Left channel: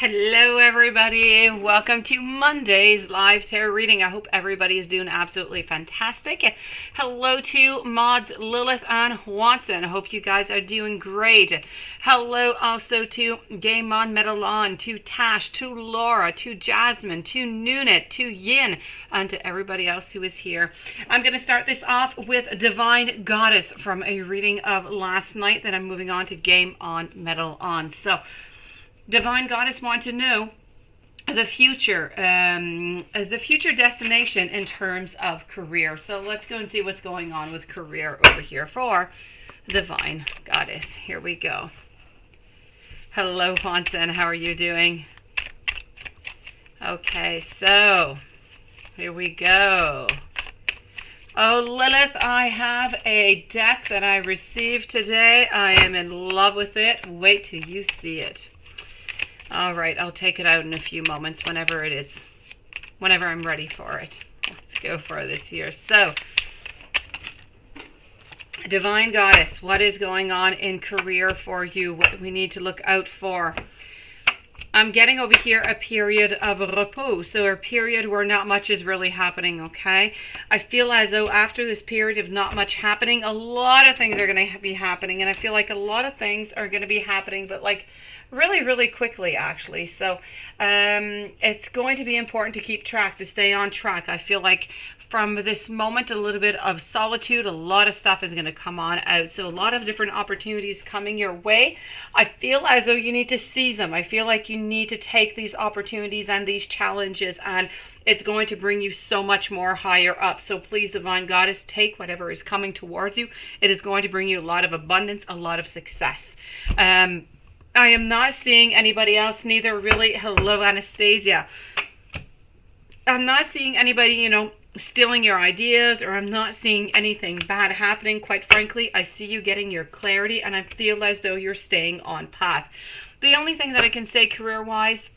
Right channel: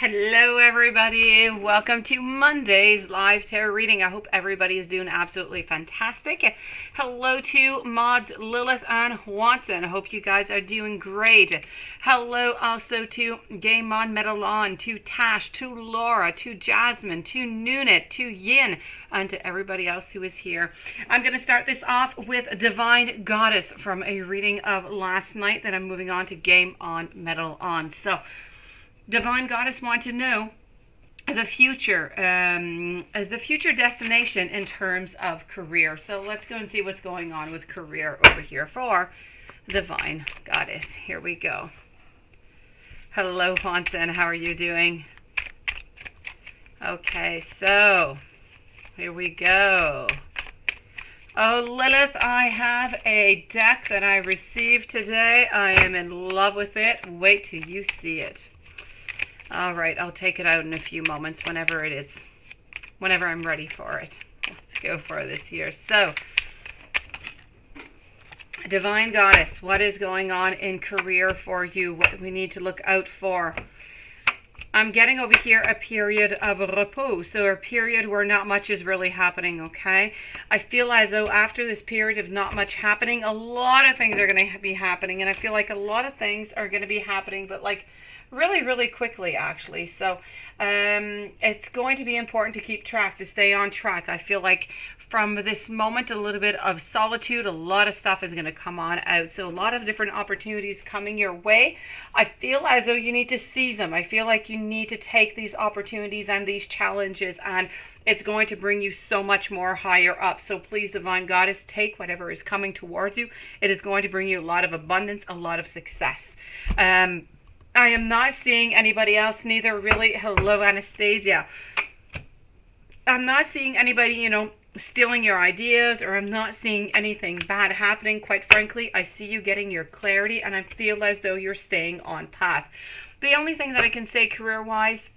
Hello everybody, welcome to Monday's live tarot reading. I hope everybody is doing absolutely fantastic. Hello to mods Lilith and Watson. I hope you guys are doing great. Hello also to Game On Metalon, to Tash, to Laura, to Jasmine, to Nunit, to Yin, and to everybody else who is here. I'm going to start this off with Divine Goddess from a reading of last night. Then I'm moving on to Game On Metalon. So Divine Goddess wants to know the future destination in terms of career. So let's go and see what's going on with career over here for Divine Goddess. Here we go. Hello, Hansen. How are you doing? Okay, so here we go. Oh, Lilith, I have a deck that I received today. I am in love with it. Wait till you see it. All right, I'll take it out in a few moments whenever I'm ready for it. Let's go for this here. So, Divine Goddess, what is going on in career for you? What we need to look out for? I'm getting over here a period of repos, so a period where not much is really happening, okay? I feel as though after this period of not much happening, a lot of things are going to be happening, and I feel like a lot of things are going to be happening, but like really quickly actually. So it's going to be important to keep track, to stay on track. I feel like from this moment, a little bit of solitude, a lot of stuff is going to come on out. So a lot of different opportunities coming your way. I feel as though you need to seize them. I feel like you need to take these opportunities and these challenges, and it's going to bring you so much more higher up. So please, Divine Goddess, take whatever is coming towards you. It is going to bring you a lot of abundance, a lot of success. I am not seeing anybody else, neither really. Hello, Anastasia. I'm not seeing anybody, stealing your ideas, or I'm not seeing anything bad happening. Quite frankly, I see you getting your clarity, and I feel as though you're staying on path. The only thing that I can say career-wise,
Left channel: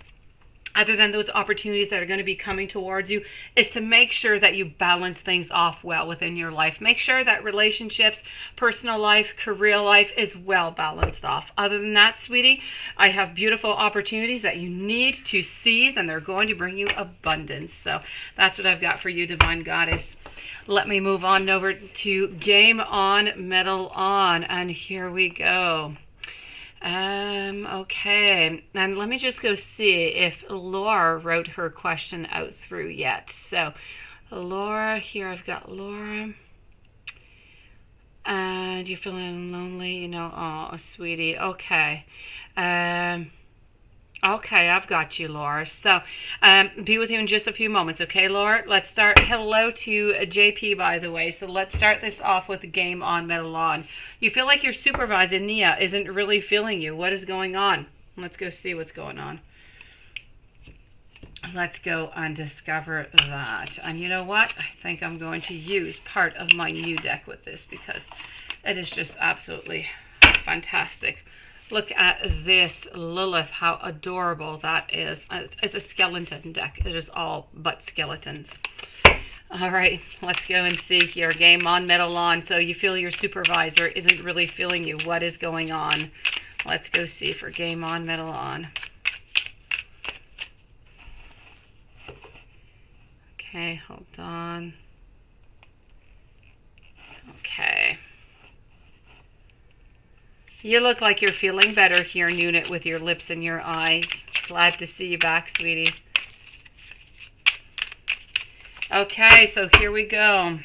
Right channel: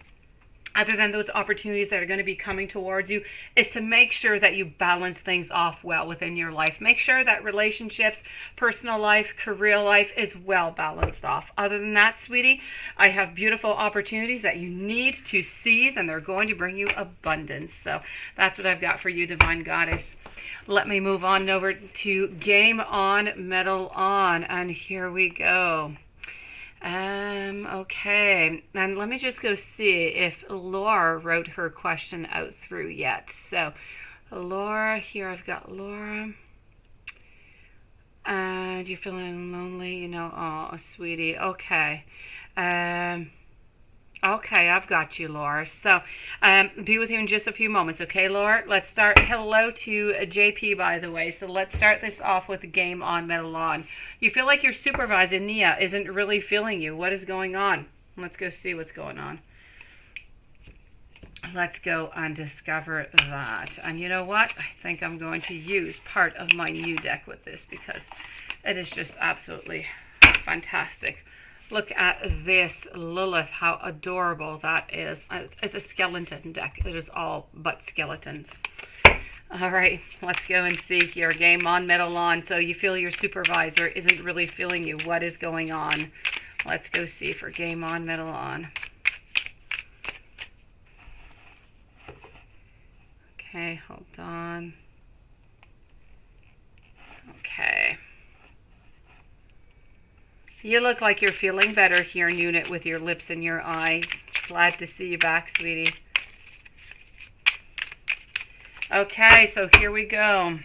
other than those opportunities that are going to be coming towards you, is to make sure that you balance things off well within your life. Make sure that relationships, personal life, career life is well balanced off. Other than that, sweetie, I have beautiful opportunities that you need to seize, and they're going to bring you abundance. So that's what I've got for you, Divine Goddess. Let me move on over to Game On, Metal On, and here we go. Okay, and let me just go see if Laura wrote her question out through yet. So, Laura, here I've got Laura. And you're feeling lonely, oh, sweetie. Okay. Okay, I've got you, Laura. So, be with you in just a few moments, okay, Laura? Let's start. Hello to JP, by the way. So let's start this off with the Game On, Metal On. You feel like your supervisor, Nia, isn't really feeling you. What is going on? Let's go see what's going on. Let's go and discover that. And you know what? I think I'm going to use part of my new deck with this because it is just absolutely fantastic. Look at this, Lilith, how adorable that is. It's a skeleton deck. It is all but skeletons. All right, let's go and see here. Game On, Metal On. So you feel your supervisor isn't really feeling you. What is going on? Let's go see for Game On, Metal On. Okay, hold on. Okay. You look like you're feeling better here, Nunit, with your lips and your eyes. Glad to see you back, sweetie. Okay, so here we go.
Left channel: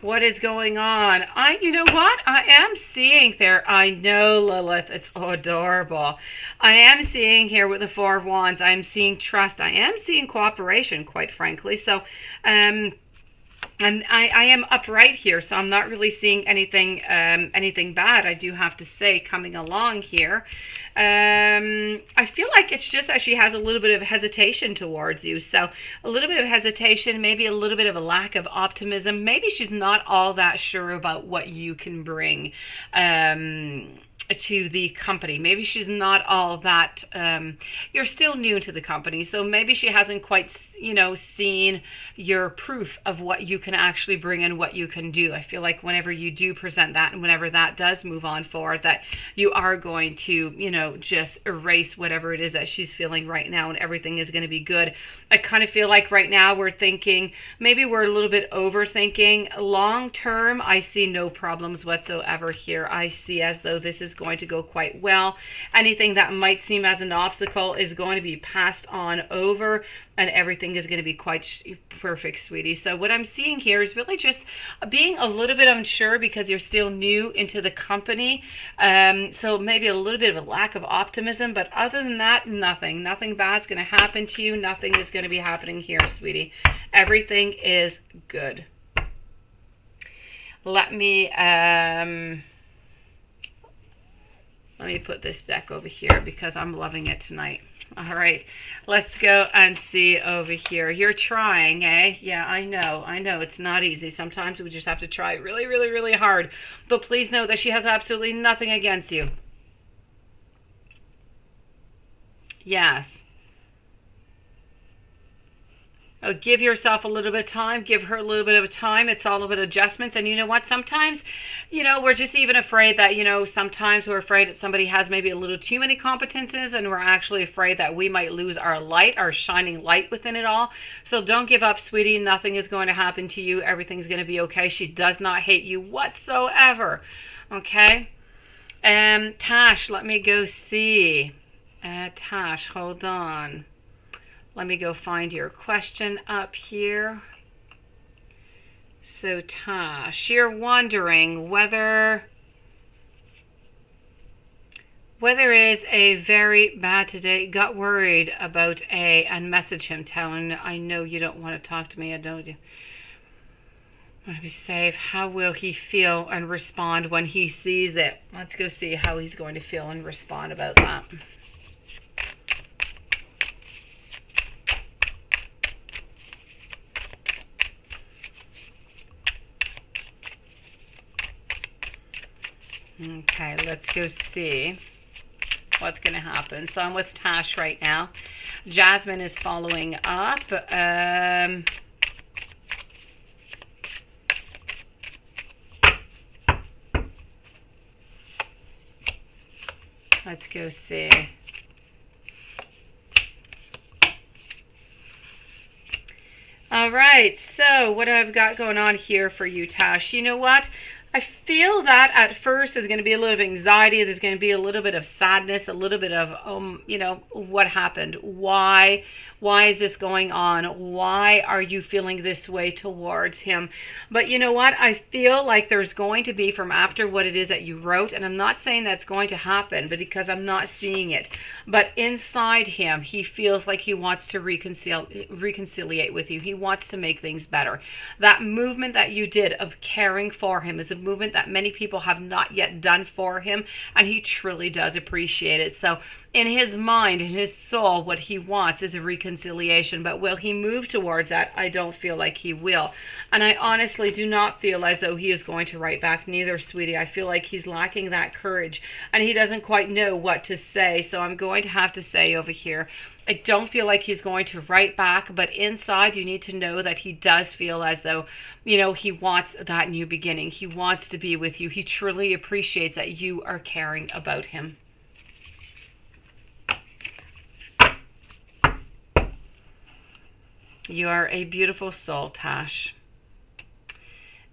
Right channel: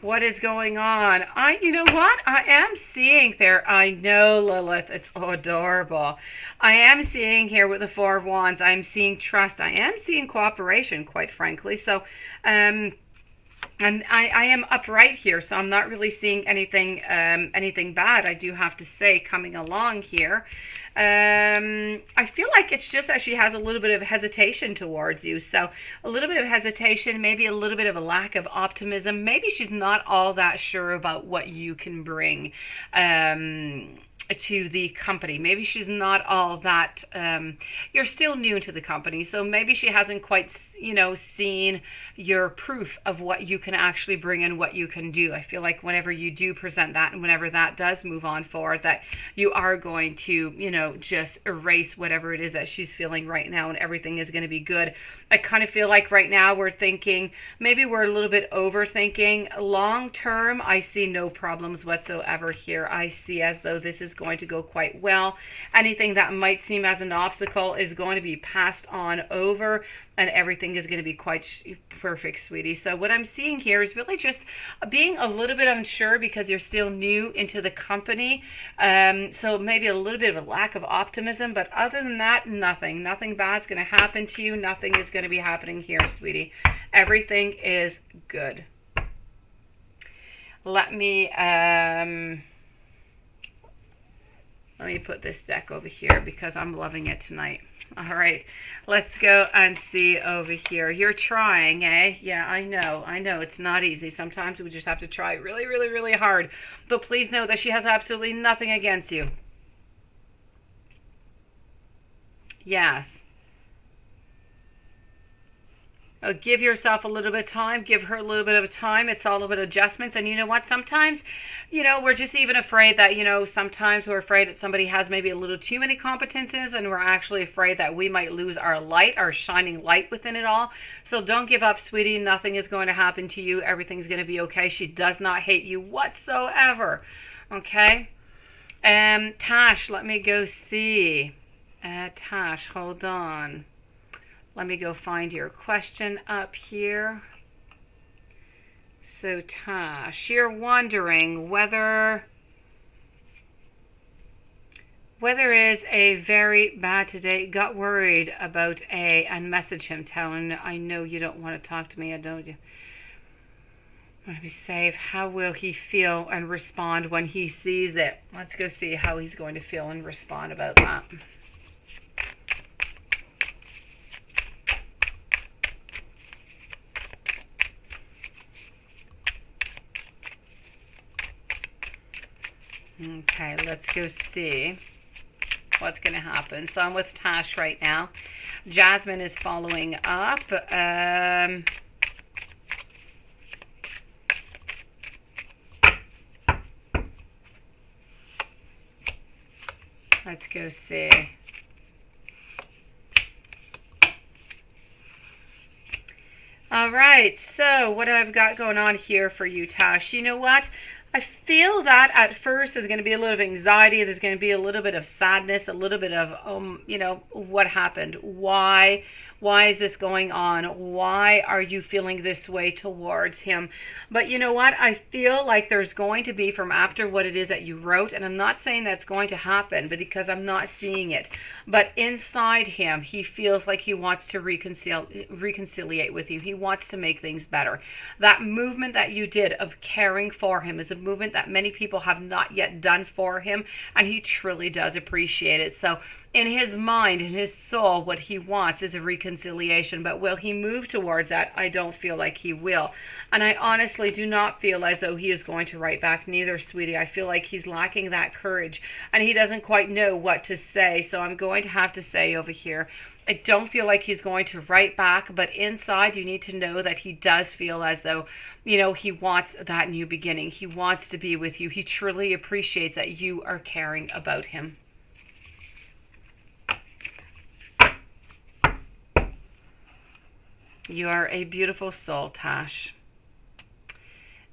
What is going on? You know what? I am seeing there. I know, Lilith. It's adorable. I am seeing here with the Four of Wands. I'm seeing trust. I am seeing cooperation, quite frankly. So, and I am upright here, so I'm not really seeing anything bad, I do have to say, coming along here. I feel like it's just that she has a little bit of hesitation towards you. So a little bit of hesitation, maybe a little bit of a lack of optimism. Maybe she's not all that sure about what you can bring to the company. Maybe she's not all that, you're still new to the company, so maybe she hasn't quite, seen your proof of what you can actually bring and what you can do. I feel like whenever you do present that, and whenever that does move on forward, that you are going to, know, just erase whatever it is that she's feeling right now, and everything is going to be good. I kind of feel like right now we're thinking, maybe we're a little bit overthinking. Long term, I see no problems whatsoever here. I see as though this is going to go quite well. Anything that might seem as an obstacle is going to be passed on over, and everything is going to be quite perfect, sweetie. So what I'm seeing here is really just being a little bit unsure because you're still new into the company. So maybe a little bit of a lack of optimism, but other than that, nothing bad's going to happen to you. Nothing is going to be happening here, sweetie. Everything is good. Let me put this deck over here because I'm loving it tonight. All right, let's go and see over here. You're trying, eh? Yeah, I know. It's not easy. Sometimes we just have to try really, really, really hard. But please know that she has absolutely nothing against you. Yes. Give yourself a little bit of time. Give her a little bit of time. It's all about adjustments. And you know what? Sometimes, you know, we're just even afraid that, you know, sometimes we're afraid that somebody has maybe a little too many competences, and we're actually afraid that we might lose our light, our shining light within it all. So don't give up, sweetie. Nothing is going to happen to you. Everything's going to be okay. She does not hate you whatsoever. Okay? Tash, let me go see. Tash, hold on. Let me go find your question up here. So Tash, you're wondering whether is a very bad today. Got worried about and message him telling, I know you don't want to talk to me. I don't. Want to be safe. How will he feel and respond when he sees it? Let's go see how he's going to feel and respond about that. Okay, let's go see what's going to happen. So I'm with Tash right now. Jasmine is following up. Let's go see. All right, so what I've got going on here for you, Tash. You know what? I feel that at first there's going to be a little bit of anxiety. There's going to be a little bit of sadness, a little bit of, you know, what happened? Why is this going on? Why are you feeling this way towards him? But you know what? I feel like there's going to be, from after what it is that you wrote, and I'm not saying that's going to happen, but because I'm not seeing it. But inside him, he feels like he wants to reconciliate with you. He wants to make things better. That movement that you did of caring for him is a movement that many people have not yet done for him, and he truly does appreciate it. So in his mind, in his soul, what he wants is a reconciliation. But will he move towards that? I don't feel like he will. And I honestly do not feel as though he is going to write back neither, sweetie. I feel like he's lacking that courage, and he doesn't quite know what to say. So I'm going to have to say over here, I don't feel like he's going to write back, but inside you need to know that he does feel as though, you know, he wants that new beginning. He wants to be with you. He truly appreciates that you are caring about him. You are a beautiful soul, Tash.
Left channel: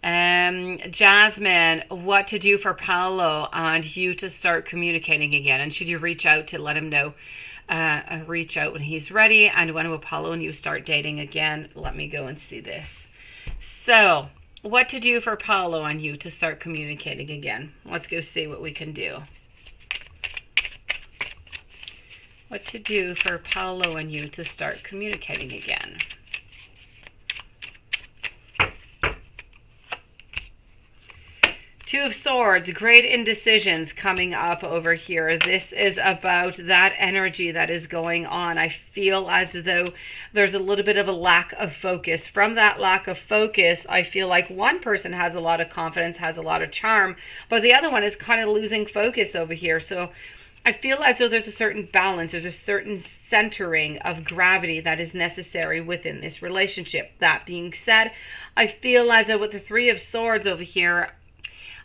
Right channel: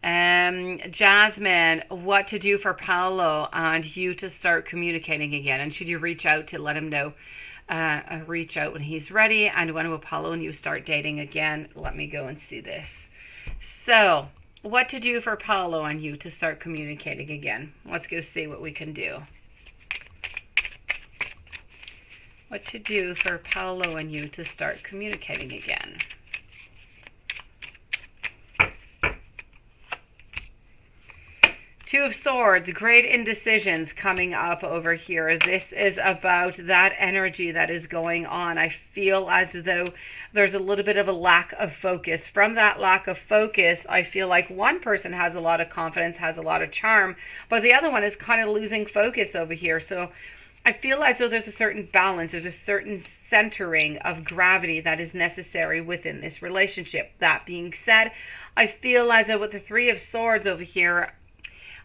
Jasmine, what to do for Paolo and you to start communicating again? And should you reach out to let him know? Reach out when he's ready. And when will Paolo and you start dating again? Let me go and see this. So, what to do for Paolo and you to start communicating again? Let's go see what we can do. What to do for Paolo and you to start communicating again? Two of Swords, great indecisions coming up over here. This is about that energy that is going on. I feel as though there's a little bit of a lack of focus. From that lack of focus, I feel like one person has a lot of confidence, has a lot of charm, but the other one is kind of losing focus over here. So I feel as though there's a certain balance, there's a certain centering of gravity that is necessary within this relationship. That being said, I feel as though with the Three of Swords over here,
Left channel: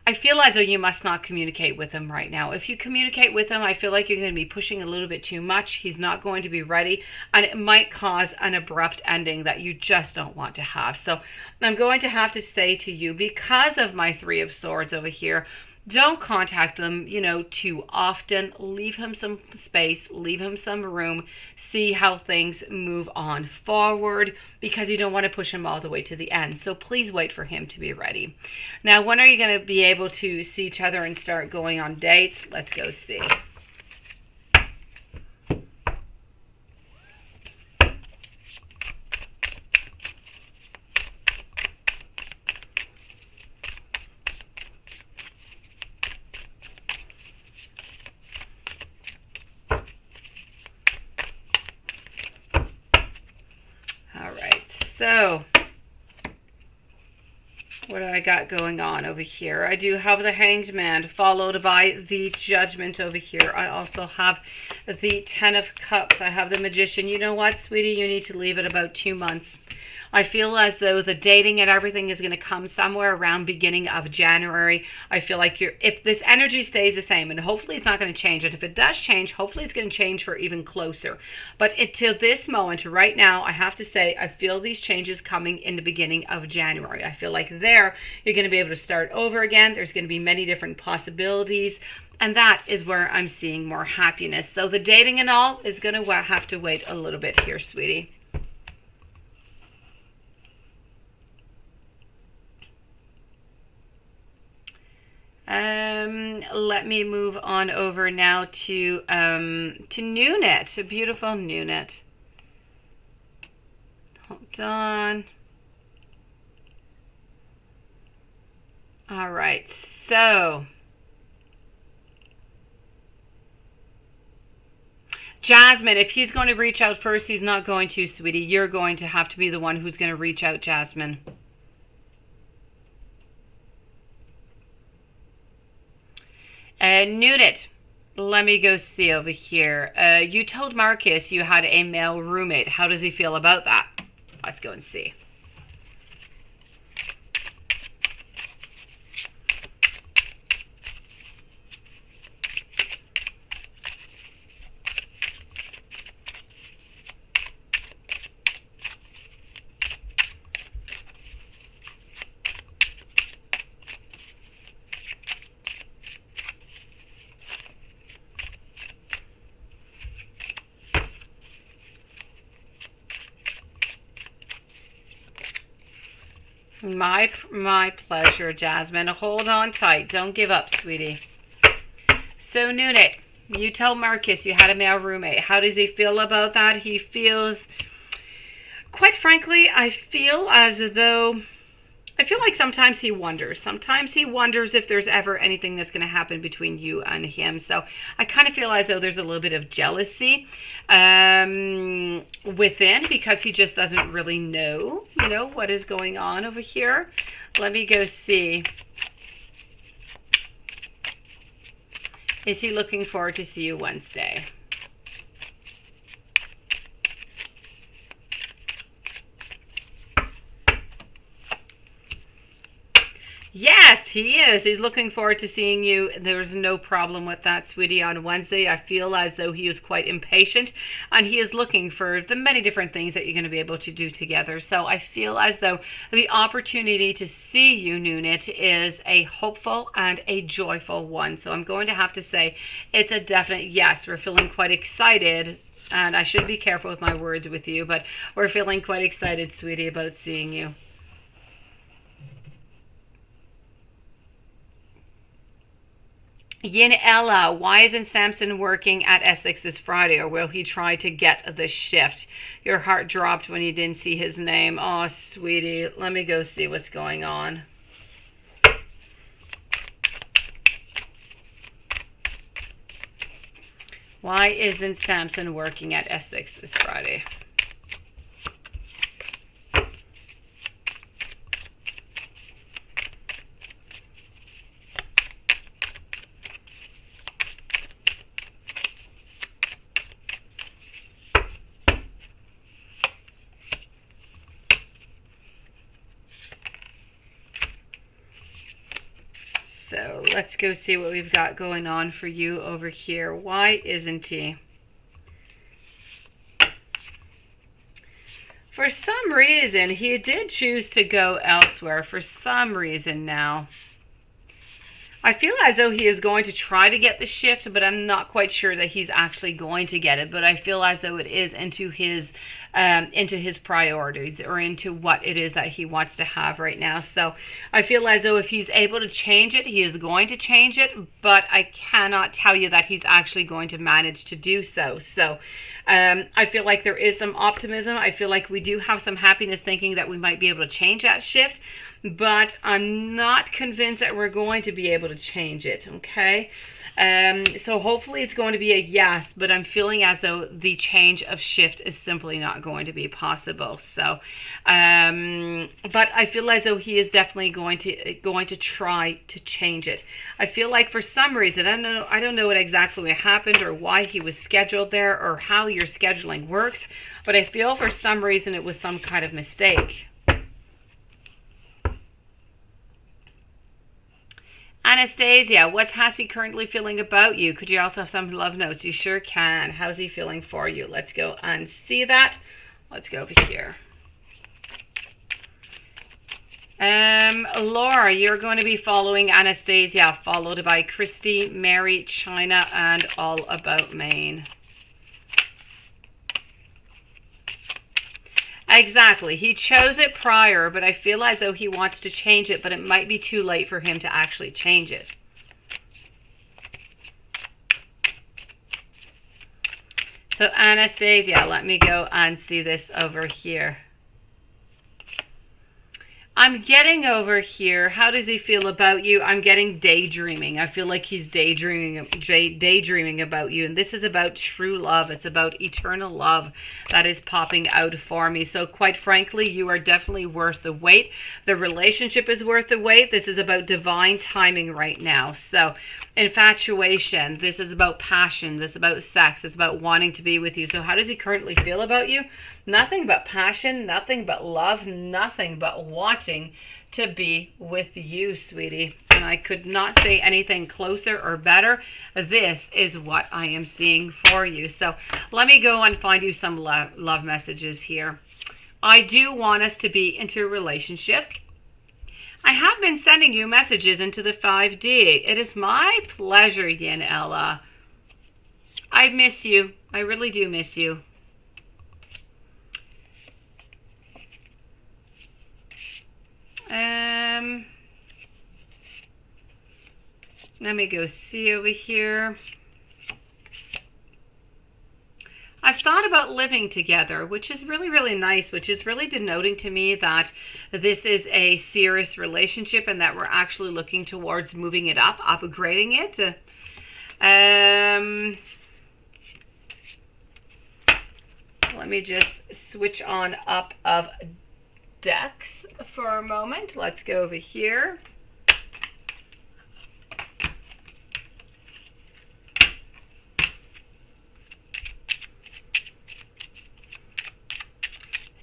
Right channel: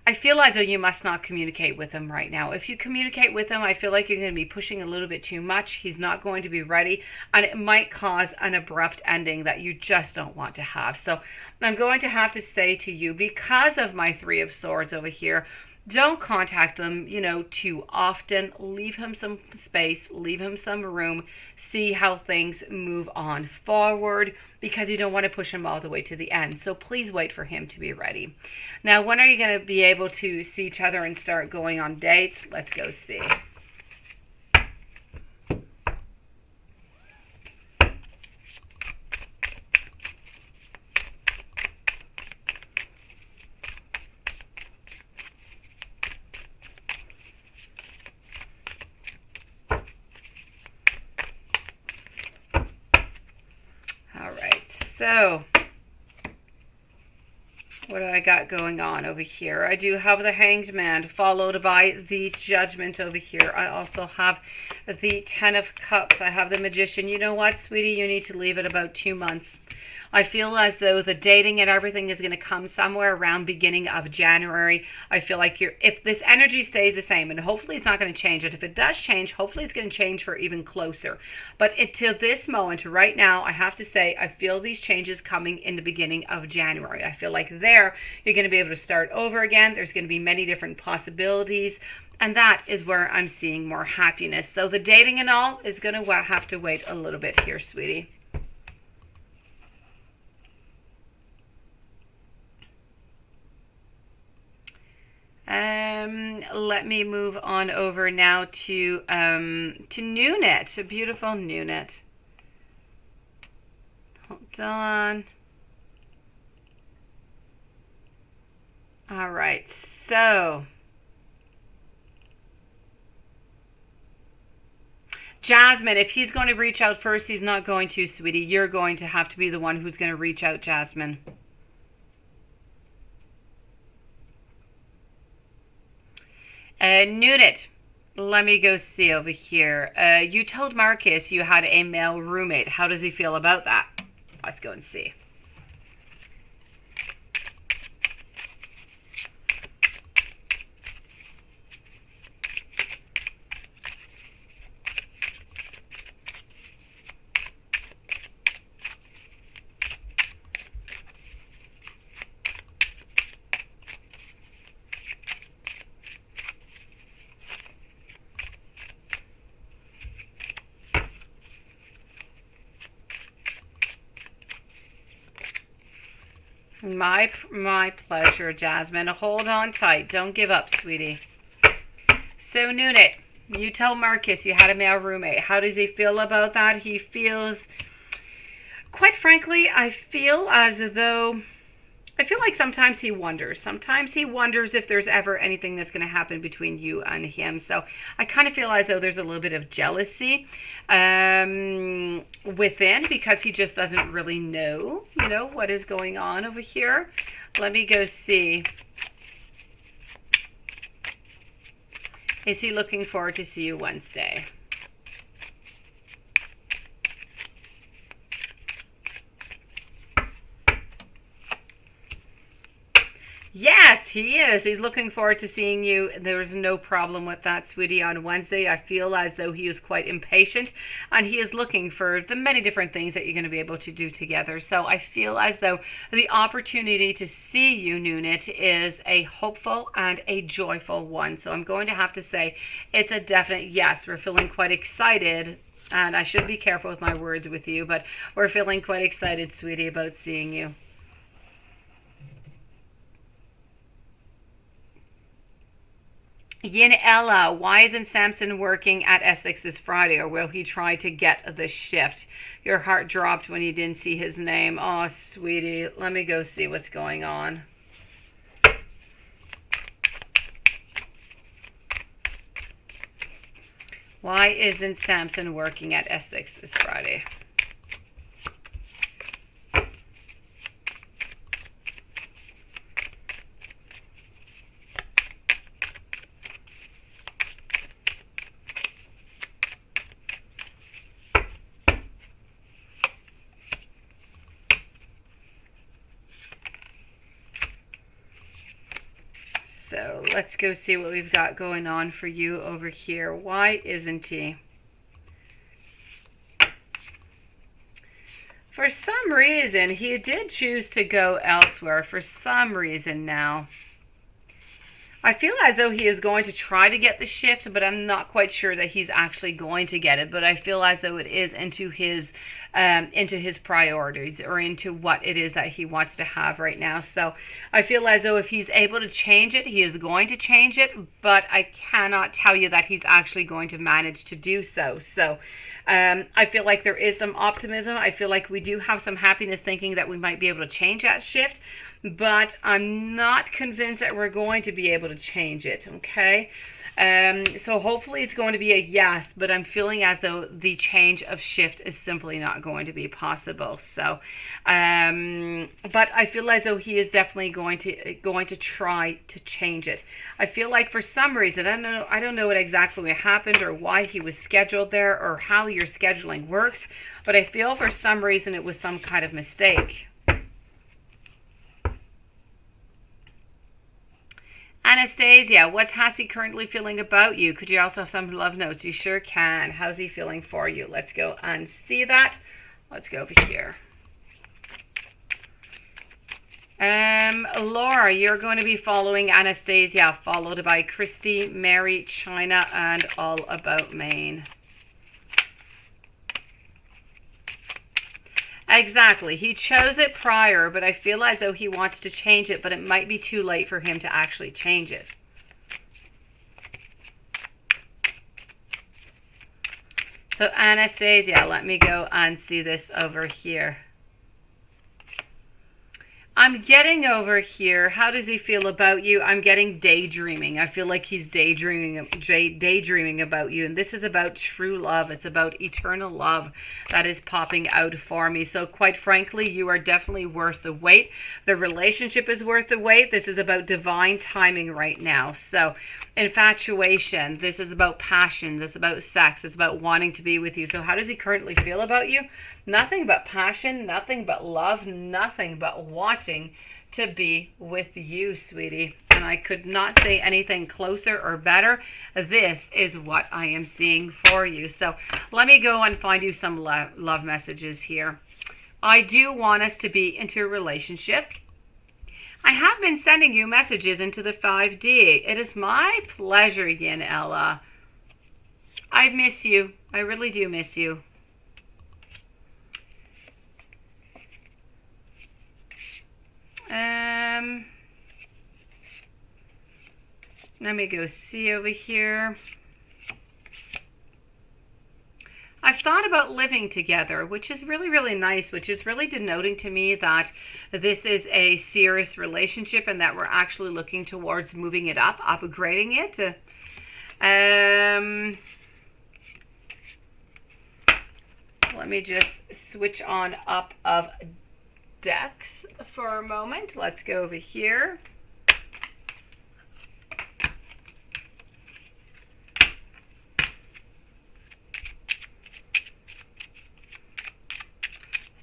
I feel as though you must not communicate with him right now. If you communicate with him, I feel like you're going to be pushing a little bit too much. He's not going to be ready, and it might cause an abrupt ending that you just don't want to have. So I'm going to have to say to you, because of my Three of Swords over here, don't contact them, too often. Leave him some space, leave him some room, see how things move on forward, because you don't want to push him all the way to the end. So please wait for him to be ready. Now, when are you going to be able to see each other and start going on dates? Let's go see. So, what do I got going on over here? I do have the Hanged Man, followed by the Judgment over here. I also have the Ten of Cups. I have the Magician. You know what, sweetie? You need to leave it about 2 months. I feel as though the dating and everything is going to come somewhere around beginning of January. I feel like if this energy stays the same, and hopefully it's not going to change, and if it does change, hopefully it's going to change for even closer. But until this moment, right now, I have to say, I feel these changes coming in the beginning of January. I feel like there, you're going to be able to start over again. There's going to be many different possibilities. And that is where I'm seeing more happiness. So the dating and all is going to have to wait a little bit here, sweetie. Let me move on over now to Nunit, a beautiful Nunit. Hold on. All right, so Jasmine, if he's going to reach out first, he's not going to, sweetie. You're going to have to be the one who's going to reach out, Jasmine. Nunit, let me go see over here. You told Marcus you had a male roommate. How does he feel about that? Let's go and see. My pleasure, Jasmine. Hold on tight. Don't give up, sweetie. So, Nunit, you tell Marcus you had a male roommate. How does he feel about that? He feels, quite frankly, I feel like sometimes he wonders. Sometimes he wonders if there's ever anything that's going to happen between you and him. So I kind of feel as though there's a little bit of jealousy within, because he just doesn't really know, what is going on over here. Let me go see. Is he looking forward to see you Wednesday? Yes, he is. He's looking forward to seeing you. There's no problem with that, sweetie, on Wednesday. I feel as though he is quite impatient, and he is looking for the many different things that you're going to be able to do together. So I feel as though the opportunity to see you, Nunit, is a hopeful and a joyful one. So I'm going to have to say it's a definite yes. We're feeling quite excited, and I should be careful with my words with you, but we're feeling quite excited, sweetie, about seeing you. Yin Ella, why isn't Samson working at Essex this Friday, or will he try to get the shift? Your heart dropped when you didn't see his name. Oh, sweetie, let me go see what's going on. Why isn't Samson working at Essex this Friday? So let's go see what we've got going on for you over here. Why isn't he? For some reason, he did choose to go elsewhere. For some reason now. I feel as though he is going to try to get the shift, but I'm not quite sure that he's actually going to get it. But I feel as though it is into his priorities, or into what it is that he wants to have right now. So I feel as though if he's able to change it, he is going to change it, but I cannot tell you that he's actually going to manage to do so. So I feel like there is some optimism. I feel like we do have some happiness thinking that we might be able to change that shift, but I'm not convinced that we're going to be able to change it, okay? So hopefully it's going to be a yes, but I'm feeling as though the change of shift is simply not going to be possible. So, but I feel as though he is definitely going to try to change it. I feel like for some reason, I don't know what exactly happened or why he was scheduled there or how your scheduling works, but I feel for some reason it was some kind of mistake. Anastasia, what's Hassie currently feeling about you? Could you also have some love notes? You sure can. How's he feeling for you? Let's go and see that. Let's go over here. Laura, you're going to be following Anastasia, followed by Christy, Mary, China, and All About Maine. Exactly. He chose it prior, but I feel as though he wants to change it, but it might be too late for him to actually change it. So Anastasia, let me go and see this over here. I'm getting over here. How does he feel about you? I'm getting daydreaming. I feel like he's daydreaming about you. And this is about true love. It's about eternal love that is popping out for me. So quite frankly, you are definitely worth the wait. The relationship is worth the wait. This is about divine timing right now. So infatuation. This is about passion. This is about sex. It's about wanting to be with you. So how does he currently feel about you? Nothing but passion, nothing but love, nothing but wanting to be with you, sweetie. And I could not say anything closer or better. This is what I am seeing for you. So let me go and find you some love messages here. I do want us to be into a relationship. I have been sending you messages into the 5D. It is my pleasure, Yin Ella. I miss you. I really do miss you. Let me go see over here. I've thought about living together, which is really, really nice, which is really denoting to me that this is a serious relationship and that we're actually looking towards moving it up, upgrading it. Let me just switch on up of decks for a moment. Let's go over here.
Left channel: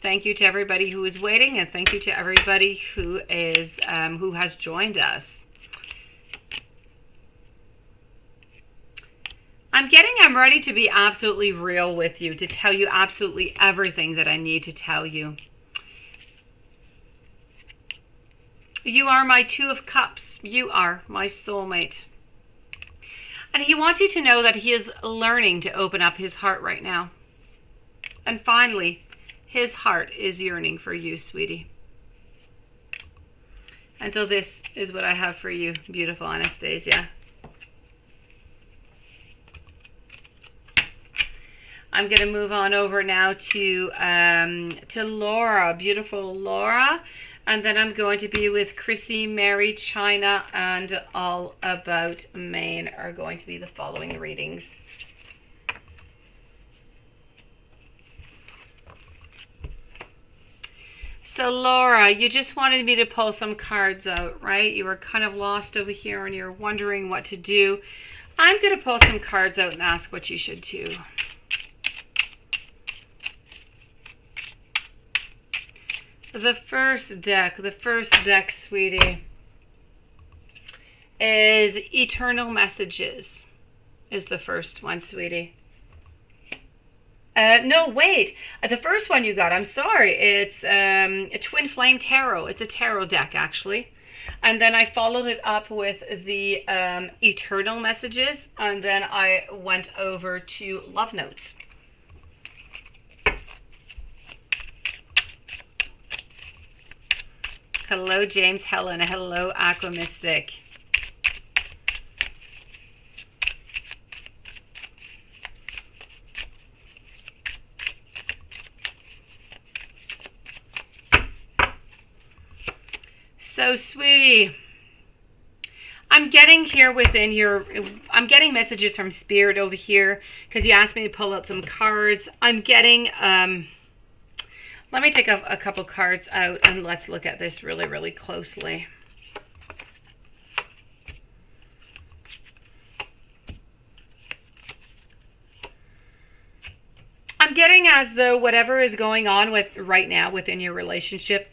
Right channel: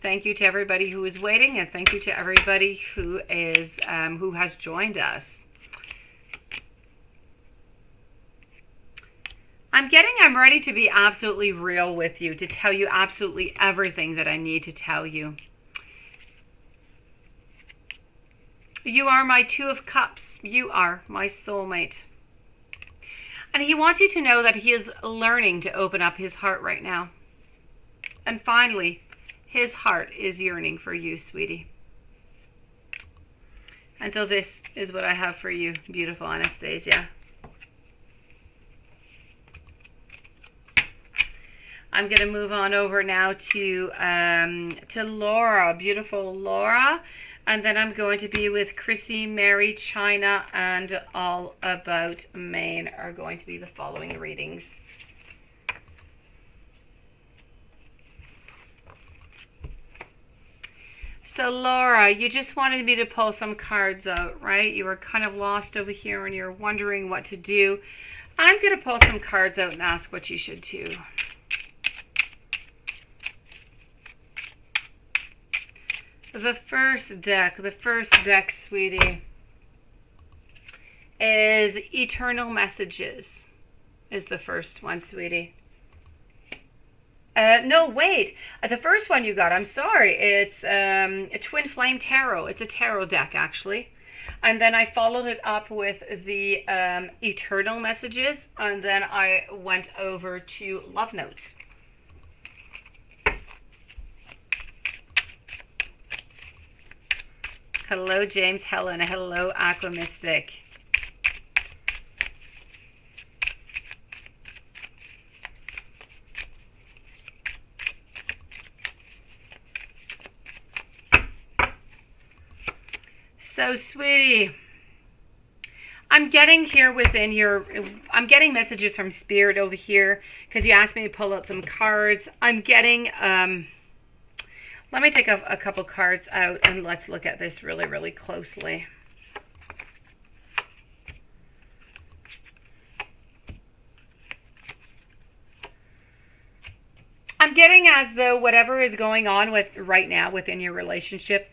Thank you to everybody who is waiting, and thank you to everybody who is who has joined us. I'm ready to be absolutely real with you, to tell you absolutely everything that I need to tell you. You are my Two of Cups. You are my soulmate. And he wants you to know that he is learning to open up his heart right now. And finally, his heart is yearning for you, sweetie. And so this is what I have for you, beautiful Anastasia. I'm going to move on over now to Laura, beautiful Laura. And then I'm going to be with Chrissy, Mary, China, and All About Maine are going to be the following readings. So Laura, you just wanted me to pull some cards out, right? You were kind of lost over here and you're wondering what to do. I'm going to pull some cards out and ask what you should do. The first deck, sweetie. is eternal messages is the first one, sweetie. No, wait. The first one you got, I'm sorry. It's a Twin Flame Tarot. It's a tarot deck, actually. And then I followed it up with the eternal messages. And then I went over to love notes. Hello, James Helen. Hello, Aqua Mystic. So, sweetie, I'm getting here within your, I'm getting messages from Spirit over here because you asked me to pull out some cards. I'm getting, let me take a couple cards out and let's look at this really, really closely. I'm getting as though whatever is going on with right now within your relationship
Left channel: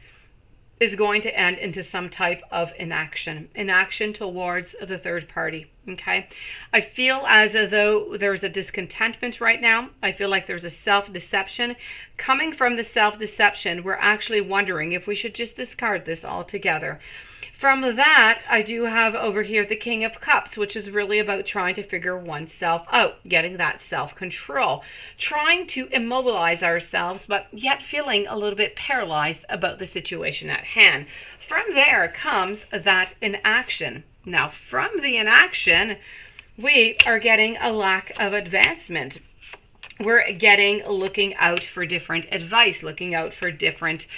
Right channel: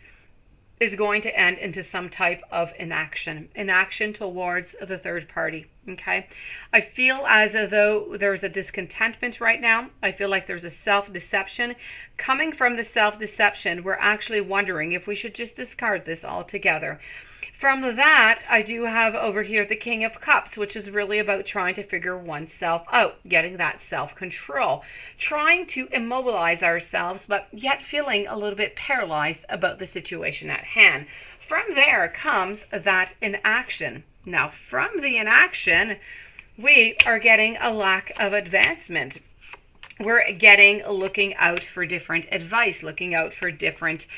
is going to end into some type of inaction towards the third party. Okay, I feel as though there's a discontentment right now. I feel like there's a self-deception. Coming from the self-deception, we're actually wondering if we should just discard this altogether. From that, I do have over here the King of Cups, which is really about trying to figure oneself out, getting that self-control, trying to immobilize ourselves, but yet feeling a little bit paralyzed about the situation at hand. From there comes that inaction. Now, from the inaction, we are getting a lack of advancement. We're getting looking out for different advice, looking out for different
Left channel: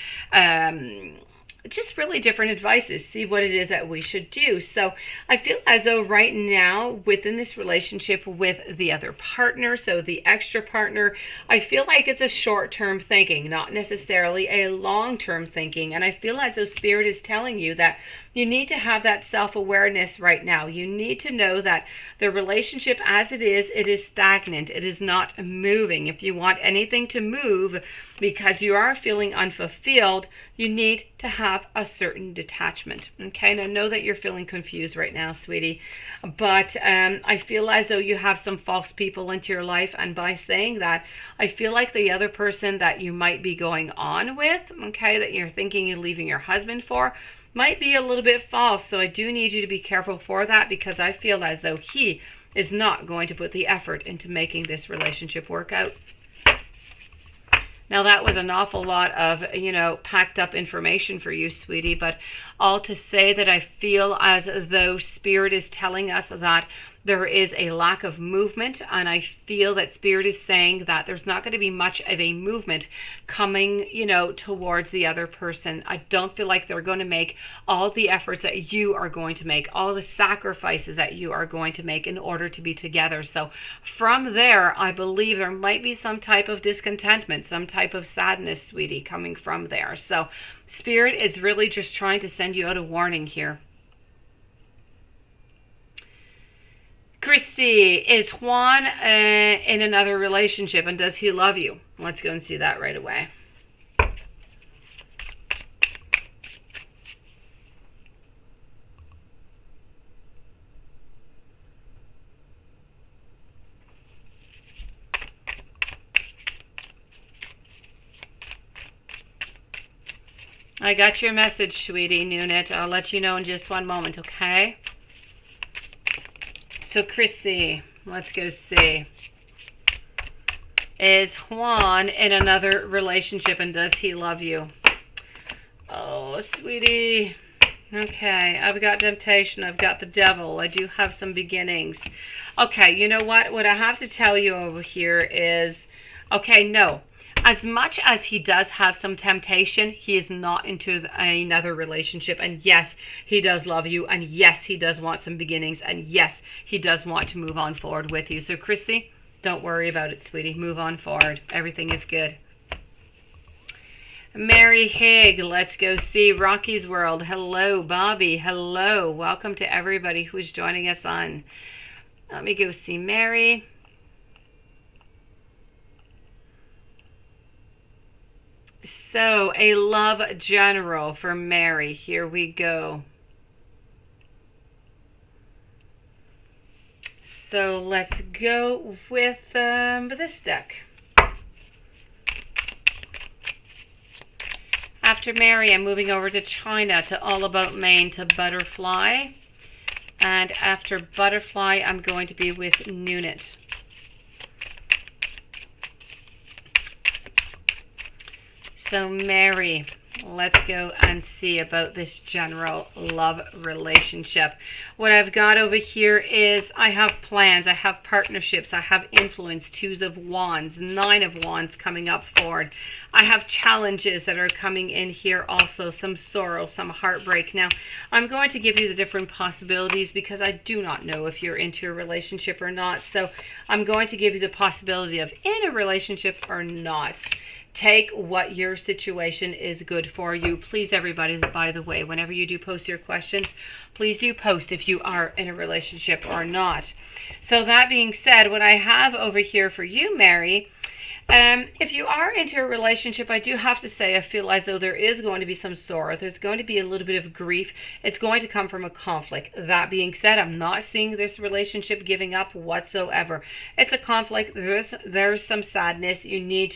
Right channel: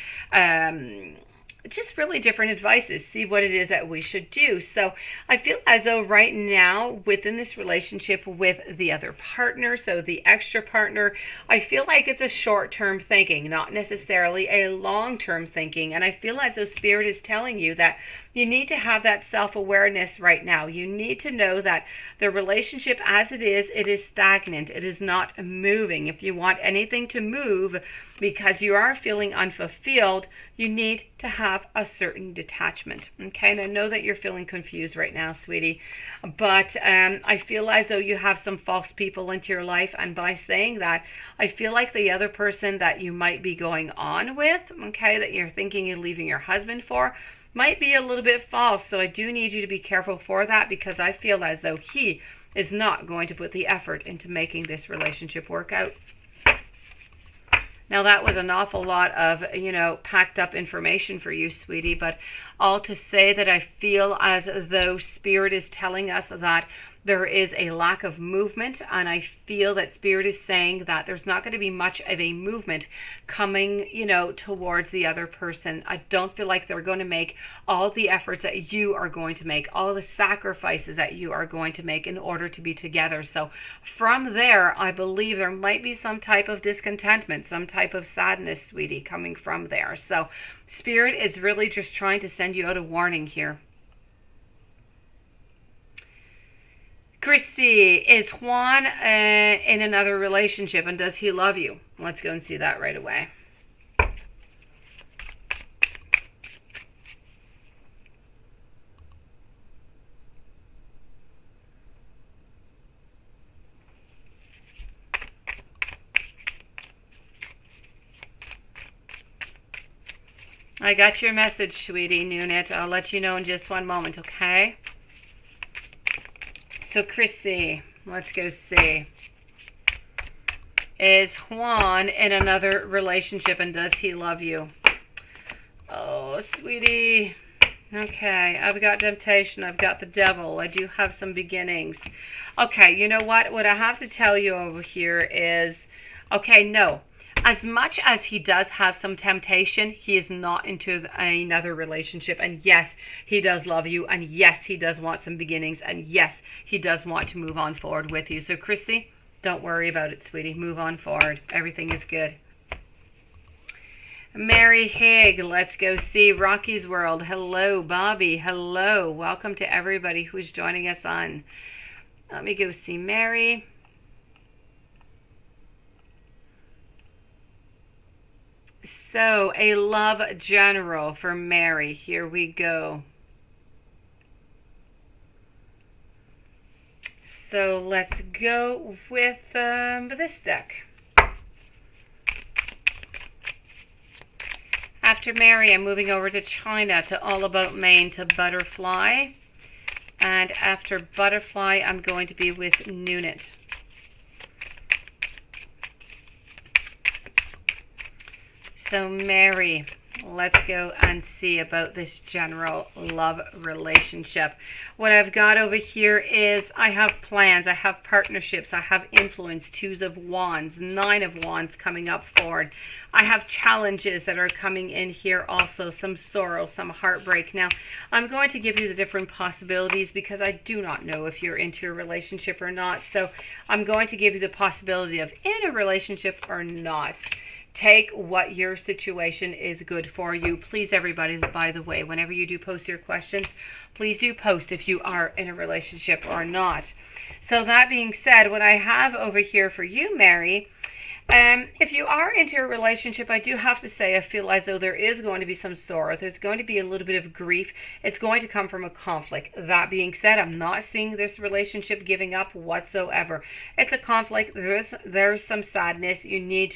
just really different advices, see what it is that we should do. So I feel as though right now within this relationship with the other partner, so the extra partner, I feel like it's a short-term thinking, not necessarily a long-term thinking. And I feel as though Spirit is telling you that you need to have that self-awareness right now. You need to know that the relationship as it is stagnant. It is not moving. If you want anything to move because you are feeling unfulfilled, you need to have a certain detachment. Okay, and I know that you're feeling confused right now, sweetie, but I feel as though you have some false people into your life. And by saying that, I feel like the other person that you might be going on with, okay, that you're thinking of leaving your husband for, might be a little bit false. So I do need you to be careful for that, because I feel as though he is not going to put the effort into making this relationship work out. Now that was an awful lot of, packed up information for you, sweetie, but all to say that I feel as though Spirit is telling us that there is a lack of movement, and I feel that Spirit is saying that there's not going to be much of a movement coming, towards the other person. I don't feel like they're going to make all the efforts that you are going to make, all the sacrifices that you are going to make in order to be together. So from there, I believe there might be some type of discontentment, some type of sadness, sweetie, coming from there. So Spirit is really just trying to send you out a warning here. Christy, is Juan in another relationship, and does he love you? Let's go and see that right away. I got your message, sweetie, Nunit. I'll let you know in just one moment, okay? So, Chrissy, let's go see. Is Juan in another relationship, and does he love you? Oh, sweetie. Okay, I've got temptation. I've got the devil. I do have some beginnings. Okay, you know what? What I have to tell you over here is, okay, no. As much as he does have some temptation, he is not into another relationship. And yes, he does love you. And yes, he does want some beginnings. And yes, he does want to move on forward with you. So, Chrissy, don't worry about it, sweetie. Move on forward. Everything is good. Mary Haig, let's go see Rocky's World. Hello, Bobby. Hello. Welcome to everybody who's joining us on. Let me go see Mary. So, a love general for Mary. Here we go. So let's go with this deck. After Mary, I'm moving over to China, to All About Maine, to Butterfly. And after Butterfly, I'm going to be with Nunit. So Mary, let's go and see about this general love relationship. What I've got over here is I have plans, I have partnerships, I have influence, 2s of Wands, 9 of Wands coming up forward. I have challenges that are coming in here also, some sorrow, some heartbreak. Now, I'm going to give you the different possibilities because I do not know if you're into a relationship or not. So I'm going to give you the possibility of in a relationship or not. Take what your situation is good for you. Please, everybody, by the way, whenever you do post your questions, please do post if you are in a relationship or not. So that being said, what I have over here for you, Mary, if you are into a relationship, I do have to say I feel as though there is going to be some sorrow. There's going to be a little bit of grief. It's going to come from a conflict. That being said, I'm not seeing this relationship giving up whatsoever. It's a conflict. There's some sadness. You need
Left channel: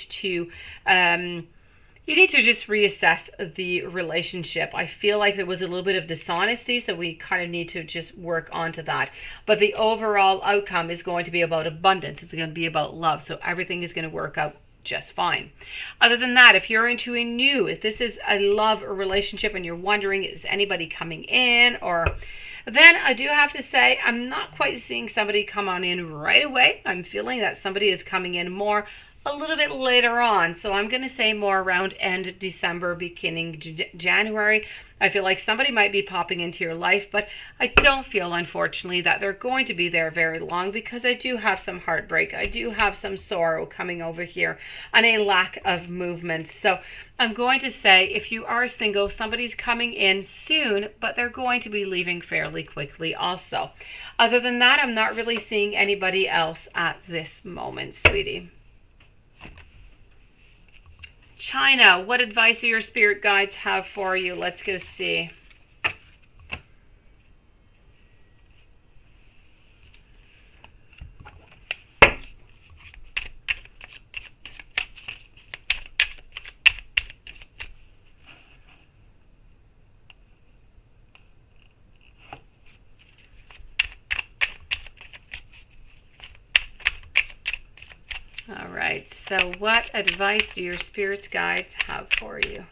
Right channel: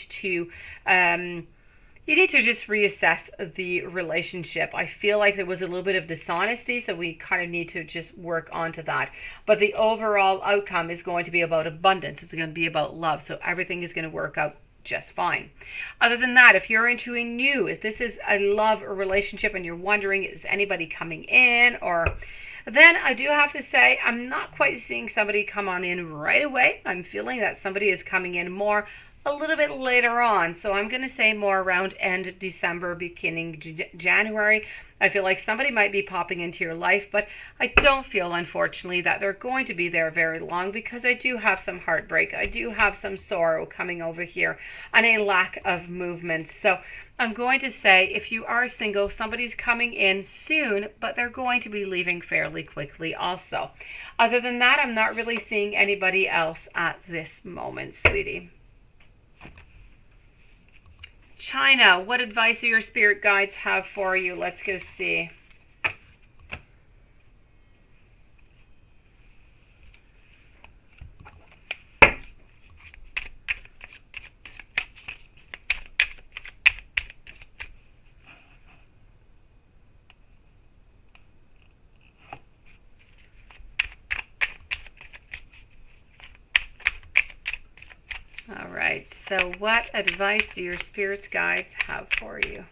to just reassess the relationship. I feel like there was a little bit of dishonesty, so we kind of need to just work onto that. But the overall outcome is going to be about abundance. It's going to be about love. So everything is going to work out just fine. Other than that, if you're into if this is a love or relationship and you're wondering, is anybody coming in, or then I do have to say, I'm not quite seeing somebody come on in right away. I'm feeling that somebody is coming in more a little bit later on. So I'm going to say more around end December, beginning January. I feel like somebody might be popping into your life, but I don't feel, unfortunately, that they're going to be there very long because I do have some heartbreak. I do have some sorrow coming over here and a lack of movement. So I'm going to say if you are single, somebody's coming in soon, but they're going to be leaving fairly quickly also. Other than that, I'm not really seeing anybody else at this moment, sweetie. China, what advice do your spirit guides have for you? Let's go see. All right, so what advice do your spirits guides have for you?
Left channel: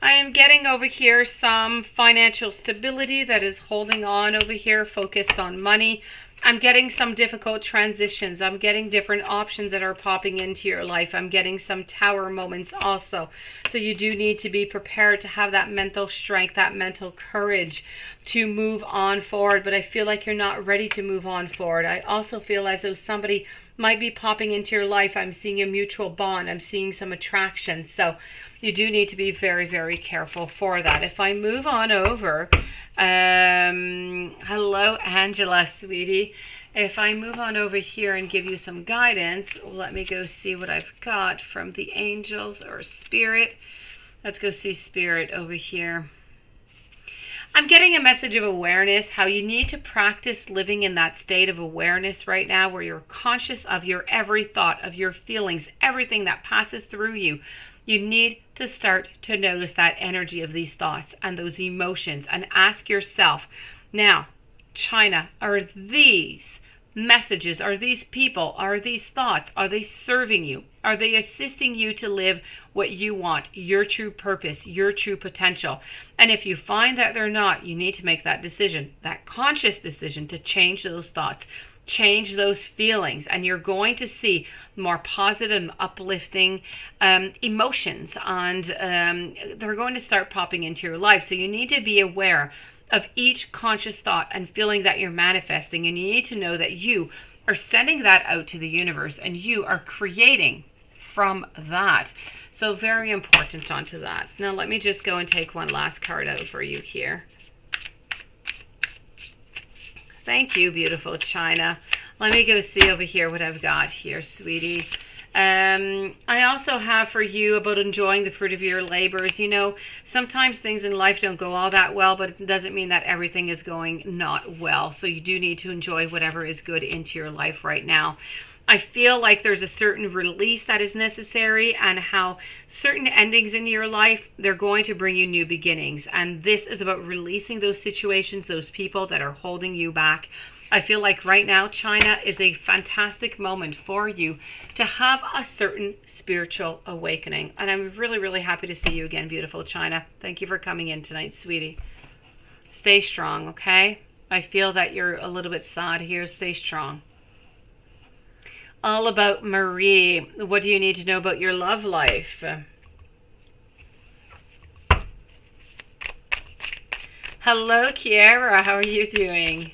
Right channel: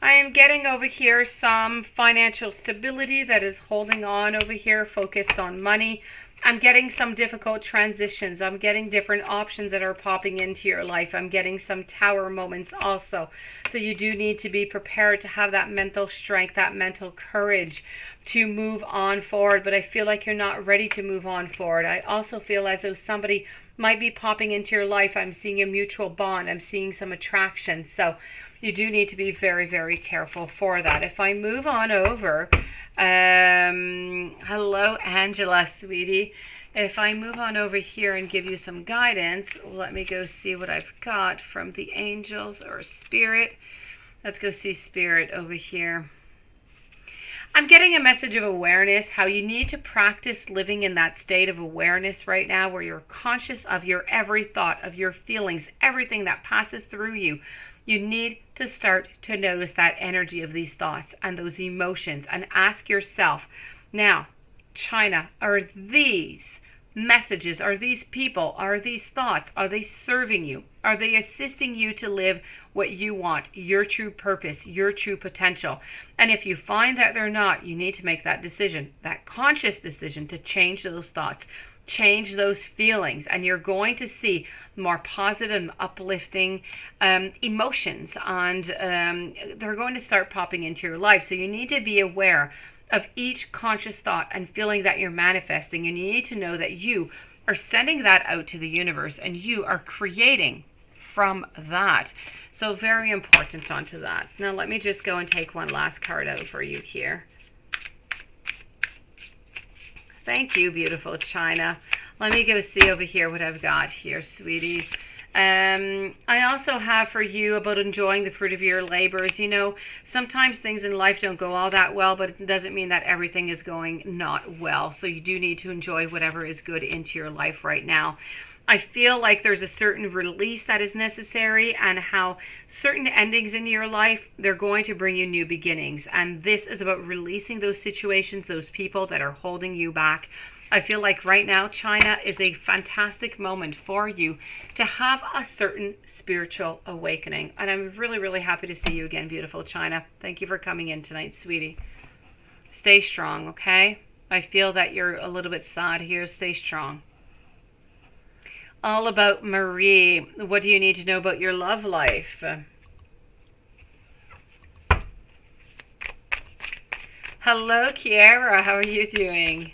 I am getting over here some financial stability that is holding on over here, focused on money. I'm getting some difficult transitions. I'm getting different options that are popping into your life. I'm getting some tower moments also. So you do need to be prepared to have that mental strength, that mental courage to move on forward. But I feel like you're not ready to move on forward. I also feel as though somebody might be popping into your life. I'm seeing a mutual bond. I'm seeing some attraction. So you do need to be very, very careful for that. If I move on over, hello, Angela, sweetie. If I move on over here and give you some guidance, let me go see what I've got from the angels or spirit. Let's go see spirit over here. I'm getting a message of awareness, how you need to practice living in that state of awareness right now where you're conscious of your every thought, of your feelings, everything that passes through you. You need to start to notice that energy of these thoughts and those emotions and ask yourself, now, China, are these messages, are these people, are these thoughts, are they serving you? Are they assisting you to live what you want, your true purpose, your true potential? And if you find that they're not, you need to make that decision, that conscious decision to change those thoughts, change those feelings, and you're going to see more positive and uplifting emotions, and they're going to start popping into your life. So you need to be aware of each conscious thought and feeling that you're manifesting, and you need to know that you are sending that out to the universe and you are creating from that. So very important onto that. Now let me just go and take one last card out for you here. Thank you, beautiful China. Let me go see over here what I've got here, sweetie. I also have for you about enjoying the fruit of your labors. You know, sometimes things in life don't go all that well, but it doesn't mean that everything is going not well. So you do need to enjoy whatever is good into your life right now. I feel like there's a certain release that is necessary, and how certain endings in your life, they're going to bring you new beginnings. And this is about releasing those situations, those people that are holding you back. I feel like right now, China, is a fantastic moment for you to have a certain spiritual awakening. And I'm really, really happy to see you again, beautiful China. Thank you for coming in tonight, sweetie. Stay strong, okay? I feel that you're a little bit sad here. Stay strong. All about Marie. What do you need to know about your love life? Hello, Kiara. How are you doing?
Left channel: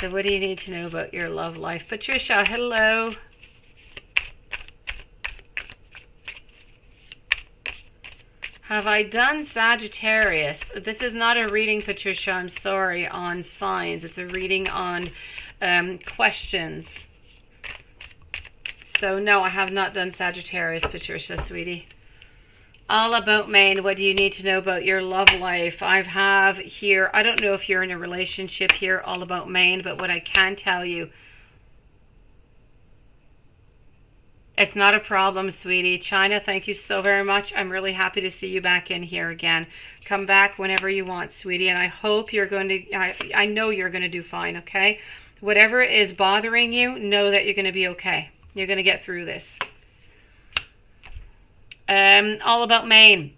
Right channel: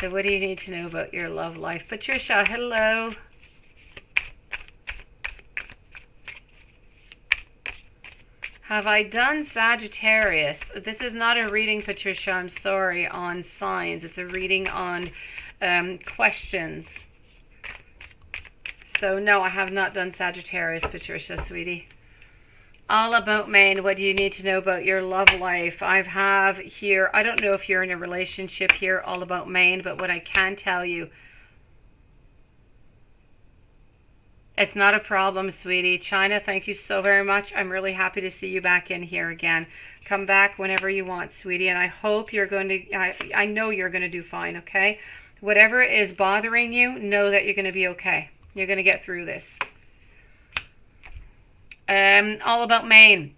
So what do you need to know about your love life? Patricia, hello. Have I done Sagittarius? This is not a reading, Patricia, I'm sorry, on signs. It's a reading on questions. So no, I have not done Sagittarius, Patricia, sweetie. All about Maine. What do you need to know about your love life? I have here, I don't know if you're in a relationship here, all about Maine, but what I can tell you, it's not a problem, sweetie. China, thank you so very much. I'm really happy to see you back in here again. Come back whenever you want, sweetie, and I hope you're going to, I know you're going to do fine, okay? Whatever is bothering you, know that you're going to be okay. You're going to get through this. All about Maine.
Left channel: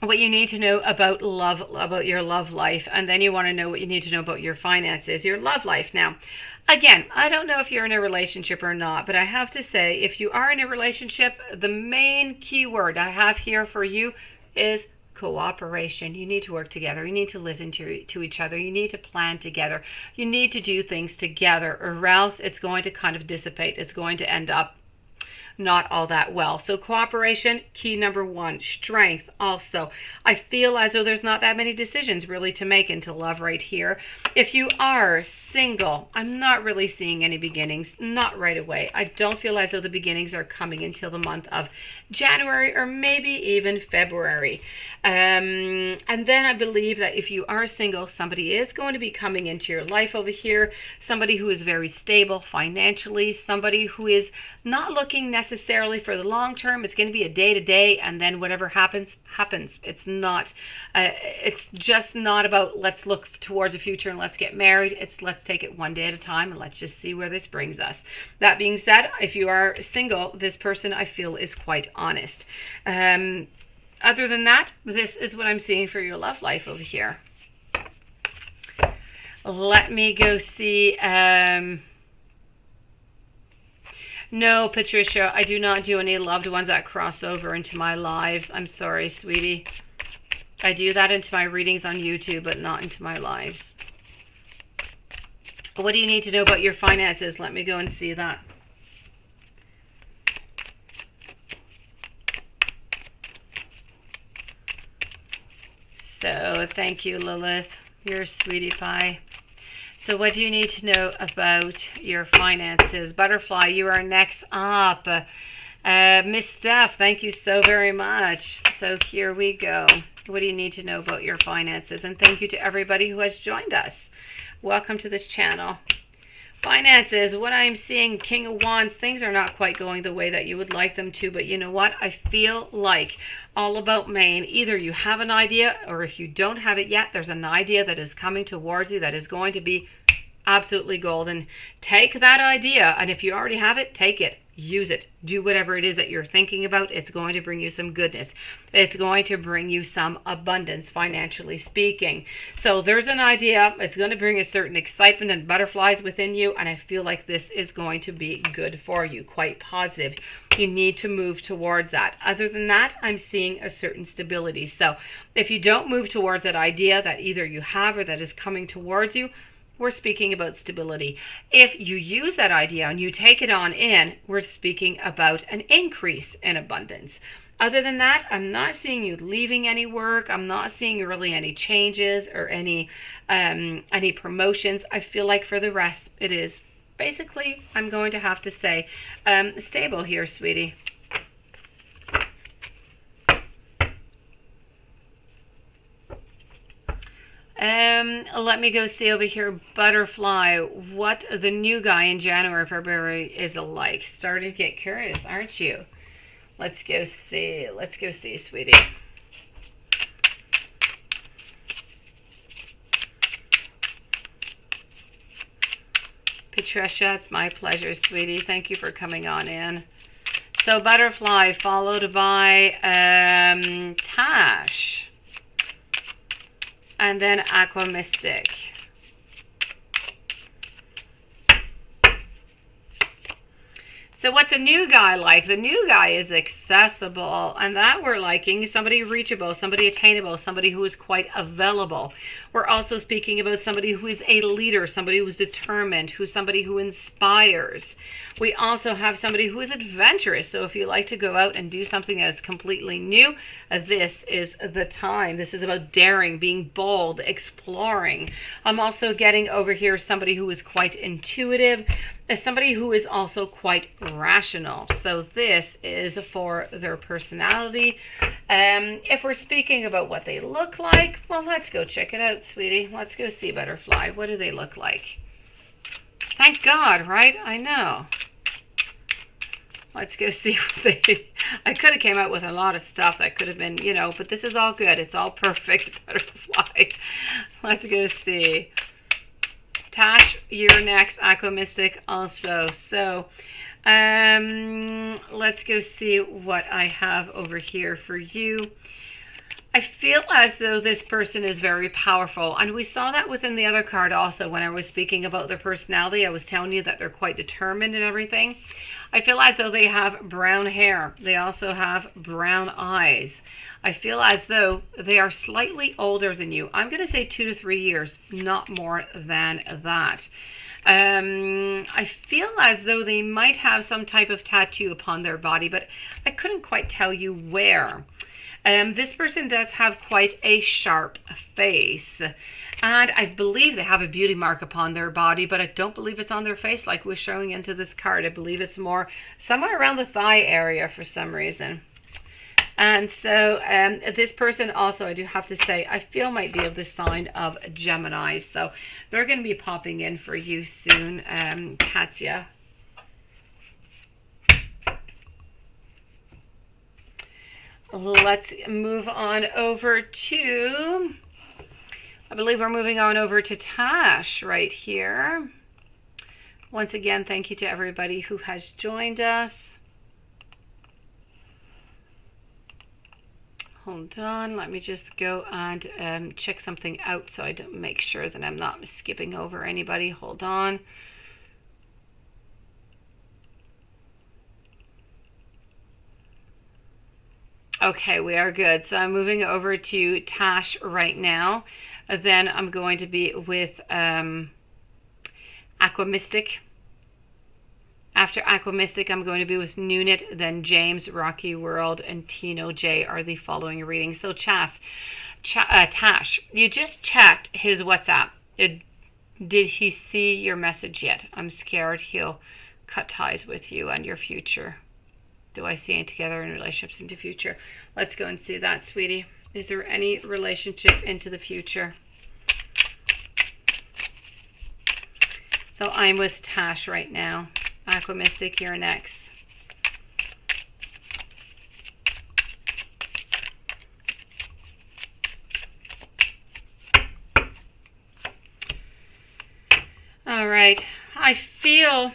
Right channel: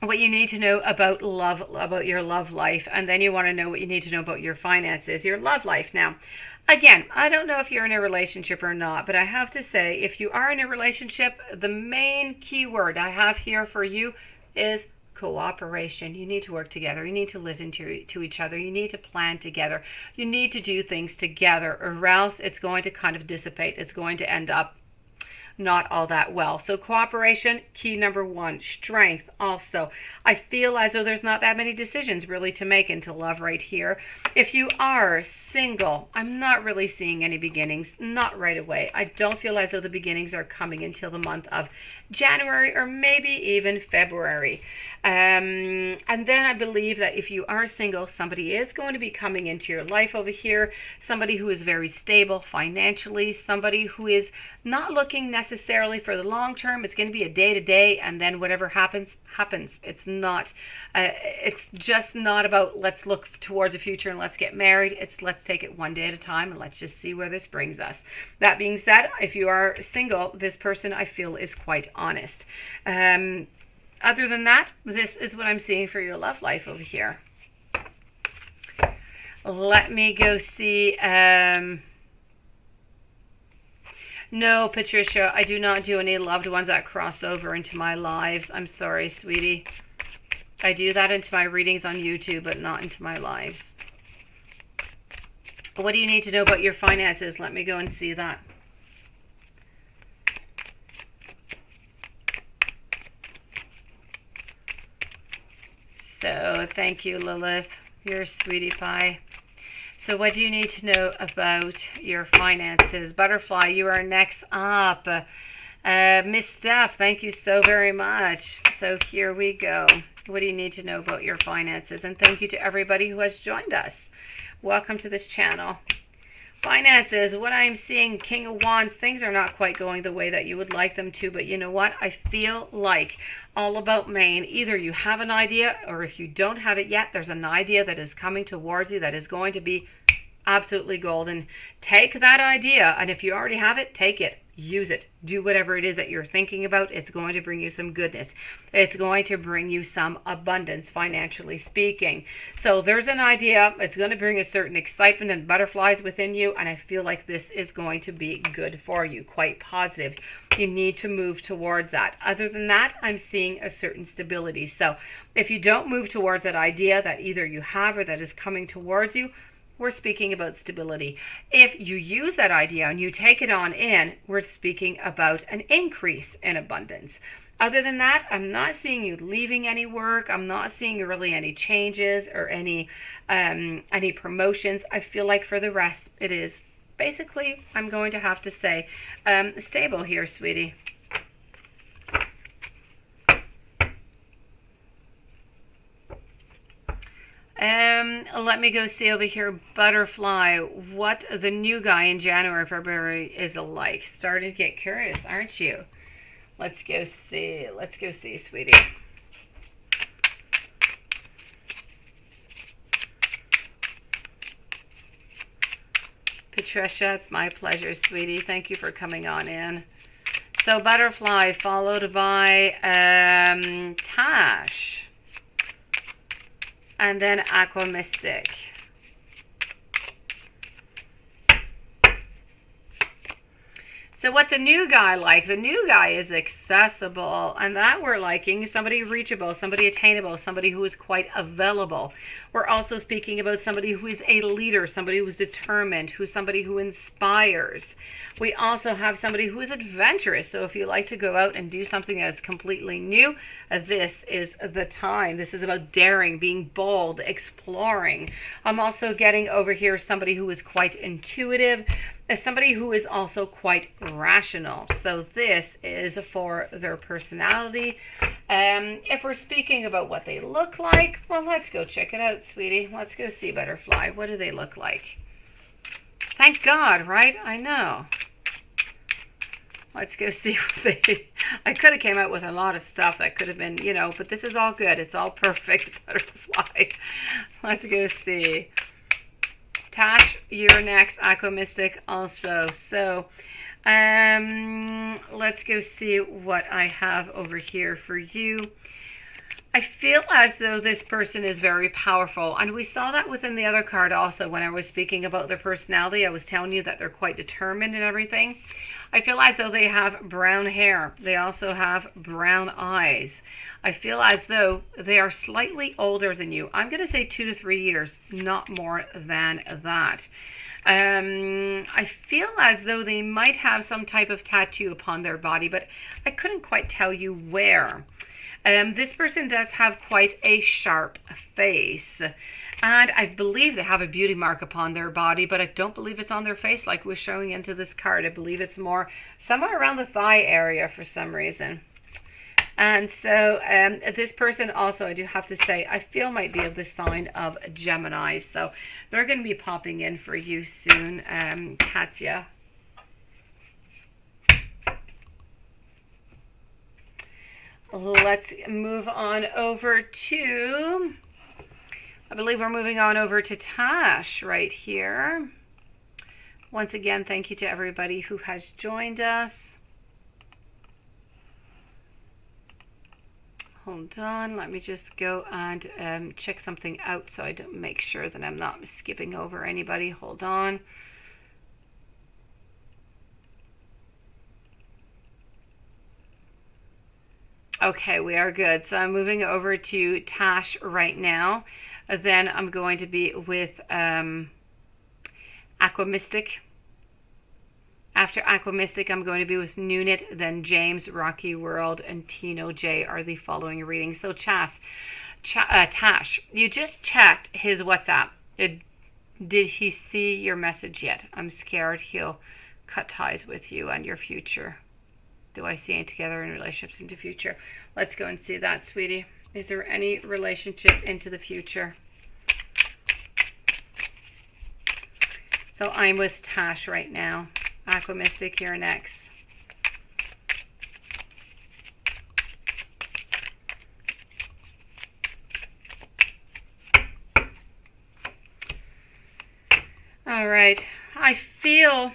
What you need to know about love, about your love life, and then you want to know what you need to know about your finances, your love life. Now, again, I don't know if you're in a relationship or not, but I have to say, if you are in a relationship, the main key word I have here for you is cooperation. You need to work together. You need to listen to each other. You need to plan together. You need to do things together, or else it's going to kind of dissipate. It's going to end up not all that well. So cooperation, key number one. Strength also. I feel as though there's not that many decisions really to make into love right here. If you are single, I'm not really seeing any beginnings, not right away. I don't feel as though the beginnings are coming until the month of January or maybe even February. And then I believe that if you are single, somebody is going to be coming into your life over here, somebody who is very stable financially, somebody who is not looking necessarily for the long term. It's going to be a day to day, and then whatever happens, happens. It's not, it's just not about let's look towards the future and let's get married. It's let's take it one day at a time and let's just see where this brings us. That being said, if you are single, this person I feel is quite honest. Other than that, this is what I'm seeing for your love life over here. Let me go see. No, Patricia, I do not do any loved ones that cross over into my lives. I'm sorry, sweetie. I do that into my readings on YouTube, but not into my lives. What do you need to know about your finances? Let me go and see that. So, thank you, Lilith. You're a sweetie pie. So what do you need to know about your finances? Butterfly, you are next up. Miss Steph, thank you so very much. So here we go. What do you need to know about your finances? And thank you to everybody who has joined us. Welcome to this channel. Finances, what I'm seeing, King of Wands, things are not quite going the way that you would like them to, but you know what? I feel like all about Maine, either you have an idea, or if you don't have it yet, there's an idea that is coming towards you that is going to be absolutely golden. Take that idea, and if you already have it, take it. Use it. Do whatever it is that you're thinking about. It's going to bring you some goodness. It's going to bring you some abundance, financially speaking. So there's an idea. It's going to bring a certain excitement and butterflies within you, and I feel like this is going to be good for you, quite positive. You need to move towards that. Other than that, I'm seeing a certain stability. So if you don't move towards that idea that either you have or that is coming towards you, we're speaking about stability. If you use that idea and you take it on in, we're speaking about an increase in abundance. Other than that, I'm not seeing you leaving any work. I'm not seeing really any changes or any promotions. I feel like for the rest, it is basically, I'm going to have to say stable here, sweetie. Let me go see over here, butterfly, what the new guy in January, February is like. Starting to get curious, aren't you? Let's go see. Let's go see, sweetie. Patricia, it's my pleasure, sweetie. Thank you for coming on in. So butterfly followed by Tash. And then Aqua Mystic. So what's a new guy like? The new guy is accessible, and that we're liking somebody reachable, somebody attainable, somebody who is quite available. We're also speaking about somebody who is a leader, somebody who is determined, who's somebody who inspires. We also have somebody who is adventurous. So if you like to go out and do something that is completely new, this is the time. This is about daring, being bold, exploring. I'm also getting over here somebody who is quite intuitive, somebody who is also quite rational. So this is for their personality. If we're speaking about what they look like, well, let's go check it out, sweetie. Let's go see butterfly. What do they look like? Thank God, right? I know. Let's go see what they... I could have came out with a lot of stuff that could have been, you know, but this is all good. It's all perfect, butterfly. Let's go see. Tash, you're next. Aqua Mystic also. So, let's go see what I have over here for you. I feel as though this person is very powerful, and we saw that within the other card also when I was speaking about their personality. I was telling you that they're quite determined and everything. I feel as though they have brown hair. They also have brown eyes. I feel as though they are slightly older than you. I'm going to say 2 to 3 years, not more than that. I feel as though they might have some type of tattoo upon their body, but I couldn't quite tell you where. This person does have quite a sharp face, and I believe they have a beauty mark upon their body, but I don't believe it's on their face like we're showing into this card. I believe it's more somewhere around the thigh area for some reason. And so this person also, I do have to say, I feel might be of the sign of Gemini. So they're going to be popping in for you soon, Katya. Let's move on over to, I believe we're moving on over to Tash right here. Once again, thank you to everybody who has joined us. Hold on, let me just go and check something out so I don't make sure that I'm not skipping over anybody. Hold on. Okay, we are good. So I'm moving over to Tash right now. Then I'm going to be with Aqua Mystic. After Aqua Mystic, I'm going to be with Nunit, then James, Rocky World, and Tino J are the following readings. So Tash, you just checked his WhatsApp. Did he see your message yet? I'm scared he'll cut ties with you and your future. Do I see it together in relationships into future? Let's go and see that, sweetie. Is there any relationship into the future? So I'm with Tash right now. Aqua Mystic, you're next. All right. I feel,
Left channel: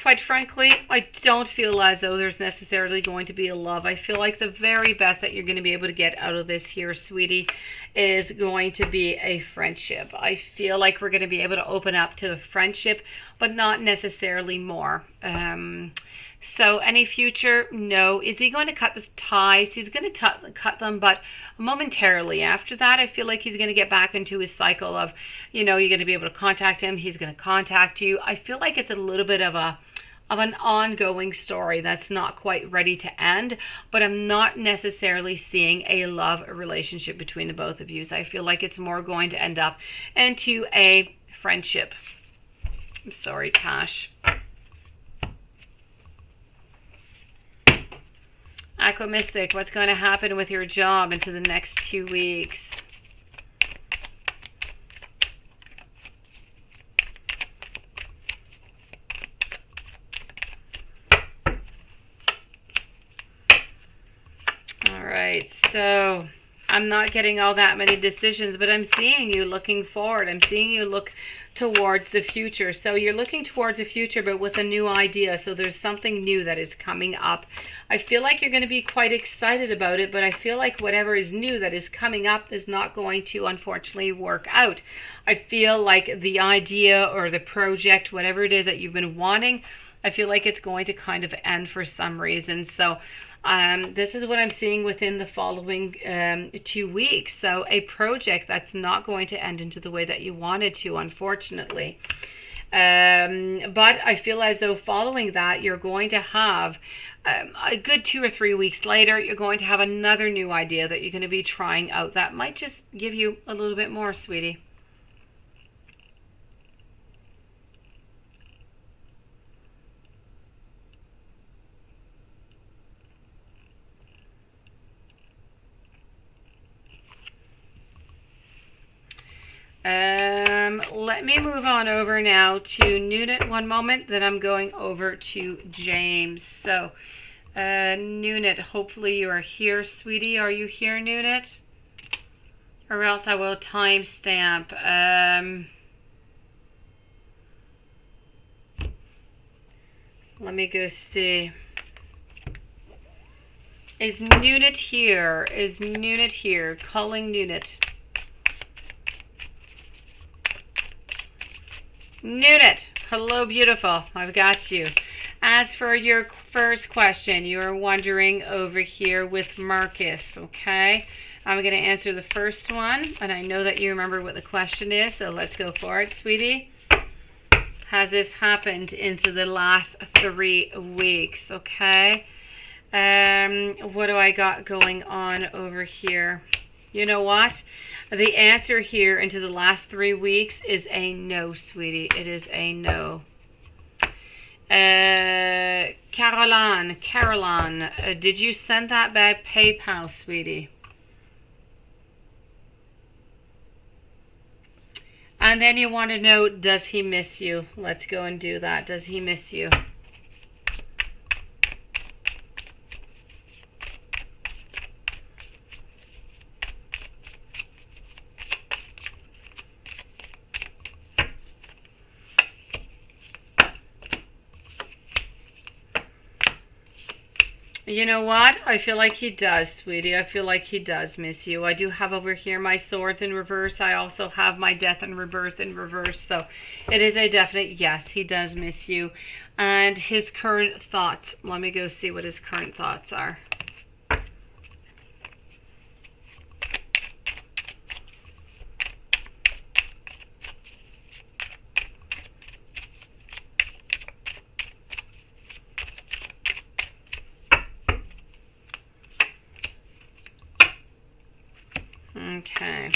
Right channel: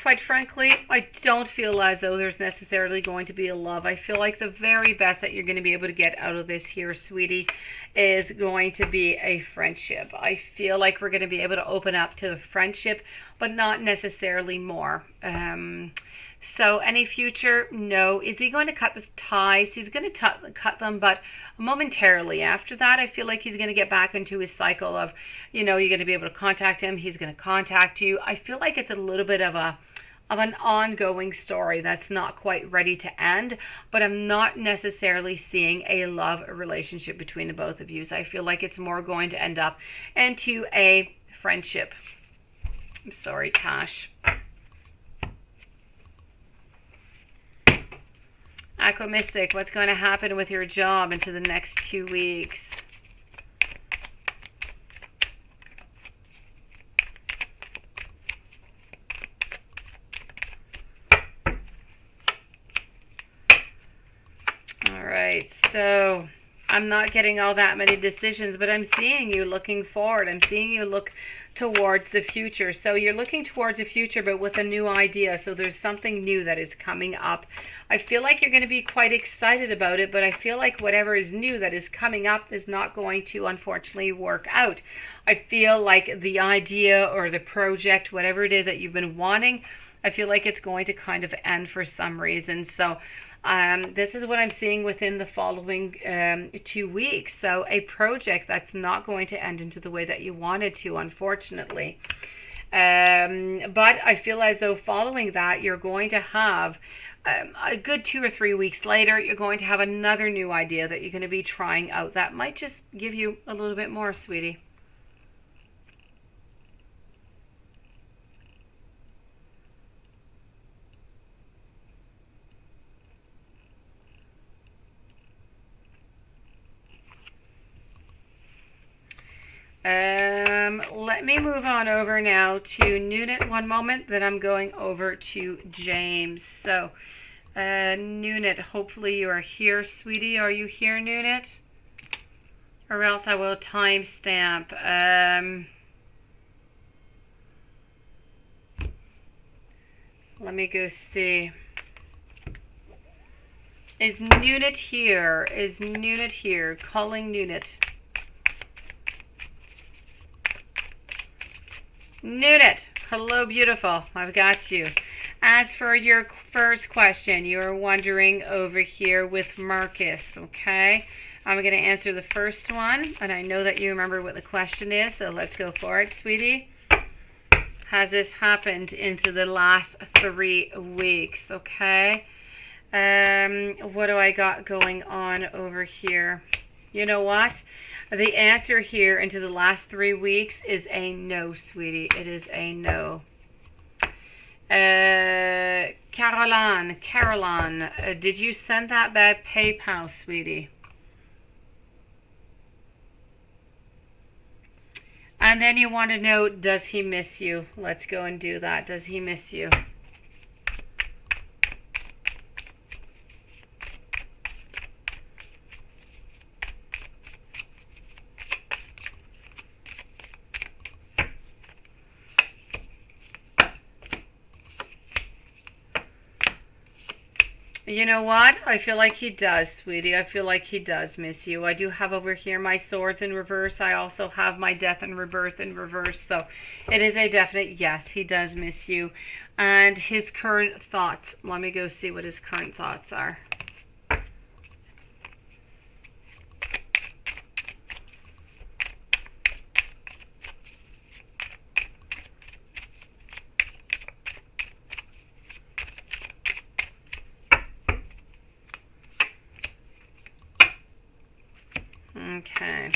quite frankly, I don't feel as though there's necessarily going to be a love. I feel like the very best that you're going to be able to get out of this here, sweetie, is going to be a friendship. I feel like we're going to be able to open up to a friendship, but not necessarily more. So any future, no. Is he going to cut the ties? He's going to cut them, but momentarily. After that, I feel like he's going to get back into his cycle of, you know, you're going to be able to contact him. He's going to contact you. I feel like it's a little bit of an ongoing story that's not quite ready to end, but I'm not necessarily seeing a love relationship between the both of you. So I feel like it's more going to end up into a friendship. I'm sorry, Tash. Aqua Mystic, what's going to happen with your job into the next 2 weeks? All right, so I'm not getting all that many decisions, but I'm seeing you looking forward. I'm seeing you look towards the future. So you're looking towards the future, but with a new idea. So there's something new that is coming up. I feel like you're going to be quite excited about it, but I feel like whatever is new that is coming up is not going to, unfortunately, work out. I feel like the idea or the project, whatever it is that you've been wanting, I feel like it's going to kind of end for some reason. So this is what I'm seeing within the following 2 weeks. So a project that's not going to end into the way that you wanted to, unfortunately. But I feel as though following that, you're going to have a good 2 or 3 weeks later, you're going to have another new idea that you're going to be trying out that might just give you a little bit more, sweetie. Let me move on over now to Nunit one moment, then I'm going over to James. So, Nunit, hopefully you are here, sweetie. Are you here, Nunit? Or else I will timestamp. Let me go see. Is Nunit here? Is Nunit here? Calling Nunit. Nunit, hello beautiful, I've got you. As for your first question, you are wondering over here with Marcus, okay? I'm going to answer the first one, and I know that you remember what the question is, so let's go for it, sweetie. Has this happened into the last 3 weeks, okay? What do I got going on over here? You know what? The answer here into the last 3 weeks is a no, sweetie. It is a no. Caroline, did you send that by PayPal, sweetie? And then you want to know, does he miss you? Let's go and do that. Does he miss you? You know what? I feel like he does, sweetie. I feel like he does miss you. I do have over here my swords in reverse. I also have my death and rebirth in reverse. So it is a definite yes, he does miss you. And his current thoughts. Let me go see what his current thoughts are. Okay.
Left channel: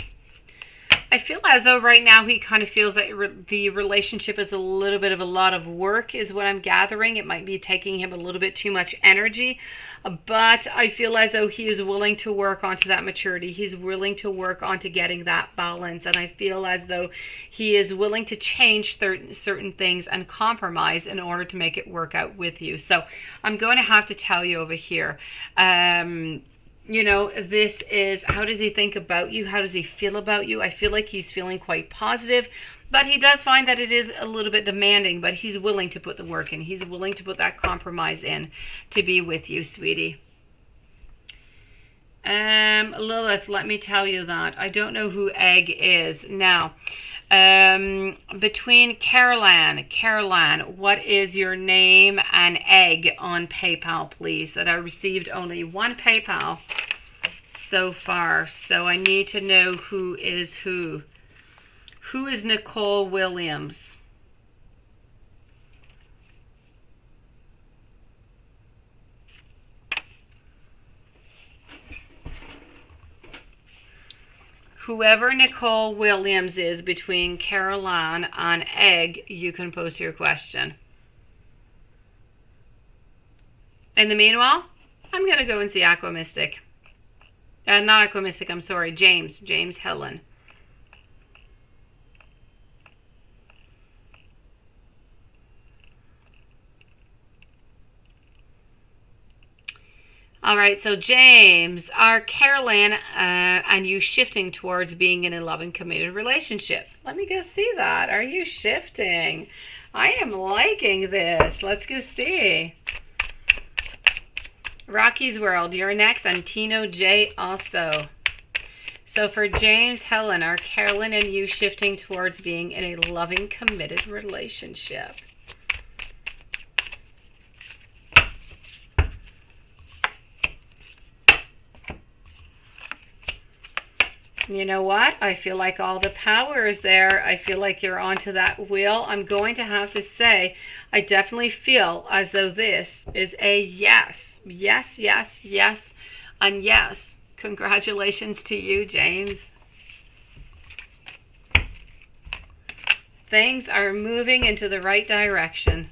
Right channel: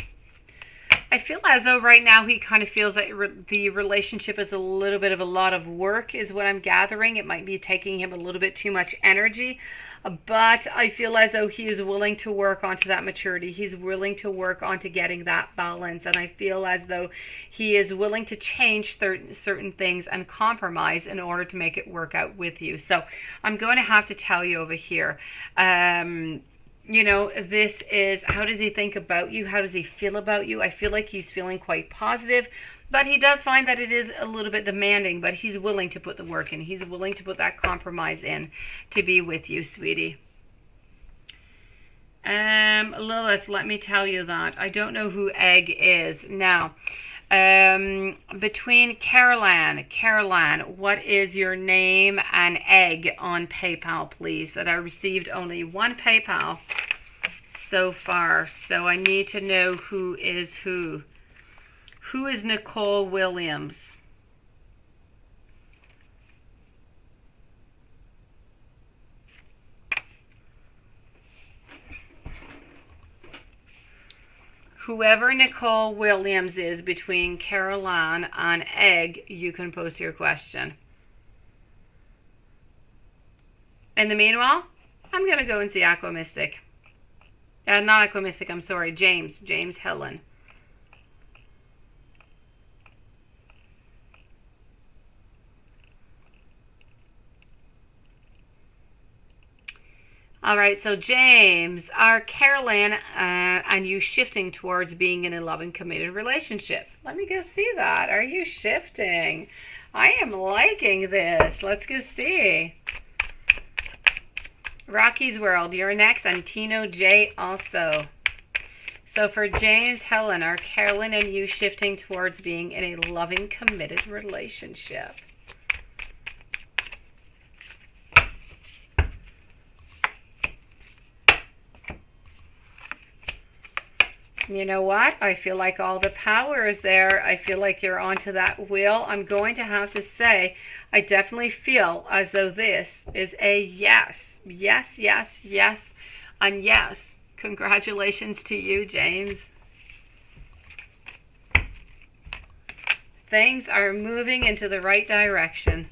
I feel as though right now he kind of feels that the relationship is a little bit of a lot of work is what I'm gathering. It might be taking him a little bit too much energy, but I feel as though he is willing to work onto that maturity. He's willing to work onto getting that balance, and I feel as though he is willing to change certain things and compromise in order to make it work out with you. So I'm going to have to tell you over here, you know, this is, how does he think about you? How does he feel about you? I feel like he's feeling quite positive, but he does find that it is a little bit demanding, but he's willing to put the work in. He's willing to put that compromise in to be with you, sweetie. Lilith, let me tell you that. I don't know who Egg is. Now, between Caroline, what is your name and Egg on PayPal, please? That I received only one PayPal so far, so I need to know who is who. Who is Nicole Williams? whoever Nicole Williams is between Caroline and Egg, you can post your question. In the meanwhile, I'm going to go and see Aqua Mystic. Not Aqua Mystic, I'm sorry, James Helen. All right, so James, are Caroline and you shifting towards being in a loving, committed relationship? Let me go see that. Are you shifting? I am liking this. Let's go see. Rocky's World, you're next, and Tino J also. So for James, Helen, are Caroline and you shifting towards being in a loving, committed relationship? You know what? I feel like all the power is there. I feel like you're onto that wheel. I'm going to have to say, I definitely feel as though this is a yes. Yes, yes, yes, and yes. Congratulations to you, James. Things are moving into the right direction.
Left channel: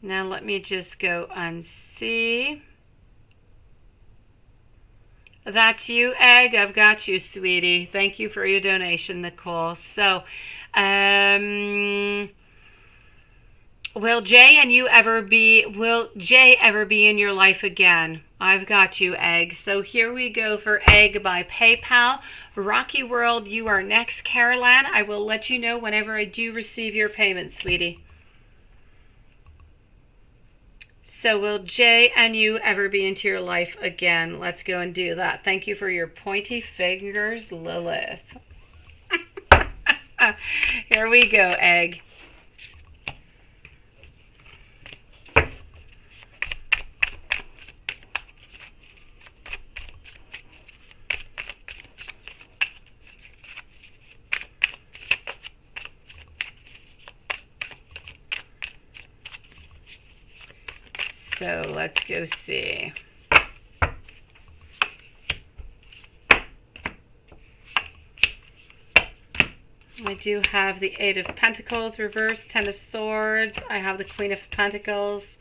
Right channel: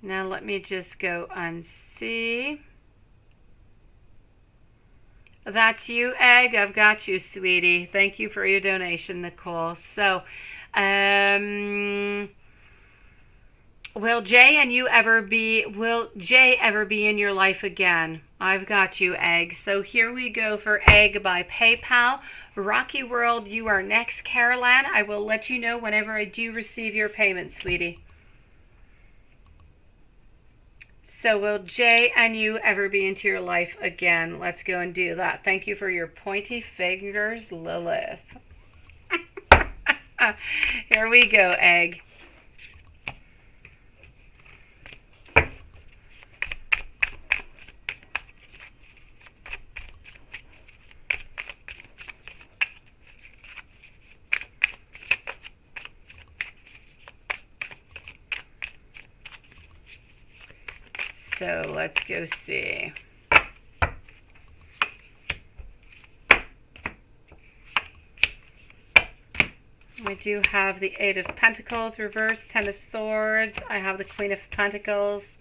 Now let me just go and see. That's you, Egg. I've got you, sweetie. Thank you for your donation, Nicole. So, will Jay ever be in your life again? I've got you, Egg. So here we go for Egg by PayPal. Rocky World, you are next. Caroline, I will let you know whenever I do receive your payment, sweetie. So will Jay and you ever be into your life again? Let's go and do that. Thank you for your pointy fingers, Lilith. Here we go, Egg. So let's go see. I do have the Eight of Pentacles reverse, Ten of Swords. I have the Queen of Pentacles,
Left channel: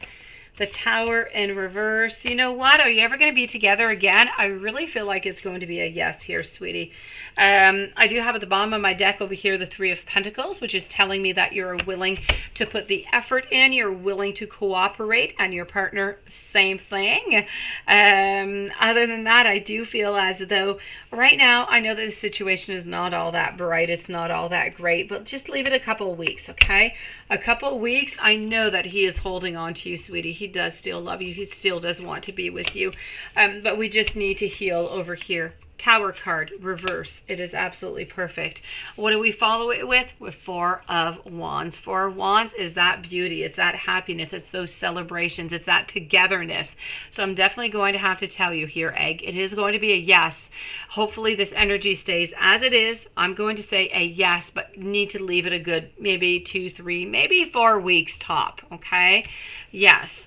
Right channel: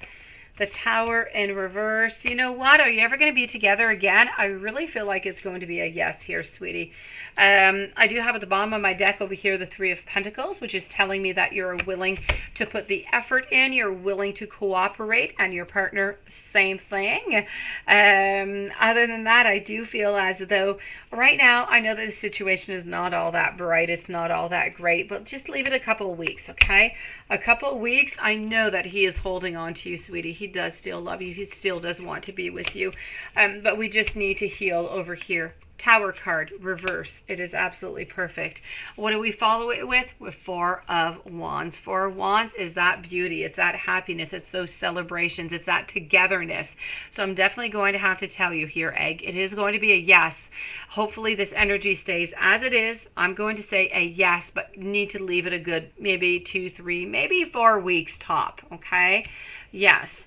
the Tower in reverse. You know what? Are you ever going to be together again? I really feel like it's going to be a yes here, sweetie. I do have at the bottom of my deck over here the Three of Pentacles, which is telling me that you're willing to put the effort in, you're willing to cooperate, and your partner, same thing. Other than that, I do feel as though right now, I know that the situation is not all that bright, it's not all that great, but just leave it a couple of weeks, okay? A couple of weeks, I know that he is holding on to you, sweetie. He does still love you, he still does want to be with you, but we just need to heal over here. Tower card, reverse. It is absolutely perfect. What do we follow it with? With Four of Wands. Four of Wands is that beauty. It's that happiness. It's those celebrations. It's that togetherness. So I'm definitely going to have to tell you here, Egg, it is going to be a yes. Hopefully this energy stays as it is. I'm going to say a yes, but need to leave it a good maybe 2, 3, maybe 4 weeks top, okay? Yes.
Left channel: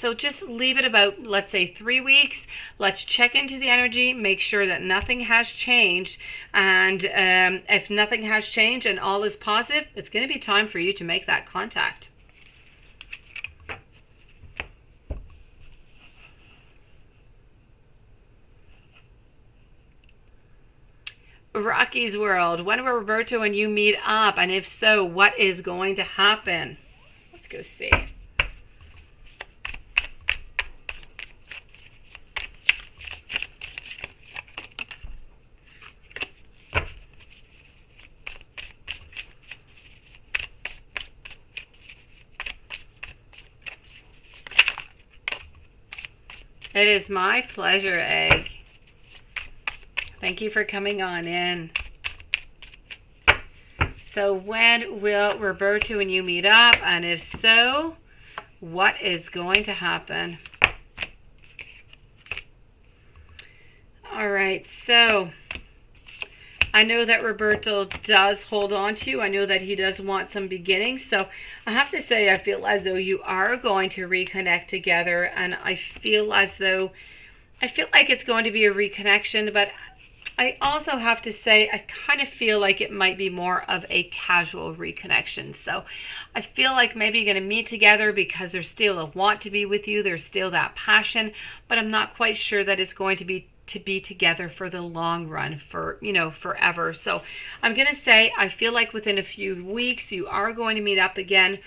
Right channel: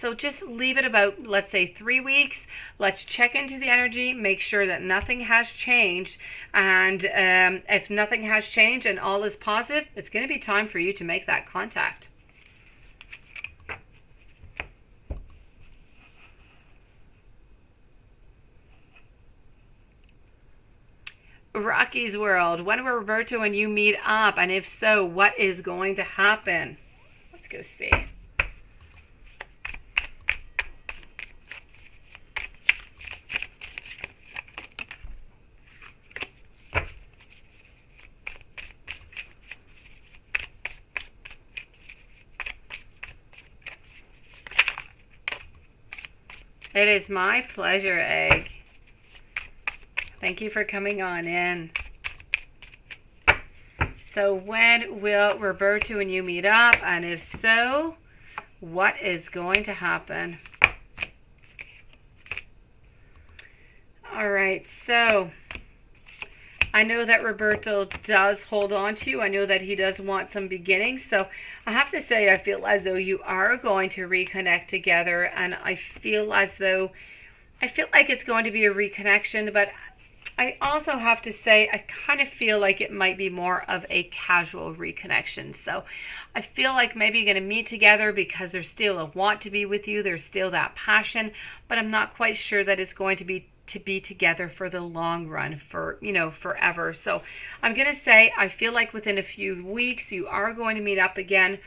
So just leave it about, let's say, 3 weeks. Let's check into the energy, make sure that nothing has changed. And if nothing has changed and all is positive, it's going to be time for you to make that contact. Rocky's World. When will Roberto and you meet up? And if so, what is going to happen? Let's go see. It is my pleasure, Egg. Thank you for coming on in. So when will Roberto and you meet up? And if so, what is going to happen? All right, so I know that Roberto does hold on to you. I know that he does want some beginnings. So I have to say, I feel as though you are going to reconnect together. And I feel like it's going to be a reconnection. But I also have to say, I kind of feel like it might be more of a casual reconnection. So I feel like maybe you're going to meet together because there's still a want to be with you. There's still that passion. But I'm not quite sure that it's going to be together for the long run, for forever. So I'm gonna say, I feel like within a few weeks you are going to meet up again.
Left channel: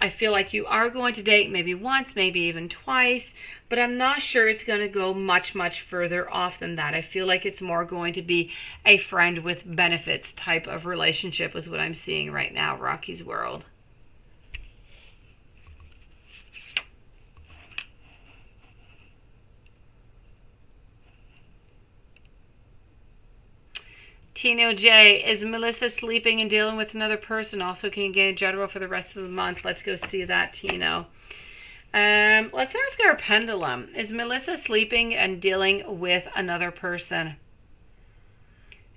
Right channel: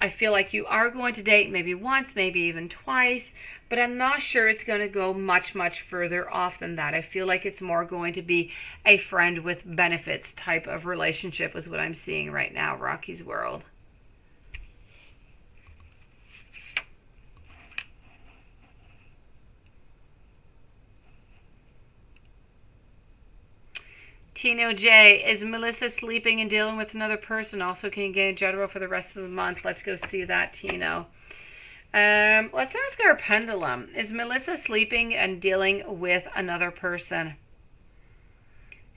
I feel like you are going to date maybe once, maybe even twice, but I'm not sure it's going to go much further off than that. I feel like it's more going to be a friend with benefits type of relationship is what I'm seeing right now, Rocky's World. Tino J, is Melissa sleeping and dealing with another person? Also, can you get a general for the rest of the month? Let's go see that, Tino. Let's ask our pendulum. Is Melissa sleeping and dealing with another person?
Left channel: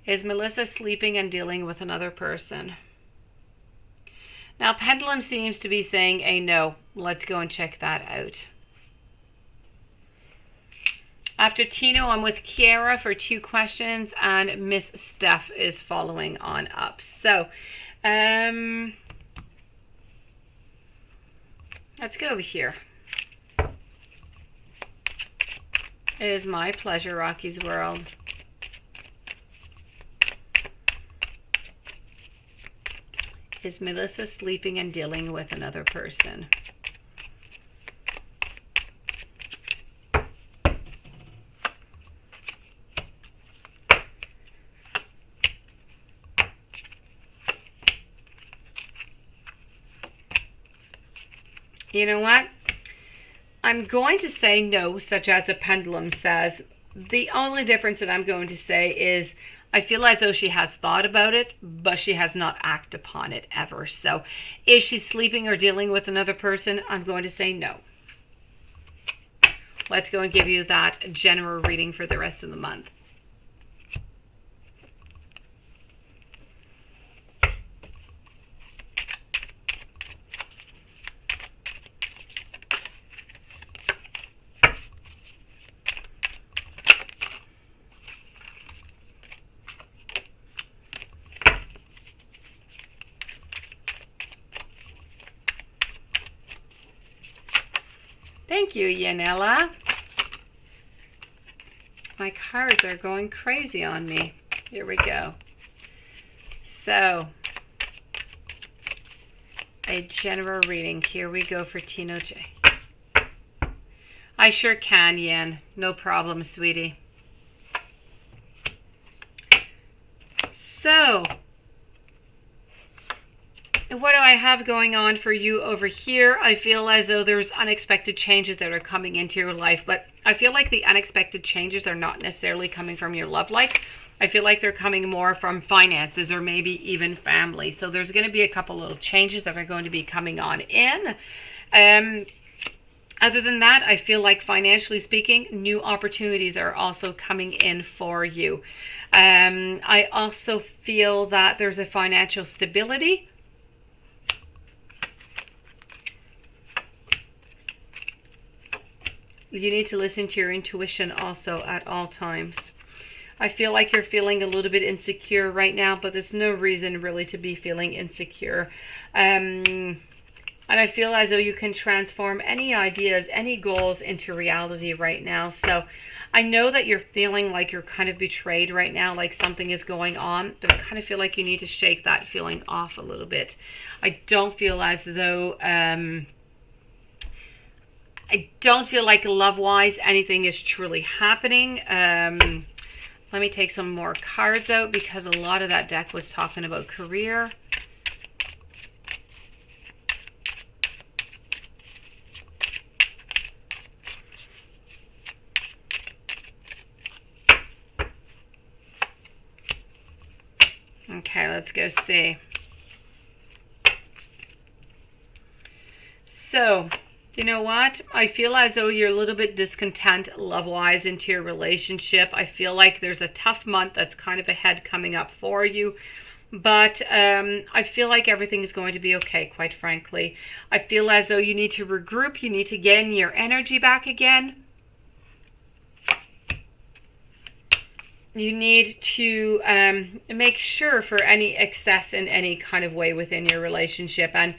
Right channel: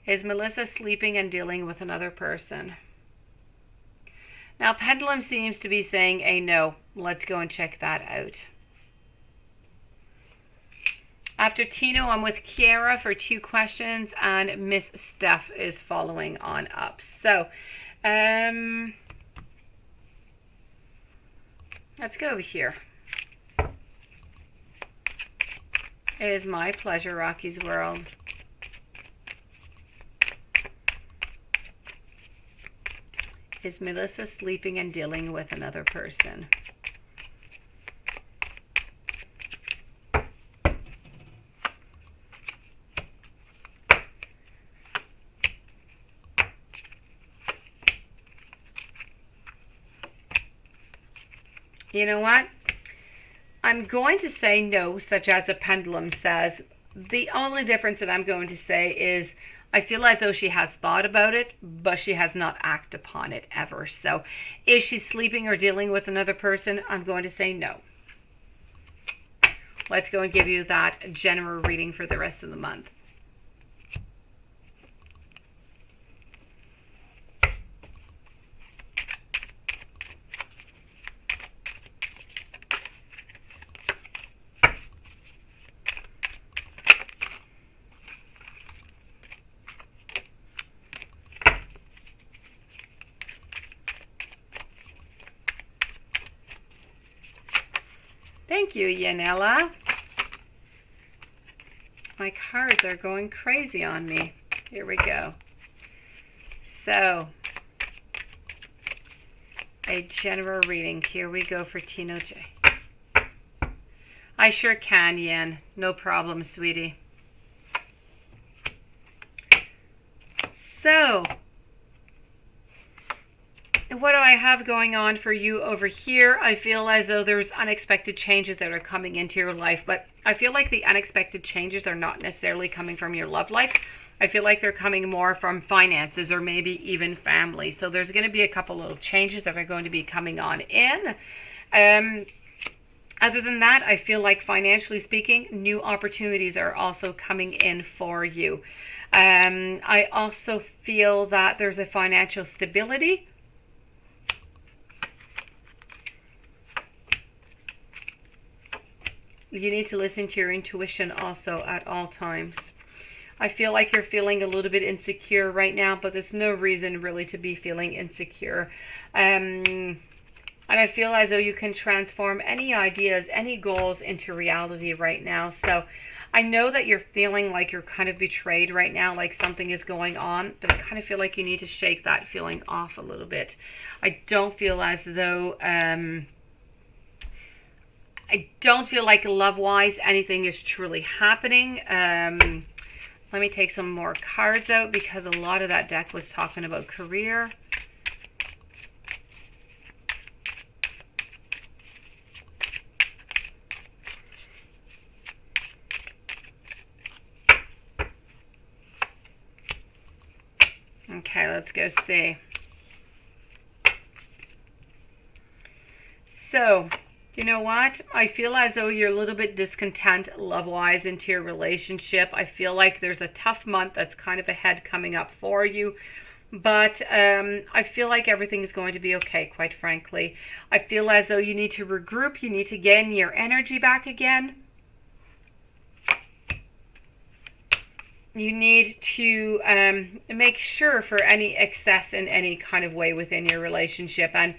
Is Melissa sleeping and dealing with another person? Now, pendulum seems to be saying a no. Let's go and check that out. After Tino, I'm with Kiara for 2 questions, and Miss Steph is following on up. So, let's go over here. It is my pleasure, Rocky's World. Is Melissa sleeping and dealing with another person? You know what? I'm going to say no, such as a pendulum says. The only difference that I'm going to say is I feel as though she has thought about it, but she has not acted upon it ever. So is she sleeping or dealing with another person? I'm going to say no. Let's go and give you that general reading for the rest of the month. Thank you, Yanela. My cards are going crazy on me. Here we go. So, a general reading. Here we go for Tino J. I sure can, Yan. No problem, sweetie. So, what do I have going on for you over here? I feel as though there's unexpected changes that are coming into your life, but I feel like the unexpected changes are not necessarily coming from your love life. I feel like they're coming more from finances or maybe even family. So there's going to be a couple little changes that are going to be coming on in. Other than that, I feel like financially speaking, new opportunities are also coming in for you. I also feel that there's a financial stability. You need to listen to your intuition also at all times. I feel like you're feeling a little bit insecure right now, but there's no reason really to be feeling insecure. And I feel as though you can transform any ideas, any goals into reality right now. So I know that you're feeling like you're kind of betrayed right now, like something is going on, but I kind of feel like you need to shake that feeling off a little bit. I don't feel as though... I don't feel like love-wise anything is truly happening. Let me take some more cards out because a lot of that deck was talking about career. Okay, let's go see. So, You know what? I feel as though you're a little bit discontent love-wise into your relationship. I feel like there's a tough month that's kind of ahead coming up for you. But I feel like everything is going to be okay, quite frankly. I feel as though you need to regroup. You need to gain your energy back again. You need to make sure for any excess in any kind of way within your relationship. And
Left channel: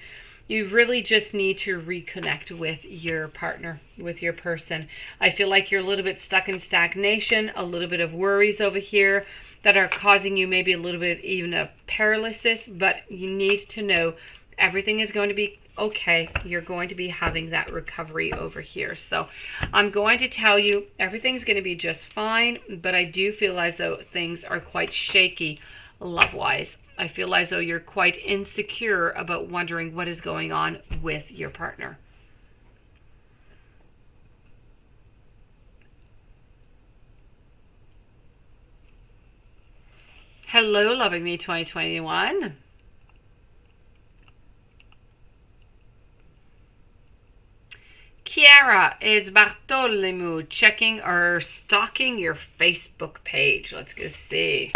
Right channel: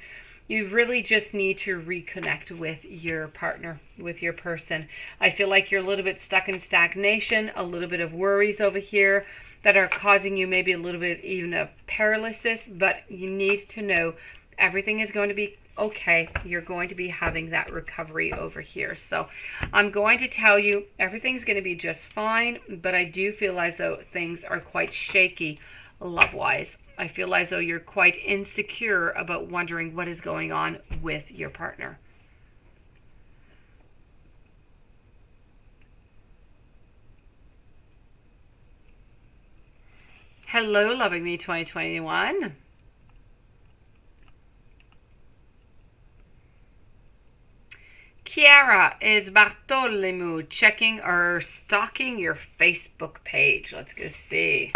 you really just need to reconnect with your partner, with your person. I feel like you're a little bit stuck in stagnation, a little bit of worries over here that are causing you maybe a little bit even of paralysis, but you need to know everything is going to be okay. You're going to be having that recovery over here. So I'm going to tell you everything's going to be just fine, but I do feel as though things are quite shaky love-wise. I feel as though you're quite insecure about wondering what is going on with your partner. Hello, Loving Me 2021. Kiara, is Bartholomew checking or stalking your Facebook page? Let's go see.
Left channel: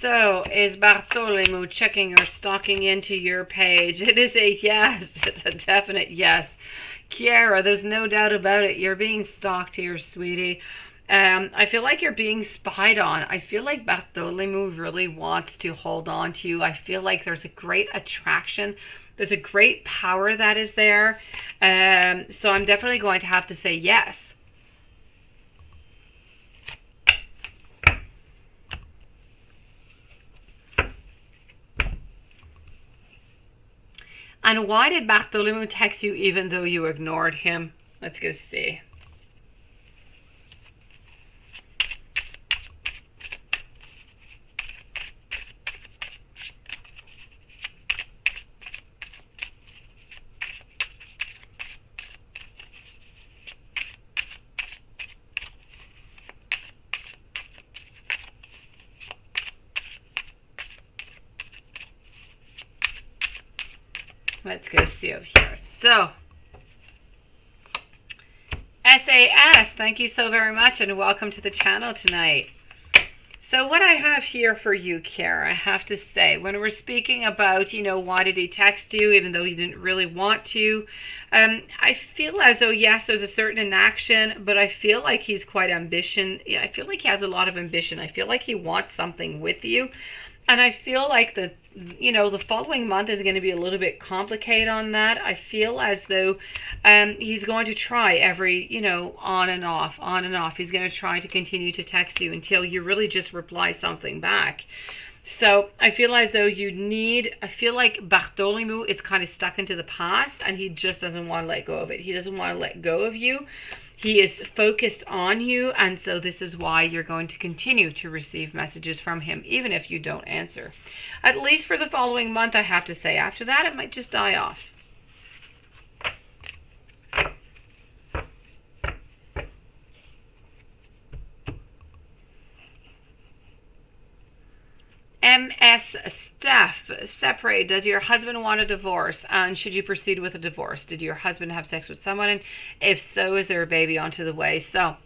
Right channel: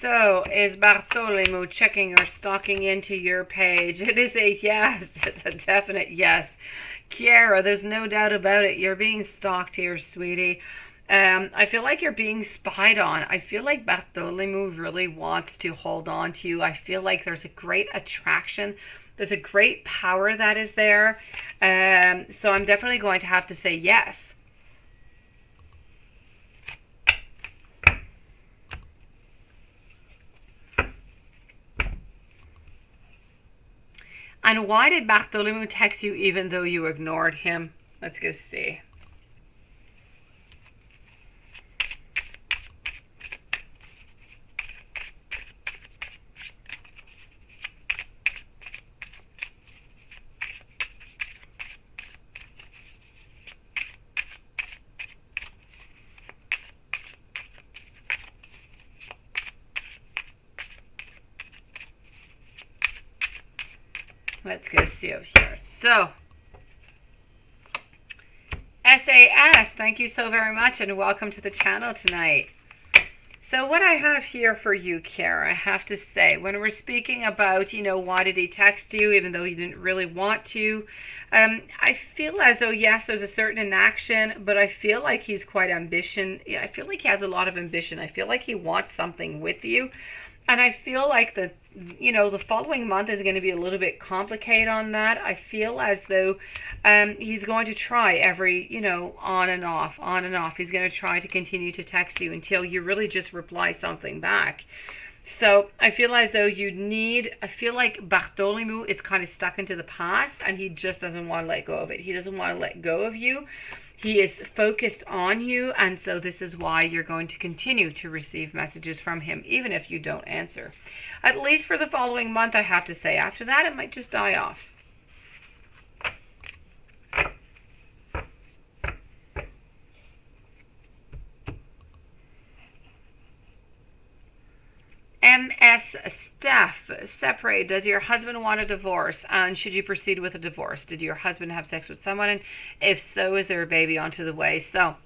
So, is Bartholomew checking or stalking into your page? It is a yes. It's a definite yes. Kiara, there's no doubt about it. You're being stalked here, sweetie. I feel like you're being spied on. I feel like Bartholomew really wants to hold on to you. I feel like there's a great attraction. There's a great power that is there. So I'm definitely going to have to say yes. And why did Bartholomew text you even though you ignored him? Let's go see. Let's go see over here. So, SAS, thank you so very much and welcome to the channel tonight. So what I have here for you, Kara, I have to say, when we're speaking about, why did he text you even though he didn't really want to, I feel as though, yes, there's a certain inaction, but I feel like he's quite ambitious. Yeah, I feel like he has a lot of ambition. I feel like he wants something with you. And I feel like the following month is going to be a little bit complicated on that. I feel as though he's going to try every, on and off. He's going to try to continue to text you until you really just reply something back. So I feel as though I feel like Bartholomew is kind of stuck into the past and he just doesn't want to let go of it. He doesn't want to let go of you. He is focused on you, and so this is why you're going to continue to receive messages from him, even if you don't answer. At least for the following month, I have to say. After that, it might just die off. MS Steph, separate. Does your husband want a divorce? And should you proceed with a divorce? Did your husband have sex with someone? And if so, is there a baby onto the way? So,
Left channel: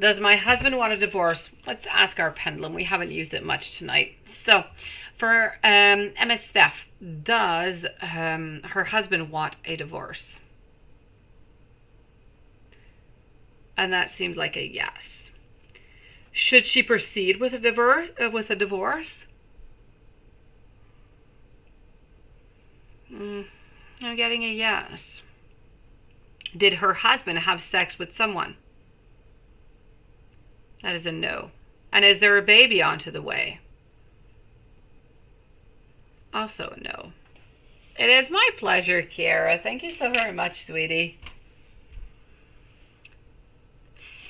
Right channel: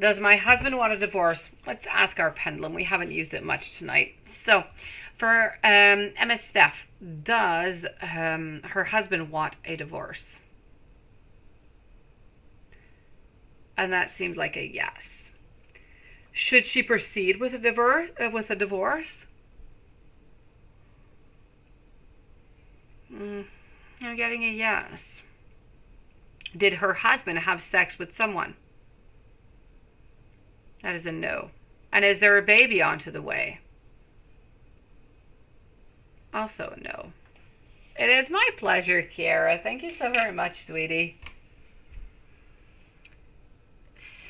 does my husband want a divorce? Let's ask our pendulum. We haven't used it much tonight. So, for MS Steph, does her husband want a divorce? And that seems like a yes. Should she proceed with a divorce? I'm getting a yes. Did her husband have sex with someone? That is a no. And is there a baby onto the way? Also a no. It is my pleasure, Kiara. Thank you so very much, sweetie.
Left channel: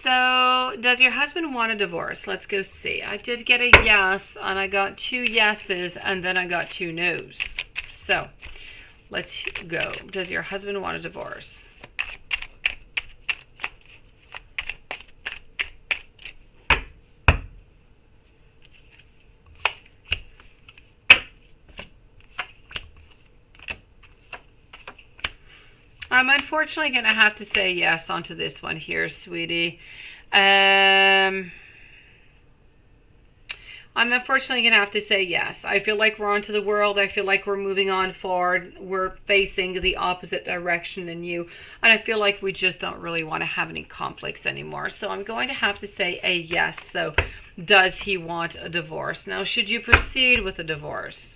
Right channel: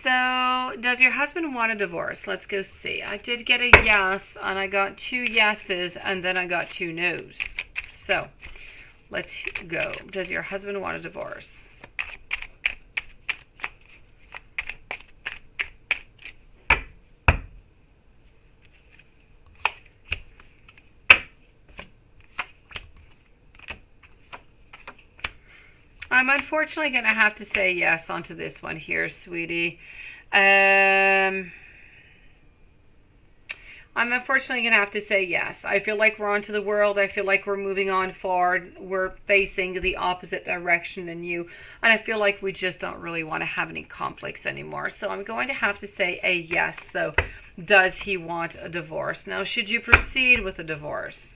So, does your husband want a divorce? Let's go see. I did get a yes, and I got 2 yeses, and then I got 2 no's. So, Let's go. Does your husband want a divorce? I'm unfortunately going to have to say yes onto this one here, sweetie. I'm unfortunately going to have to say yes. I feel like we're onto the world. I feel like we're moving on forward. We're facing the opposite direction than you. And I feel like we just don't really want to have any conflicts anymore. So I'm going to have to say a yes. So does he want a divorce? Now, should you proceed with a divorce?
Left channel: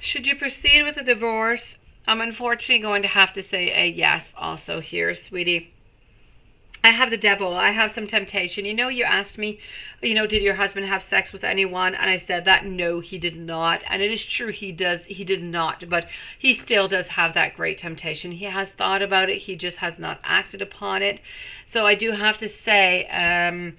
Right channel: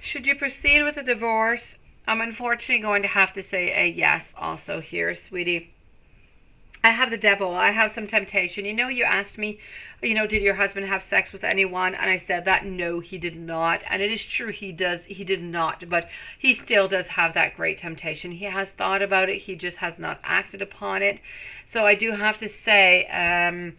Should you proceed with a divorce? I'm unfortunately going to have to say a yes also here, sweetie. I have the devil. I have some temptation. You know, you asked me, you know, did your husband have sex with anyone? And I said that no, he did not. And it is true, he did not. But he still does have that great temptation. He has thought about it. He just has not acted upon it. So I do have to say,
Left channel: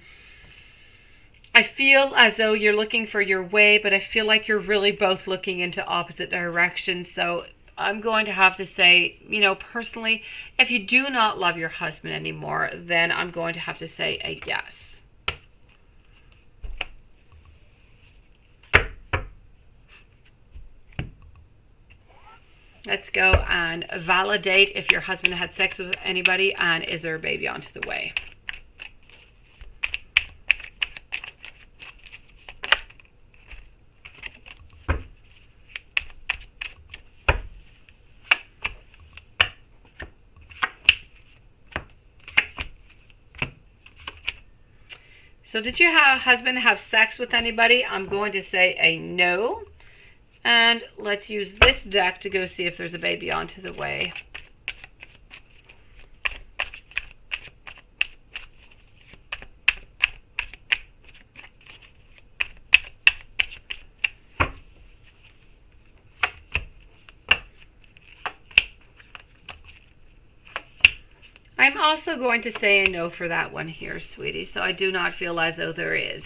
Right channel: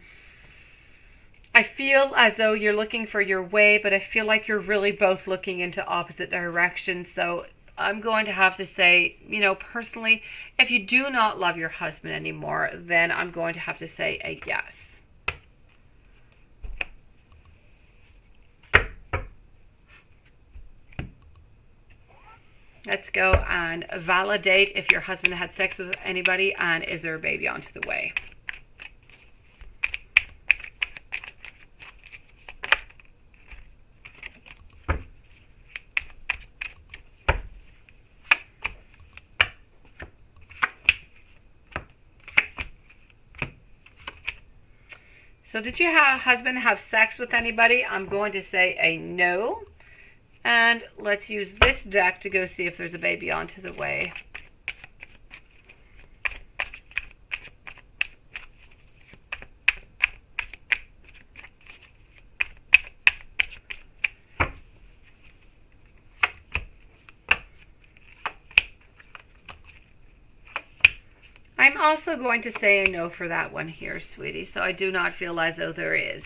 I feel as though you're looking for your way, but I feel like you're really both looking into opposite directions. So I'm going to have to say, you know, personally, if you do not love your husband anymore, then I'm going to have to say a yes. Let's go and validate if your husband had sex with anybody and is there a baby onto the way. So did your husband have sex with anybody? I'm going to say a no. And let's use this deck to go see if there's a baby onto the way. I'm also going to say a no for that one here, sweetie. So I do not feel as though there is.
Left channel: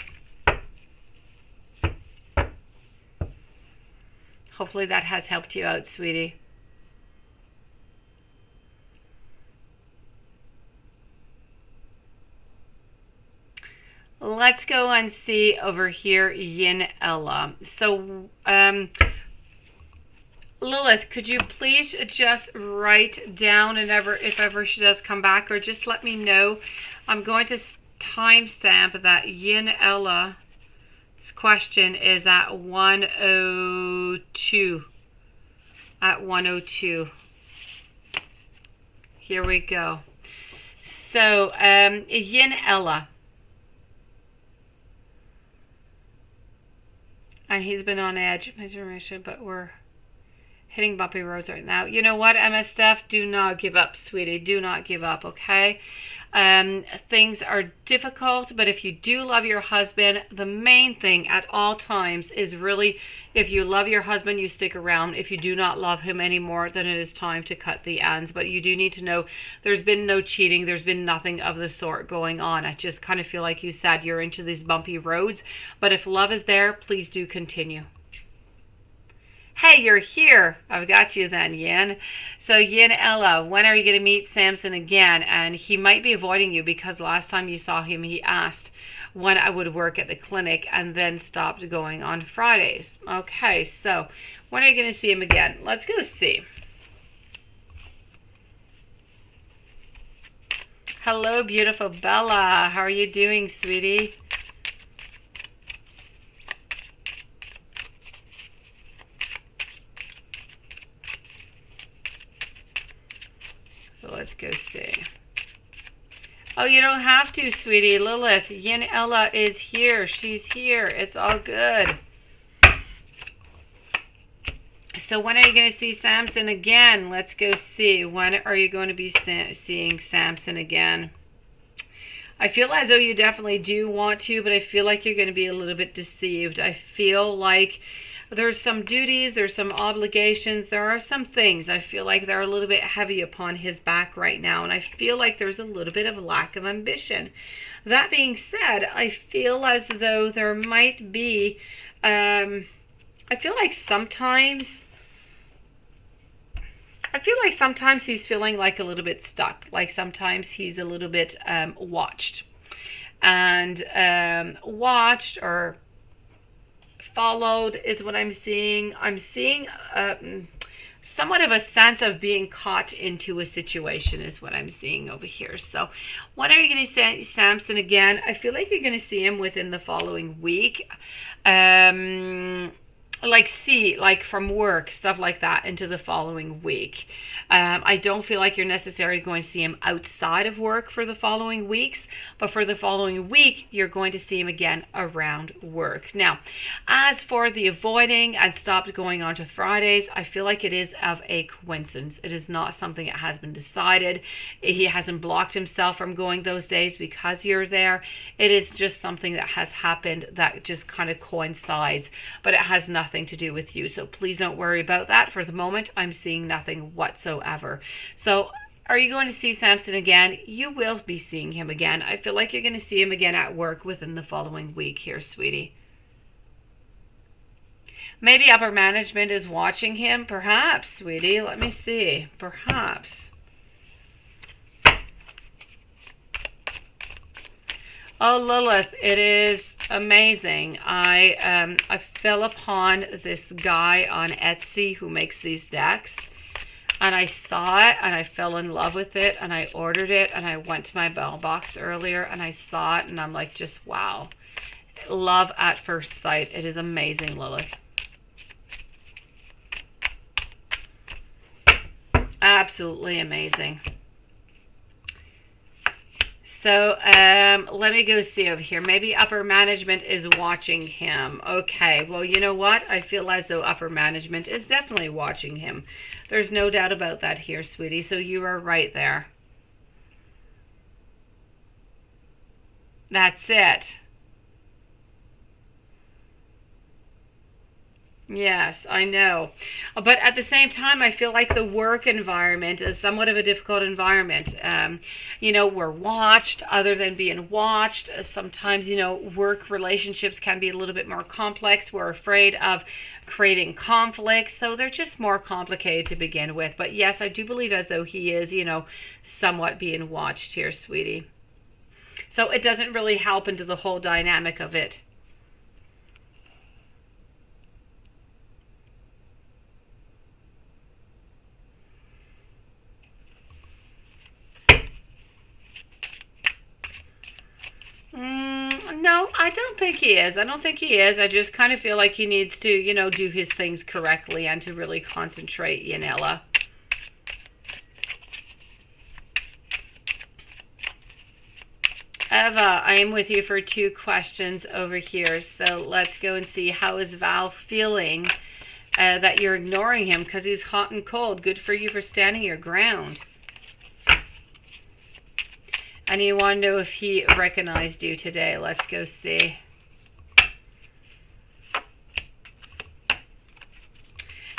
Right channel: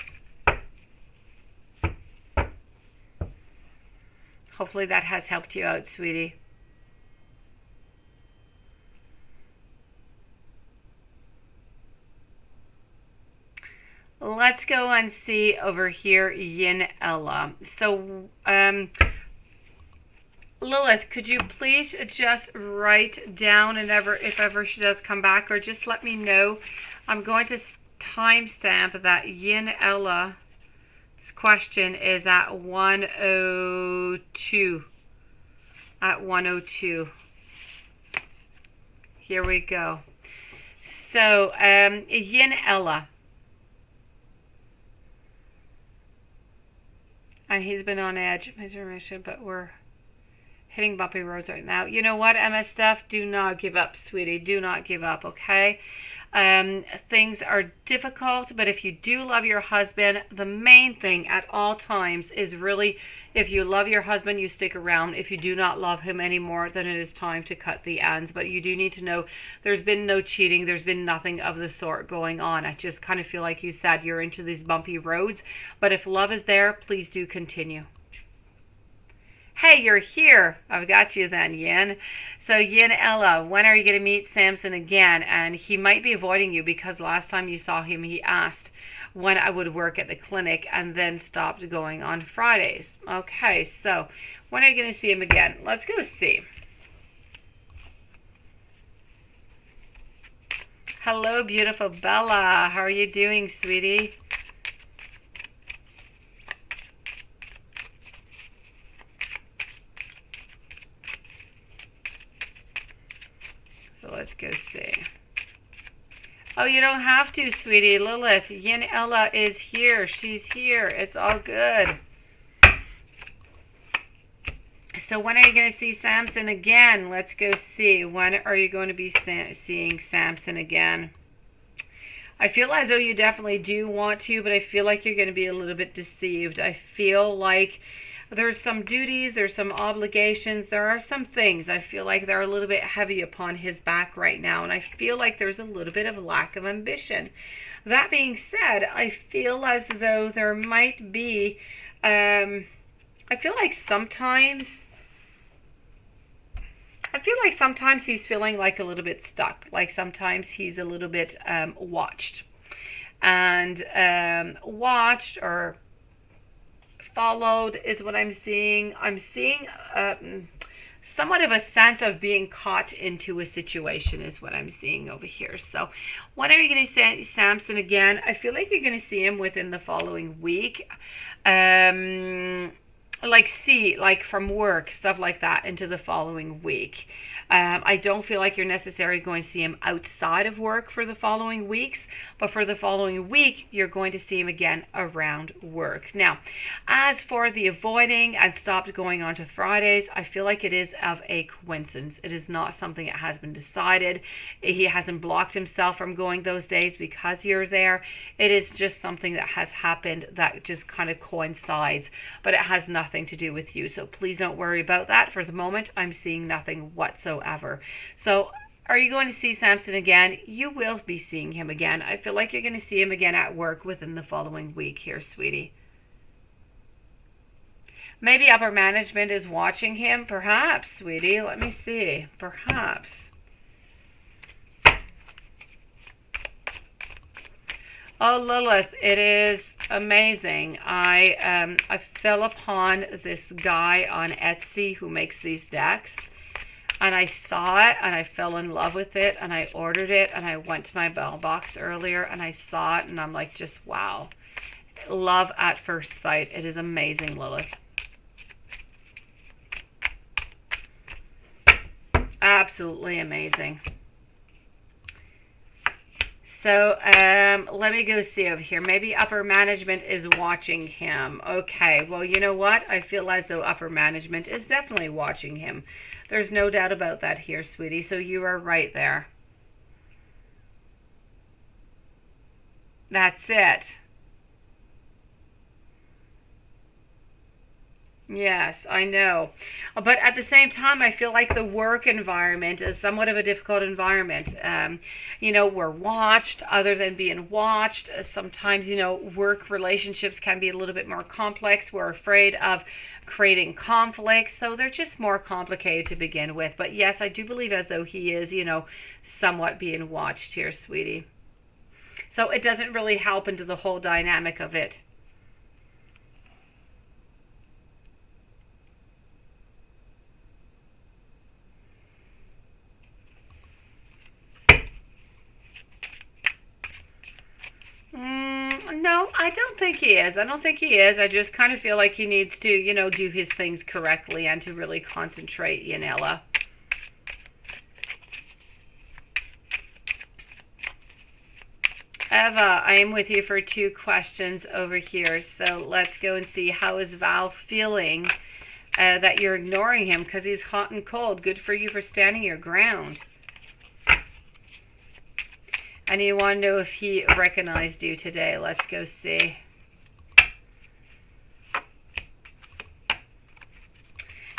Hopefully that has helped you out, sweetie. Let's go and see over here, Yin Ella. So, Lilith, could you please just write down and if ever she does come back, or just let me know. I'm going to timestamp that Yin Ella's question is at 102. At 102. Here we go. So, Yin Ella. And he's been on edge, but we're hitting bumpy roads right now. You know what, MS Steph? Do not give up, sweetie. Do not give up, okay? Things are difficult, but if you do love your husband, the main thing at all times is really, if you love your husband, you stick around. If you do not love him anymore, then it is time to cut the ends. But you do need to know there's been no cheating. There's been nothing of the sort going on. I just kind of feel like you said you're into these bumpy roads. But if love is there, please do continue. Hey, you're here. I've got you then, Yin. So, Yin Ella, when are you going to meet Samson again? And he might be avoiding you because last time you saw him, he asked when I would work at the clinic and then stopped going on Fridays. Okay, so when are you going to see him again? Let's go see. Hello, beautiful Bella. How are you doing, sweetie? So let's go see. Oh, you don't have to, sweetie. Lilith, Yin Ella is here. She's here. It's all good. So when are you going to see Samson again? Let's go see. When are you going to be seeing Samson again? I feel as though you definitely do want to, but I feel like you're going to be a little bit deceived. I feel like there's some duties, there's some obligations, there are some things I feel like they're a little bit heavy upon his back right now, and I feel like there's a little bit of a lack of ambition. That being said, I feel as though there might be, I feel like sometimes he's feeling like a little bit stuck, like sometimes he's a little bit watched or followed is what I'm seeing. I'm seeing somewhat of a sense of being caught into a situation is what I'm seeing over here. So when are you going to see Samson again? I feel like you're going to see him within the following week. Like from work, stuff like that, into the following week. I don't feel like you're necessarily going to see him outside of work for the following weeks, but for the following week, you're going to see him again around work. Now, as for the avoiding and stopped going on to Fridays, I feel like it is of a coincidence. It is not something that has been decided. He hasn't blocked himself from going those days because you're there. It is just something that has happened that just kind of coincides, but it has nothing to do with you. So please don't worry about that. For the moment, I'm seeing nothing whatsoever. So are you going to see Samson again? You will be seeing him again. I feel like you're going to see him again at work within the following week here, sweetie. Maybe upper management is watching him. Perhaps, sweetie. Let me see. Perhaps. Oh, Lilith, it is amazing. I fell upon this guy on Etsy who makes these decks. And I saw it and I fell in love with it and I ordered it and I went to my mailbox earlier and I saw it and I'm like, just wow. Love at first sight. It is amazing, Lilith. Absolutely amazing. So let me go see over here. Maybe upper management is watching him. Okay, well, you know what? I feel as though upper management is definitely watching him. There's no doubt about that here, sweetie. So you are right there. That's it. Yes, I know. But at the same time, I feel like the work environment is somewhat of a difficult environment. You know, we're watched other than being watched. Sometimes, you know, work relationships can be a little bit more complex. We're afraid of creating conflict. So they're just more complicated to begin with. But yes, I do believe as though he is, you know, somewhat being watched here, sweetie. So it doesn't really help into the whole dynamic of it. No, I don't think he is. I don't think he is. I just kind of feel like he needs to, you know, do his things correctly and to really concentrate, Yanela. Eva, I am with you for 2 questions over here. So let's go and see, how is Val feeling that you're ignoring him because he's hot and cold? Good for you for standing your ground. And you want to know if he recognized you today. Let's go see.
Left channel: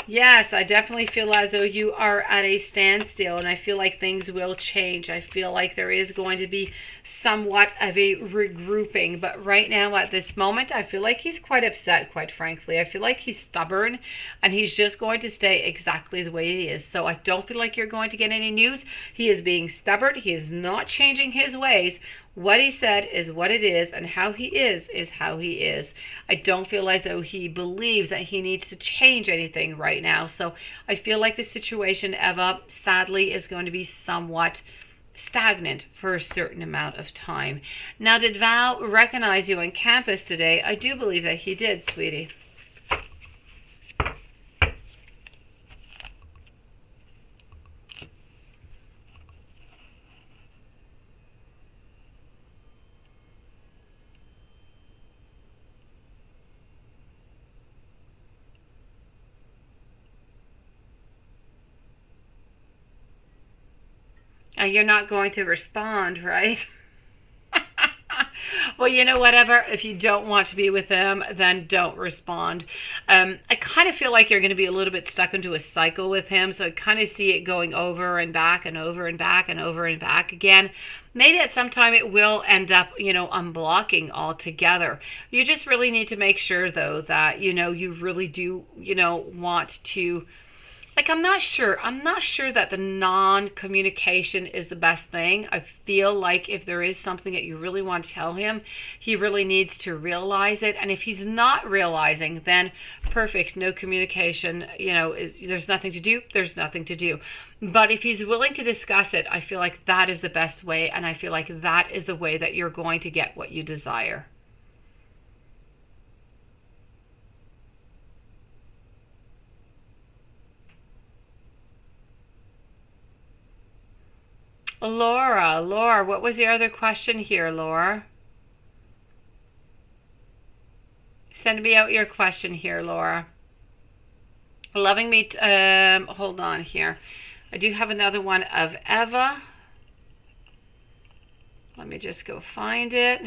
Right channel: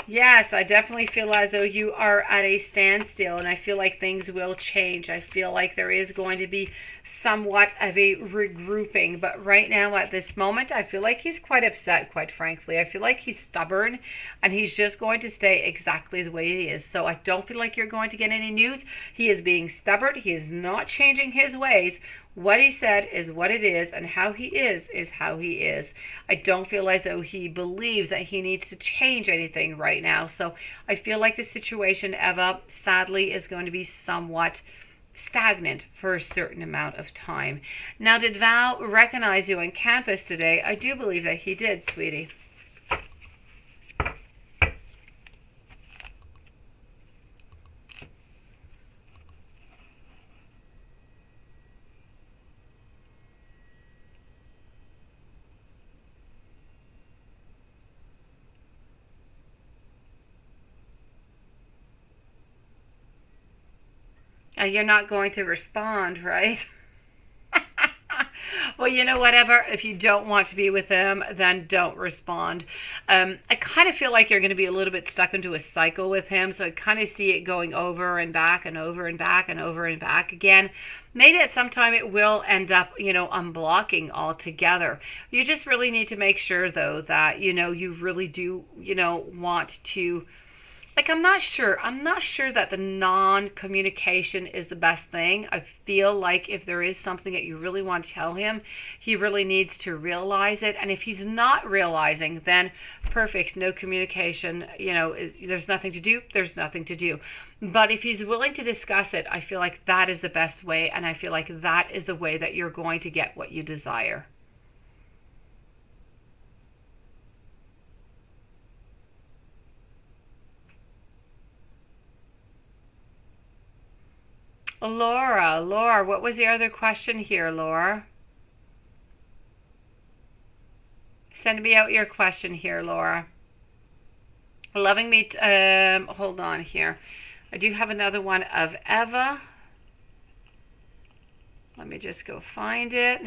Yes, I definitely feel as though you are at a standstill, and I feel like things will change. I feel like there is going to be somewhat of a regrouping, but right now at this moment, I feel like he's quite upset, quite frankly. I feel like he's stubborn, and he's just going to stay exactly the way he is. So I don't feel like you're going to get any news. He is being stubborn. He is not changing his ways. What he said is what it is, and how he is how he is. I don't feel as though he believes that he needs to change anything right now. So I feel like the situation, Eva, sadly, is going to be somewhat stagnant for a certain amount of time. Now, did Val recognize you on campus today? I do believe that he did, sweetie. You're not going to respond, right? Well, you know, whatever. If you don't want to be with him, then don't respond. I kind of feel like you're going to be a little bit stuck into a cycle with him. So I kind of see it going over and back and over and back and over and back again. Maybe at some time it will end up, you know, unblocking altogether. You just really need to make sure, though, that, you know, you really do, you know, want to. Like, I'm not sure. I'm not sure that the non-communication is the best thing. I feel like if there is something that you really want to tell him, he really needs to realize it. And if he's not realizing, then perfect, no communication. You know, there's nothing to do. There's nothing to do. But if he's willing to discuss it, I feel like that is the best way. And I feel like that is the way that you're going to get what you desire. Laura, what was the other question here, Laura? Send me out your question here, Laura. Loving me, hold on here. I do have another one of Eva. Let me just go find it.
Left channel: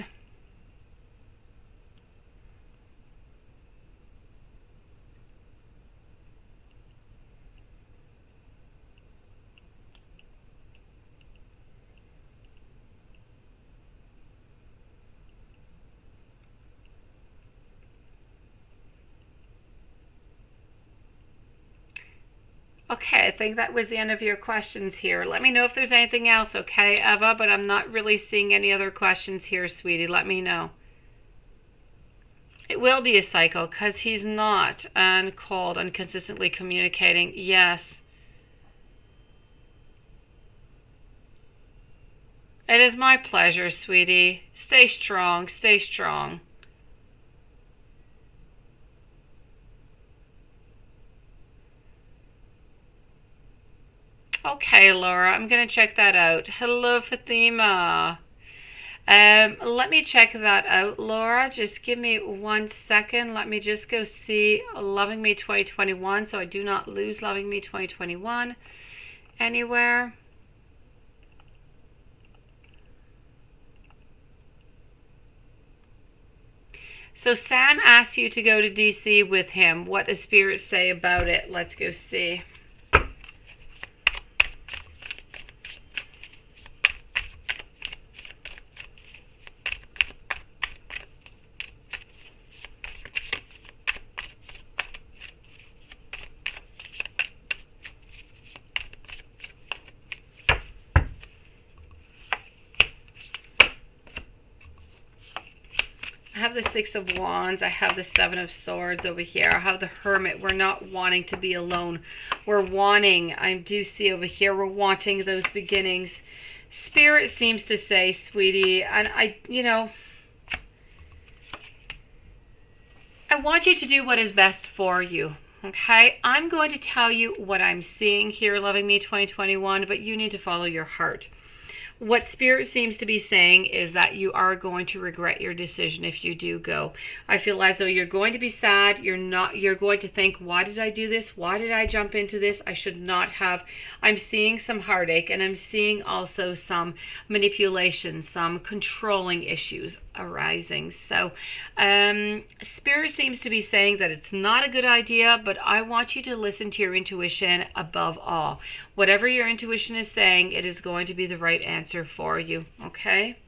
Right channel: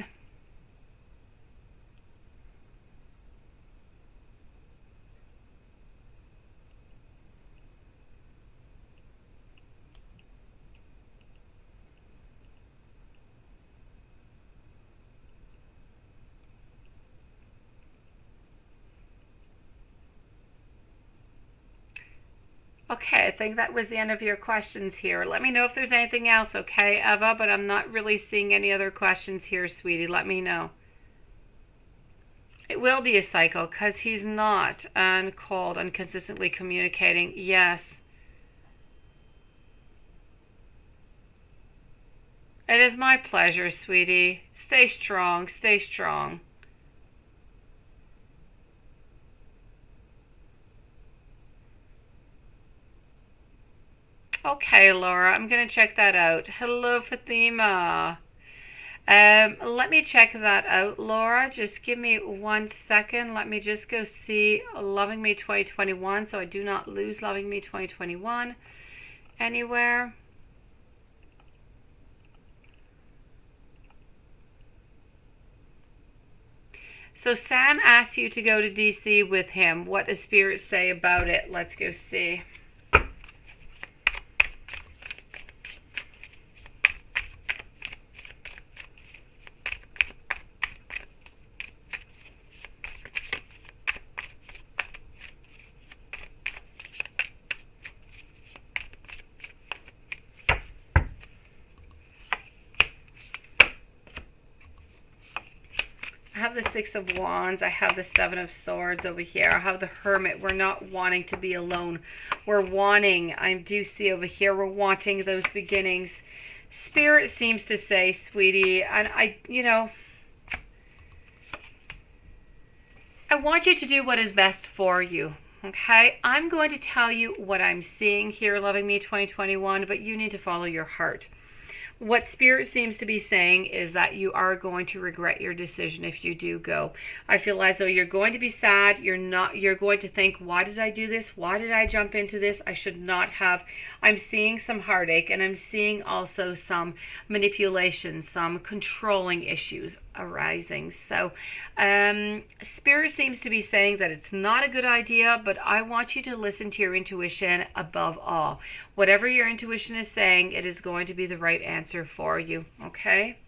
Okay, I think that was the end of your questions here. Let me know if there's anything else, okay, Eva? But I'm not really seeing any other questions here, sweetie. Let me know. It will be a cycle because he's not uncalled and consistently communicating. Yes. It is my pleasure, sweetie. Stay strong. Stay strong. Okay, Laura, I'm going to check that out. Hello, Fatima. Let me check that out, Laura. Just give me 1 second. Let me just go see Loving Me 2021 so I do not lose Loving Me 2021 anywhere. So Sam asked you to go to DC with him. What does Spirit say about it? Let's go see. I have the Six of Wands. I have the Seven of Swords over here. I have the Hermit. We're not wanting to be alone. We're wanting, I do see over here, we're wanting those beginnings. Spirit seems to say, sweetie, and you know, I want you to do what is best for you. Okay, I'm going to tell you what I'm seeing here, Loving Me 2021, but you need to follow your heart. What Spirit seems to be saying is that you are going to regret your decision if you do go. I feel as though you're going to be sad. You're going to think, why did I do this? Why did I jump into this? I should not have. I'm seeing some heartache, and I'm seeing also some manipulation, some controlling issues arising. So Spirit seems to be saying that it's not a good idea, but I want you to listen to your intuition above all. Whatever your intuition is saying, it is going to be the right answer for you, okay?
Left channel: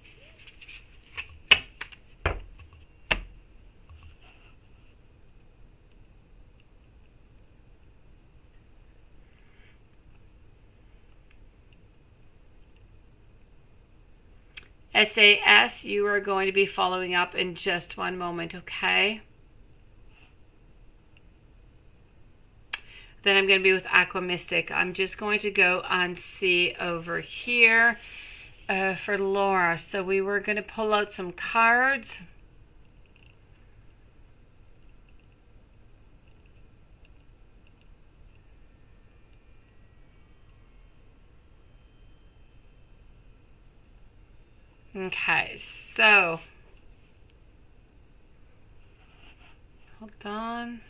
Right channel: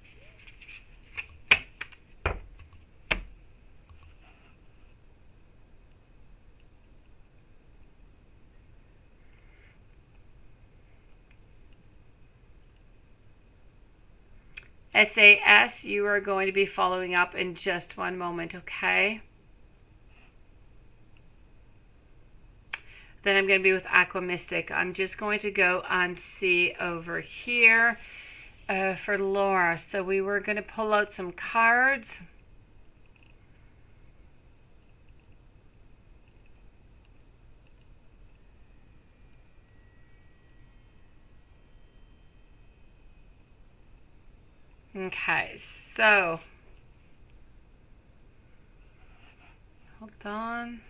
SAS, you are going to be following up in just one moment, okay? Then I'm going to be with Aqua Mystic. I'm just going to go and see over here for Laura. So we were going to pull out some cards. Okay, so hold on.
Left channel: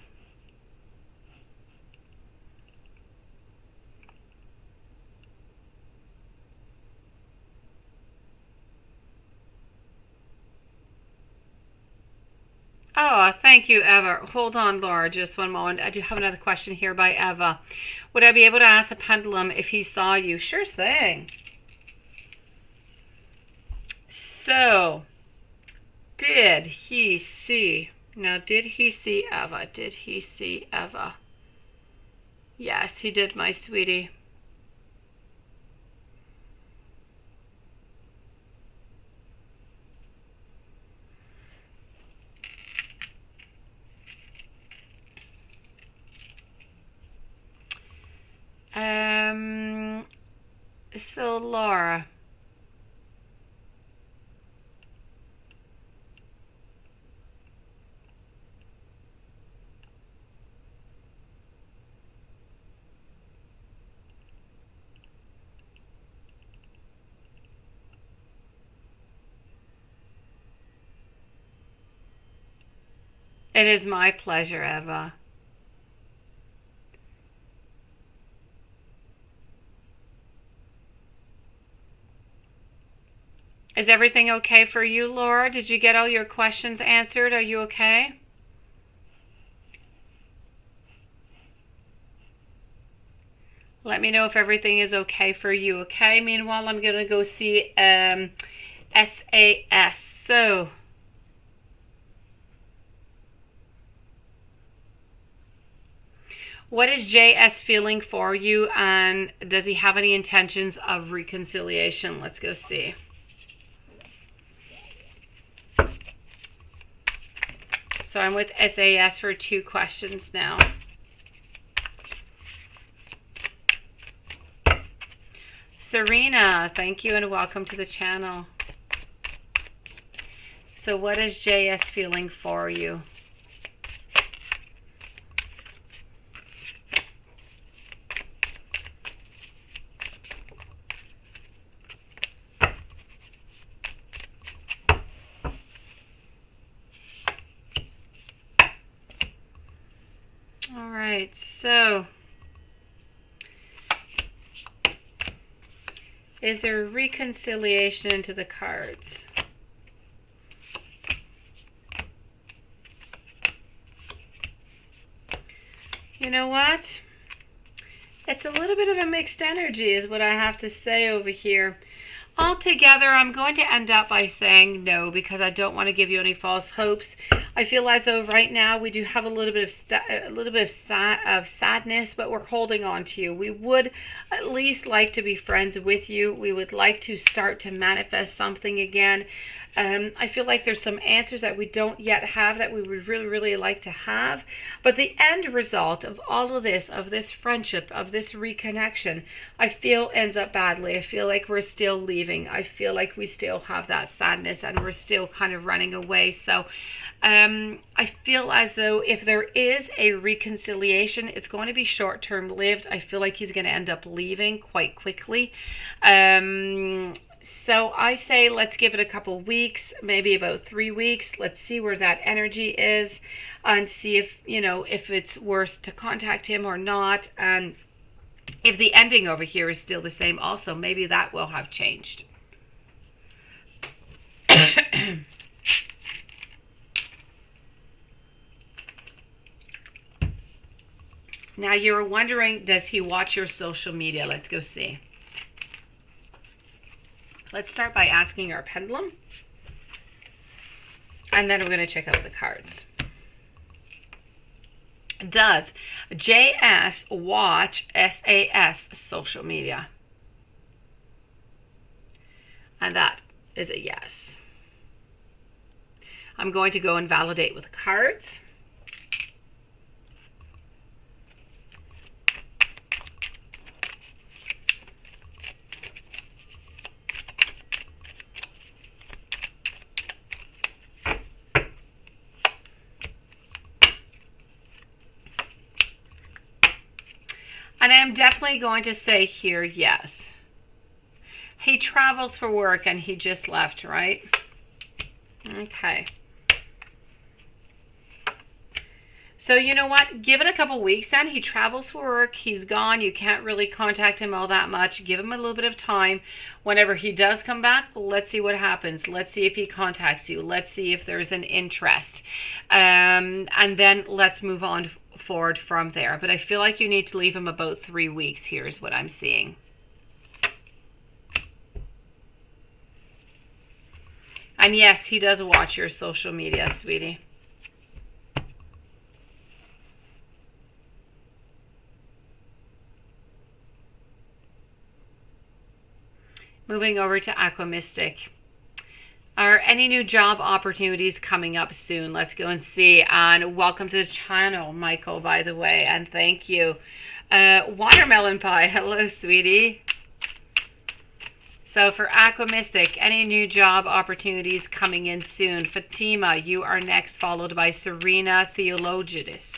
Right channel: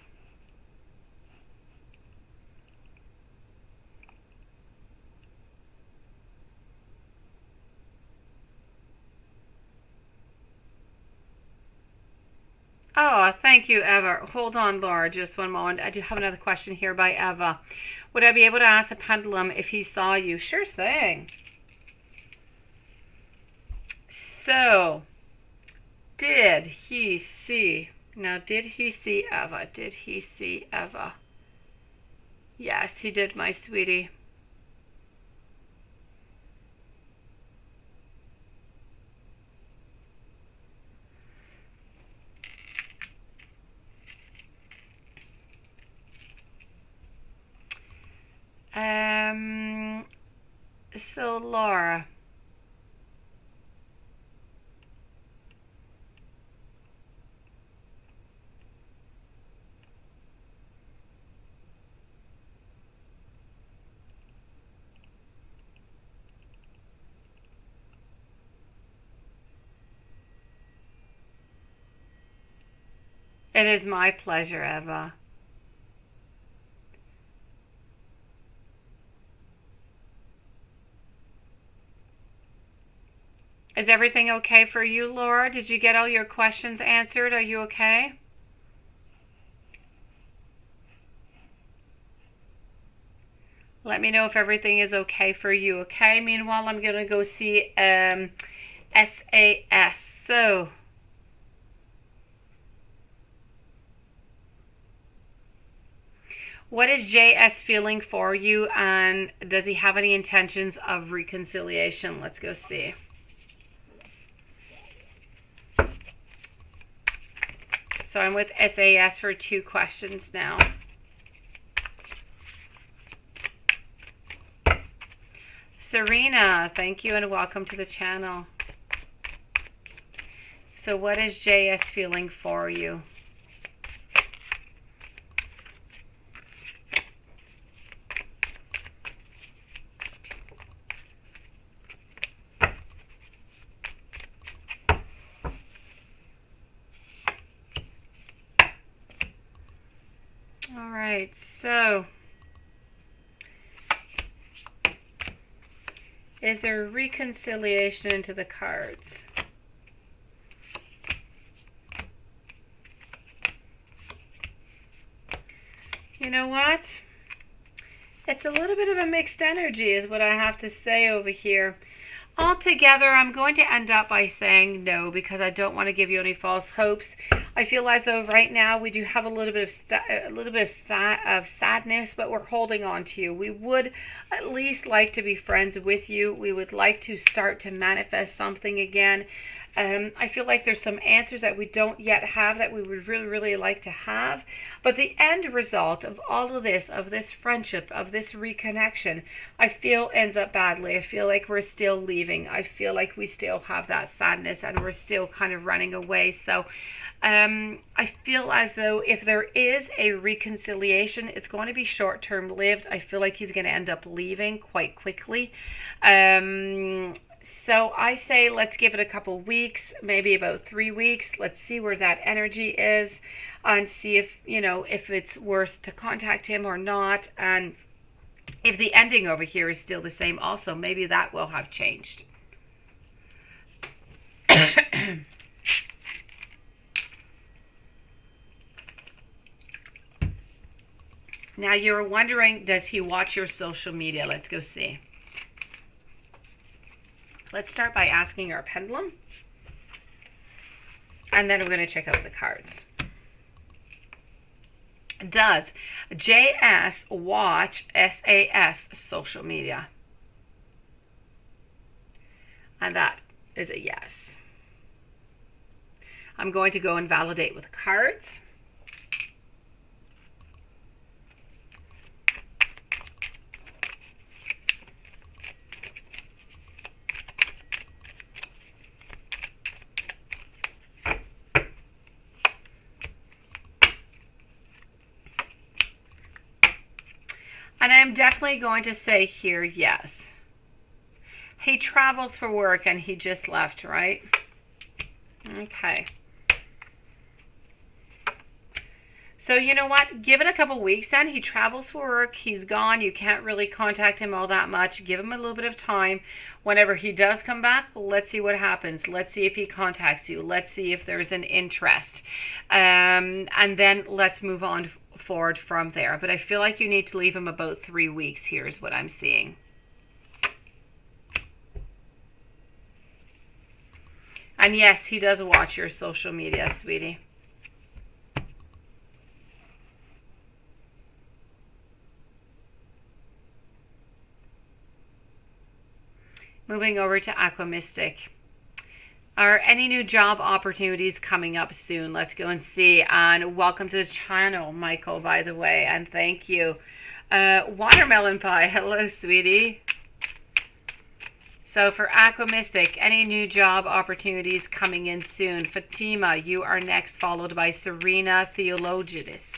Oh, thank you, Eva. Hold on, Laura, just one moment. I do have another question here by Eva. Would I be able to ask the pendulum if he saw you? Sure thing. So, did he see? Now, did he see Eva? Did he see Eva? Yes, he did, my sweetie. So Laura. It is my pleasure, Eva. Is everything okay for you, Laura? Did you get all your questions answered? Are you okay? Let me know if everything is okay for you, okay? Meanwhile, I'm going to go see SAS. So, what is JS feeling for you, and does he have any intentions of reconciliation? Let's go see. So I'm with SAS for 2 questions now. Serena, thank you and welcome to the channel. So what is JS feeling for you? All right, so is there reconciliation into the cards? You know what? It's a little bit of a mixed energy is what I have to say over here. Altogether, I'm going to end up by saying no because I don't want to give you any false hopes. I feel as though right now we do have a little bit of sadness, but we're holding on to you. We would at least like to be friends with you. We would like to start to manifest something again. I feel like there's some answers that we don't yet have that we would really, really like to have. But the end result of all of this friendship, of this reconnection, I feel ends up badly. I feel like we're still leaving. I feel like we still have that sadness and we're still kind of running away. So I feel as though if there is a reconciliation, it's going to be short-term lived. I feel like he's going to end up leaving quite quickly. So I say let's give it a couple weeks, maybe about 3 weeks. Let's see where that energy is and see if, you know, if it's worth to contact him or not. And if the ending over here is still the same also, maybe that will have changed. Now you're wondering, does he watch your social media? Let's go see. Let's start by asking our pendulum. And then we're going to check out the cards. Does JS watch SAS social media? And that is a yes. I'm going to go and validate with cards. And I'm definitely going to say here, yes. He travels for work and he just left, right? Okay. So you know what? Give it a couple weeks then. He travels for work. He's gone. You can't really contact him all that much. Give him a little bit of time. Whenever he does come back, let's see what happens. Let's see if he contacts you. Let's see if there's an interest. And then let's move on forward from there. But I feel like you need to leave him about 3 weeks. Here's what I'm seeing. And yes, he does watch your social media, sweetie. Moving over to Aqua Mystic. Are any new job opportunities coming up soon? Let's go and see. And welcome to the channel, Michael, by the way. And thank you. Watermelon Pie. Hello, sweetie. So for Aqua Mystic, any new job opportunities coming in soon? Fatima, you are next, followed by Serena Theologidis.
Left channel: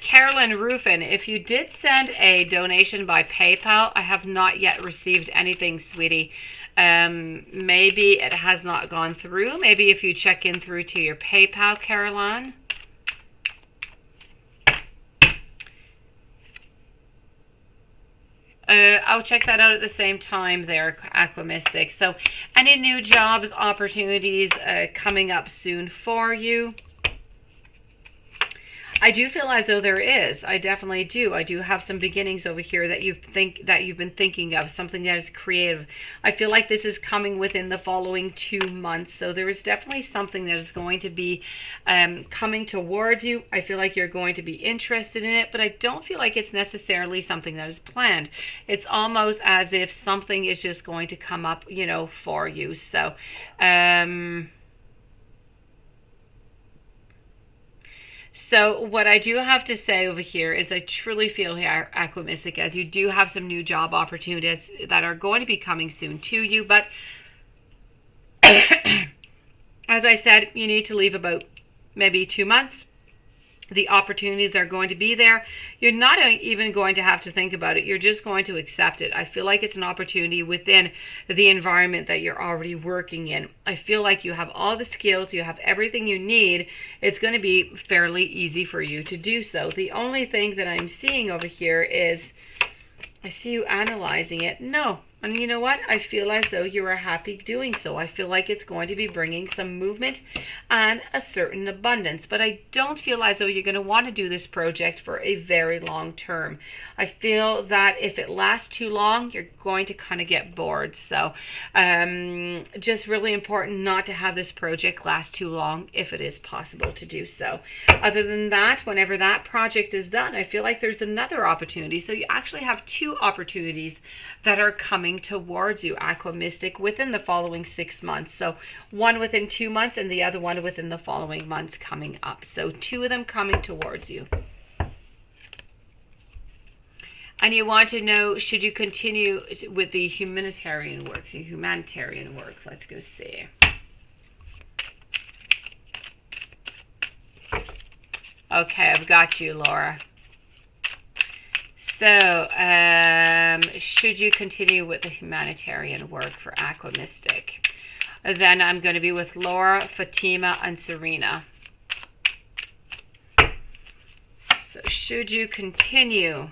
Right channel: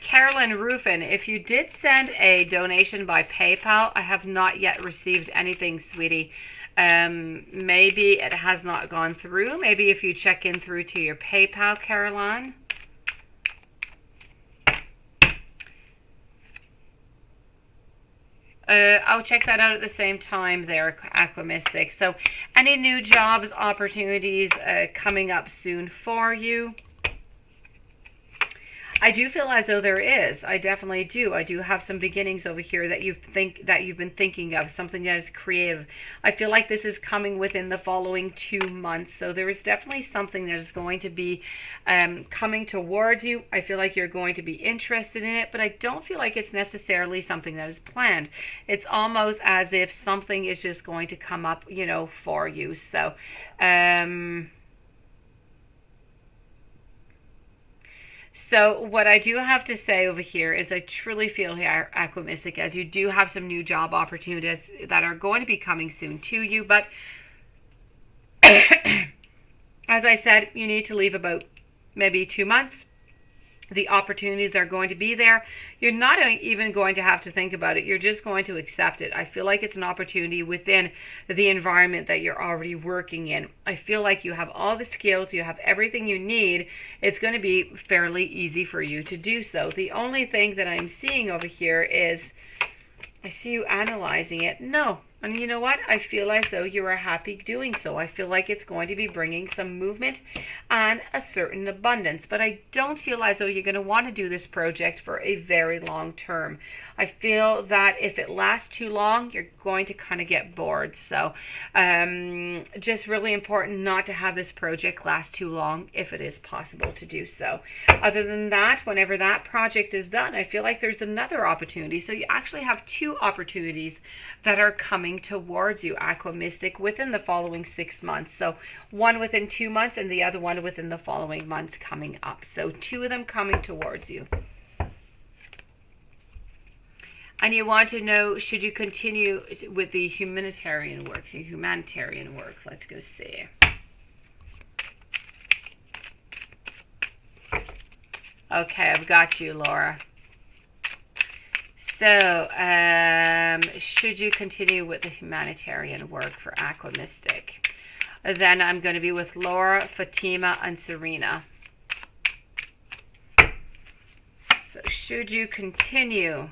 Carolyn Rufin, if you did send a donation by PayPal, I have not yet received anything, sweetie. Maybe it has not gone through. Maybe if you check in through to your PayPal, Caroline. I'll check that out at the same time there, Aqua Mystic. So any new jobs, opportunities coming up soon for you? I do feel as though there is. I definitely do. I do have some beginnings over here that you've been thinking of, something that is creative. I feel like this is coming within the following 2 months. So there is definitely something that is going to be coming towards you. I feel like you're going to be interested in it, but I don't feel like it's necessarily something that is planned. It's almost as if something is just going to come up, you know, for you. So, So what I do have to say over here is I truly feel here, Aqua Mystic, as you do have some new job opportunities that are going to be coming soon to you. But as I said, you need to leave about maybe 2 months. The opportunities are going to be there. You're not even going to have to think about it. You're just going to accept it. I feel like it's an opportunity within the environment that you're already working in. I feel like you have all the skills. You have everything you need. It's going to be fairly easy for you to do so. The only thing that I'm seeing over here is I see you analyzing it. No. And you know what? I feel as though you are happy doing so. I feel like it's going to be bringing some movement and a certain abundance. But I don't feel as though you're going to want to do this project for a very long term. I feel that if it lasts too long, you're going to kind of get bored. So just really important not to have this project last too long if it is possible to do so. Other than that, whenever that project is done, I feel like there's another opportunity. So you actually have 2 opportunities that are coming towards you, Aqua Mystic, within the following 6 months. So one within 2 months and the other one within the following months coming up. So 2 of them coming towards you. And you want to know, should you continue with the humanitarian work? Let's go see. Okay, I've got you, Laura. So, should you continue with the humanitarian work for Aqua Mystic? Then I'm going to be with Laura, Fatima, and Serena. So, should you continue?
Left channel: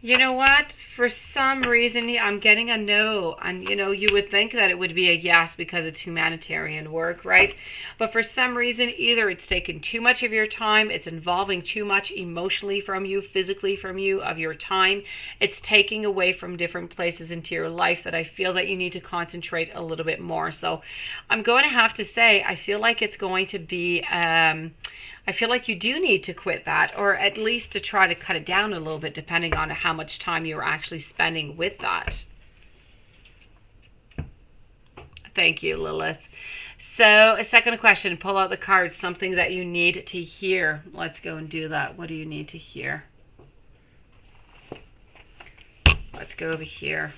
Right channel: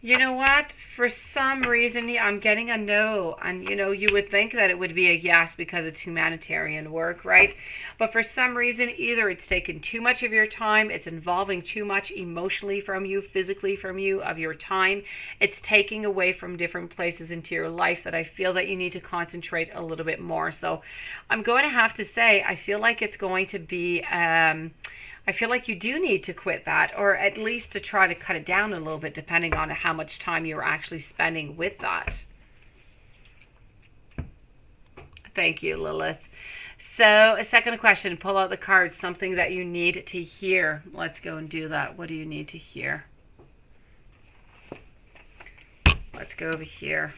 You know what? For some reason, I'm getting a no. And, you know, you would think that it would be a yes because it's humanitarian work, right? But for some reason, either it's taken too much of your time, it's involving too much emotionally from you, physically from you, of your time. It's taking away from different places into your life that I feel that you need to concentrate a little bit more. So I'm going to have to say, I feel like it's going to be... I feel like you do need to quit that, or at least to try to cut it down a little bit, depending on how much time you're actually spending with that. Thank you, Lilith. So, a second question, pull out the cards, something that you need to hear. Let's go and do that. What do you need to hear? Let's go over here.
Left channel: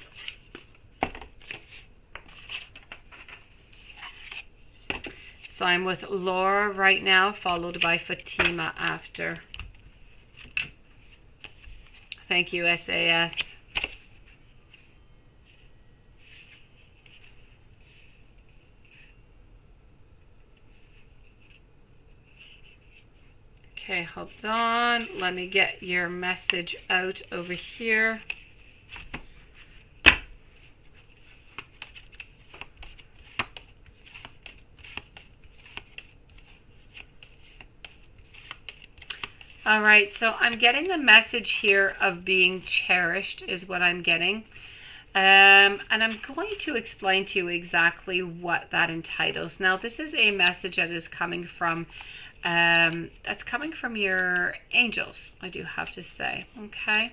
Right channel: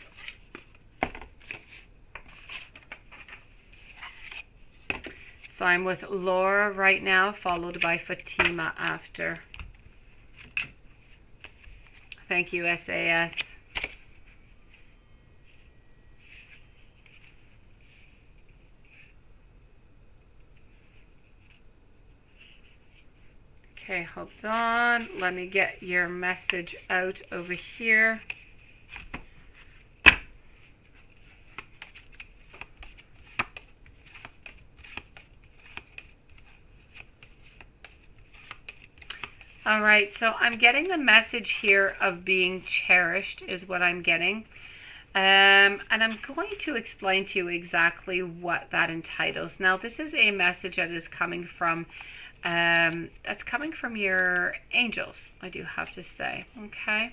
So I'm with Laura right now, followed by Fatima after. Thank you, SAS. Okay, hold on. Let me get your message out over here. All right, so I'm getting the message here of being cherished is what I'm getting. And I'm going to explain to you exactly what that entitles. Now, this is a message that is coming from, that's coming from your angels, I do have to say, okay?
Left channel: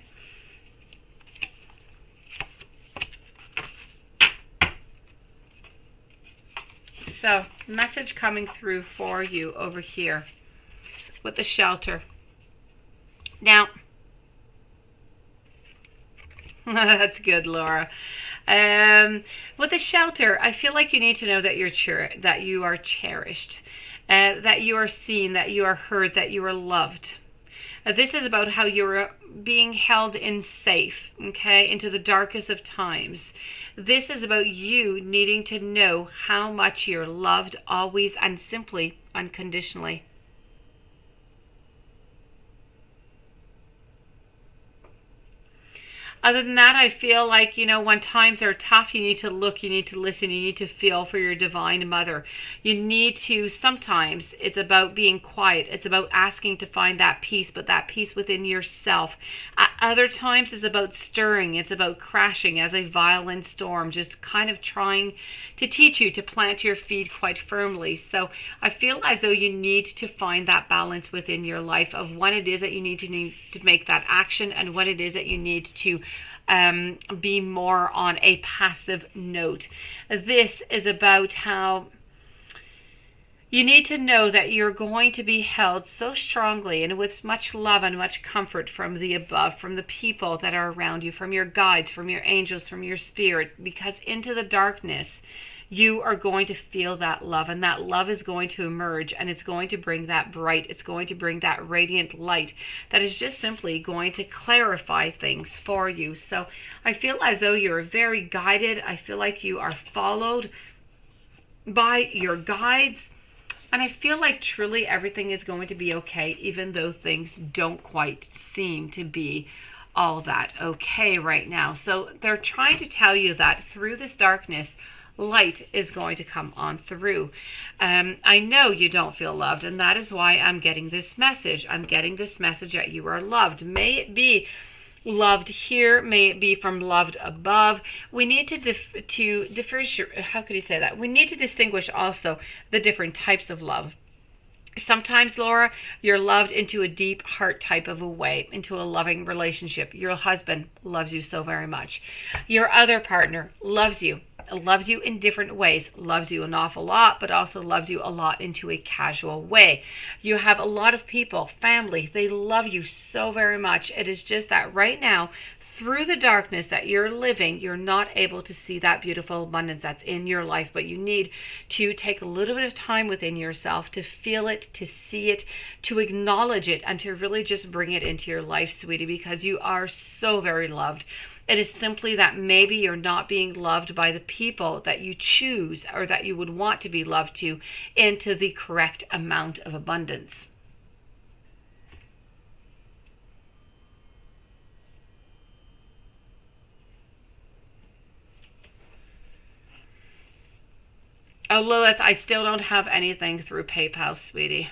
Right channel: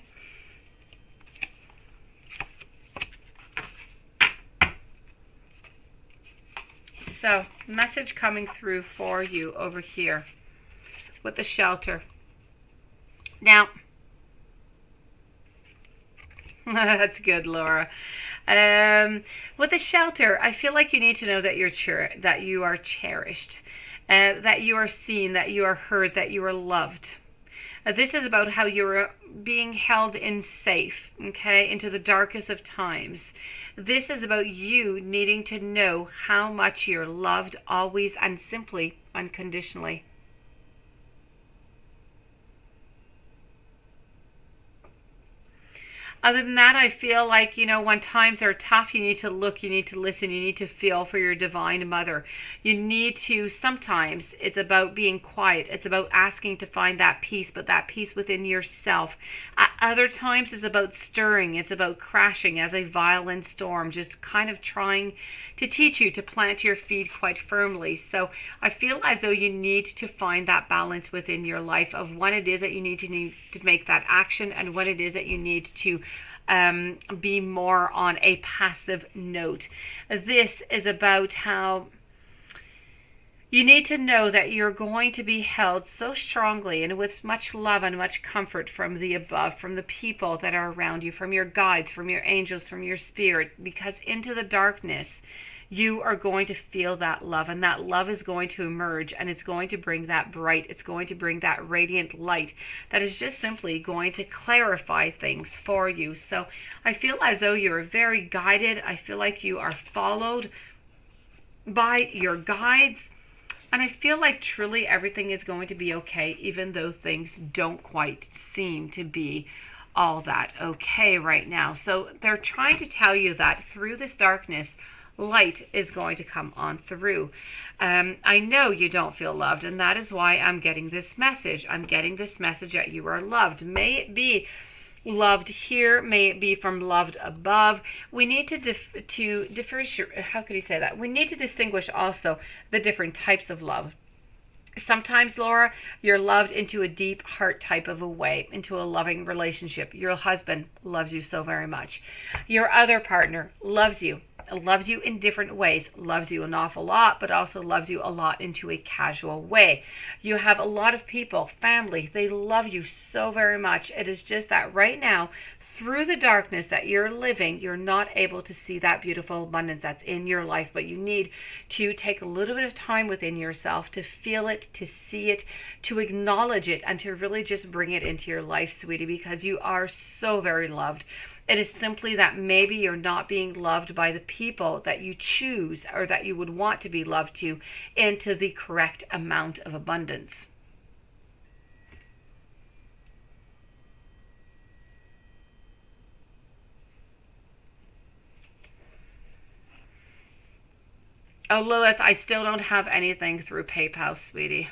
So, message coming through for you over here with the shelter. Now, that's good, Laura. With the shelter, I feel like you need to know that you are cherished, that you are seen, that you are heard, that you are loved. This is about how you're being held in safe, okay, into the darkest of times. This is about you needing to know how much you're loved always and simply unconditionally. Other than that, I feel like, you know, when times are tough, you need to look, you need to listen, you need to feel for your divine mother. You need to, sometimes it's about being quiet. It's about asking to find that peace, but that peace within yourself. At other times, it's about stirring. It's about crashing as a violent storm, just kind of trying to teach you to plant your feet quite firmly. So I feel as though you need to find that balance within your life of when it is that you need to make that action and when it is that you need to be more on a passive note. This is about how you need to know that you're going to be held so strongly and with much love and much comfort from the above, from the people that are around you, from your guides, from your angels, from your spirit, because into the darkness, you are going to feel that love, and that love is going to emerge, and it's going to bring that bright, it's going to bring that radiant light that is just simply going to clarify things for you. So I feel as though you're very guided. I feel like you are followed by your guides. And I feel like truly everything is going to be okay, even though things don't quite seem to be all that okay right now. So they're trying to tell you that through this darkness, light is going to come on through. I know you don't feel loved, and that is why I'm getting this message. I'm getting this message that you are loved. May it be loved here, may it be from loved above. We need to differentiate. How could you say that? We need to distinguish also the different types of love. Sometimes, Laura, you're loved into a deep heart type of a way, into a loving relationship. Your husband loves you so very much. Your other partner loves you in different ways, loves you an awful lot, but also loves you a lot into a casual way. You have a lot of people, family, they love you so very much. It is just that right now, through the darkness that you're living, you're not able to see that beautiful abundance that's in your life, but you need to take a little bit of time within yourself to feel it, to see it, to acknowledge it, and to really just bring it into your life, sweetie, because you are so very loved. It is simply that maybe you're not being loved by the people that you choose or that you would want to be loved to into the correct amount of abundance. Oh, Lilith, I still don't have anything through PayPal, sweetie.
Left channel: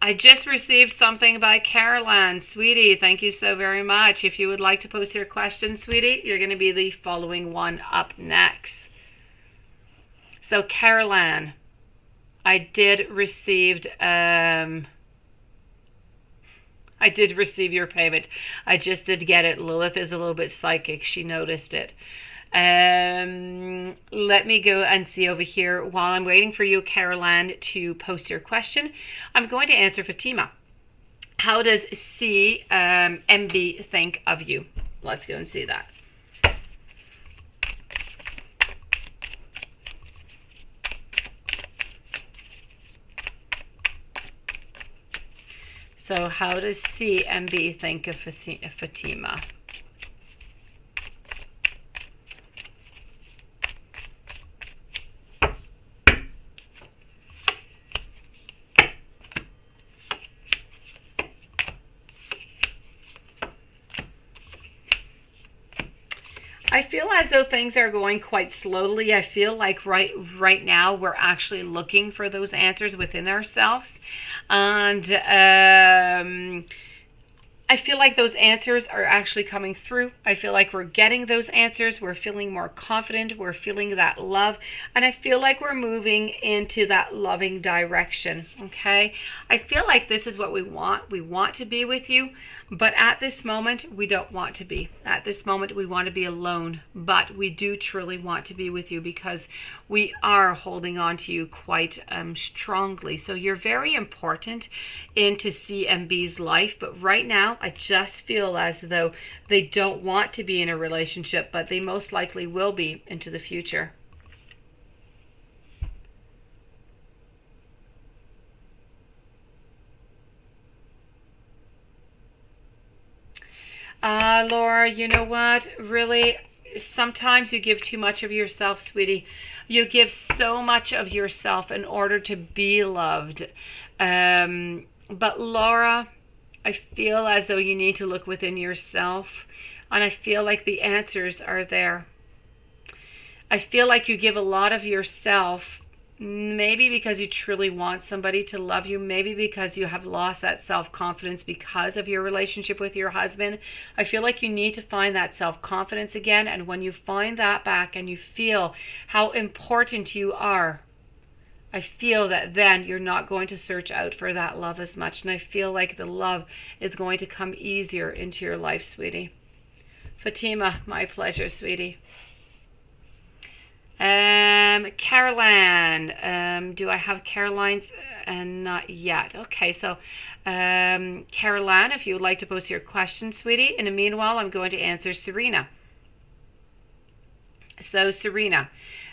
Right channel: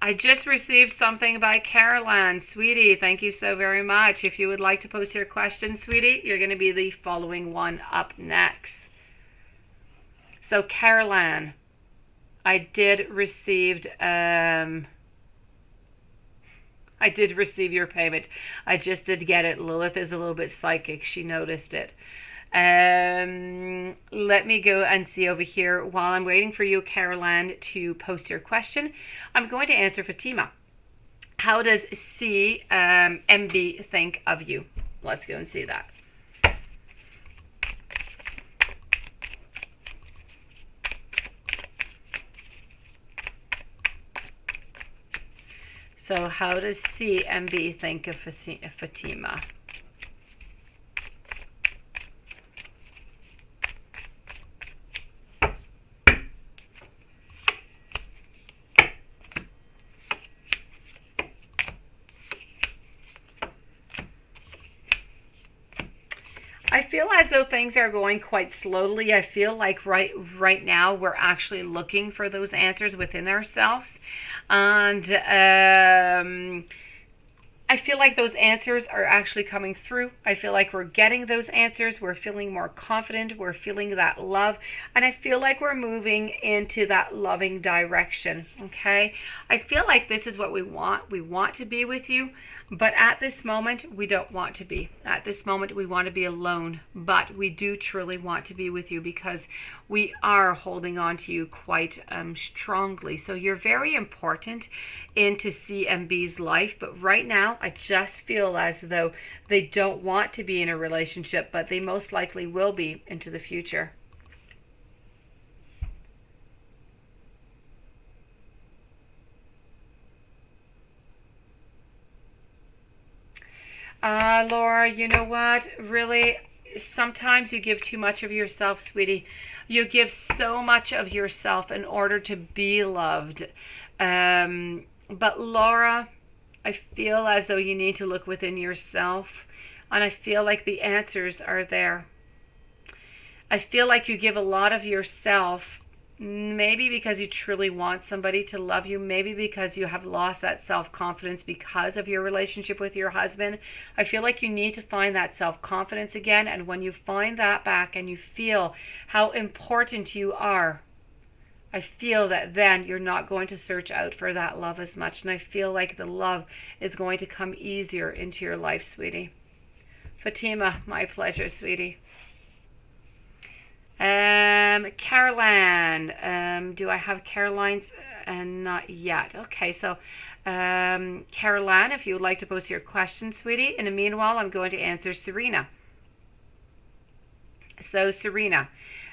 I just received something by Caroline. Sweetie, thank you so very much. If you would like to post your question, sweetie, you're going to be the following one up next. So, Caroline, I did receive your payment. I just did get it. Lilith is a little bit psychic. She noticed it. Let me go and see over here. While I'm waiting for you, Caroline, to post your question, I'm going to answer Fatima. How does CMB think of you? Let's go and see that. So how does CMB think of Fatima? I feel as though things are going quite slowly. I feel like right now we're actually looking for those answers within ourselves. And I feel like those answers are actually coming through. I feel like we're getting those answers. We're feeling more confident. We're feeling that love. And I feel like we're moving into that loving direction. Okay. I feel like this is what we want. We want to be with you. But at this moment, we don't want to be. At this moment, we want to be alone. But we do truly want to be with you because we are holding on to you quite strongly. So you're very important into C and B's life. But right now, I just feel as though they don't want to be in a relationship, but they most likely will be into the future. Laura, you know what? Really, sometimes you give too much of yourself, sweetie. You give so much of yourself in order to be loved. But Laura, I feel as though you need to look within yourself. And I feel like the answers are there. I feel like you give a lot of yourself. Maybe because you truly want somebody to love you. Maybe because you have lost that self-confidence because of your relationship with your husband. I feel like you need to find that self-confidence again. And when you find that back and you feel how important you are, I feel that then you're not going to search out for that love as much. And I feel like the love is going to come easier into your life, sweetie. Fatima, my pleasure, sweetie. Caroline, do I have Caroline's? Not yet. Okay, so Caroline, if you would like to post your question, sweetie. In the meanwhile, I'm going to answer Serena. So Serena,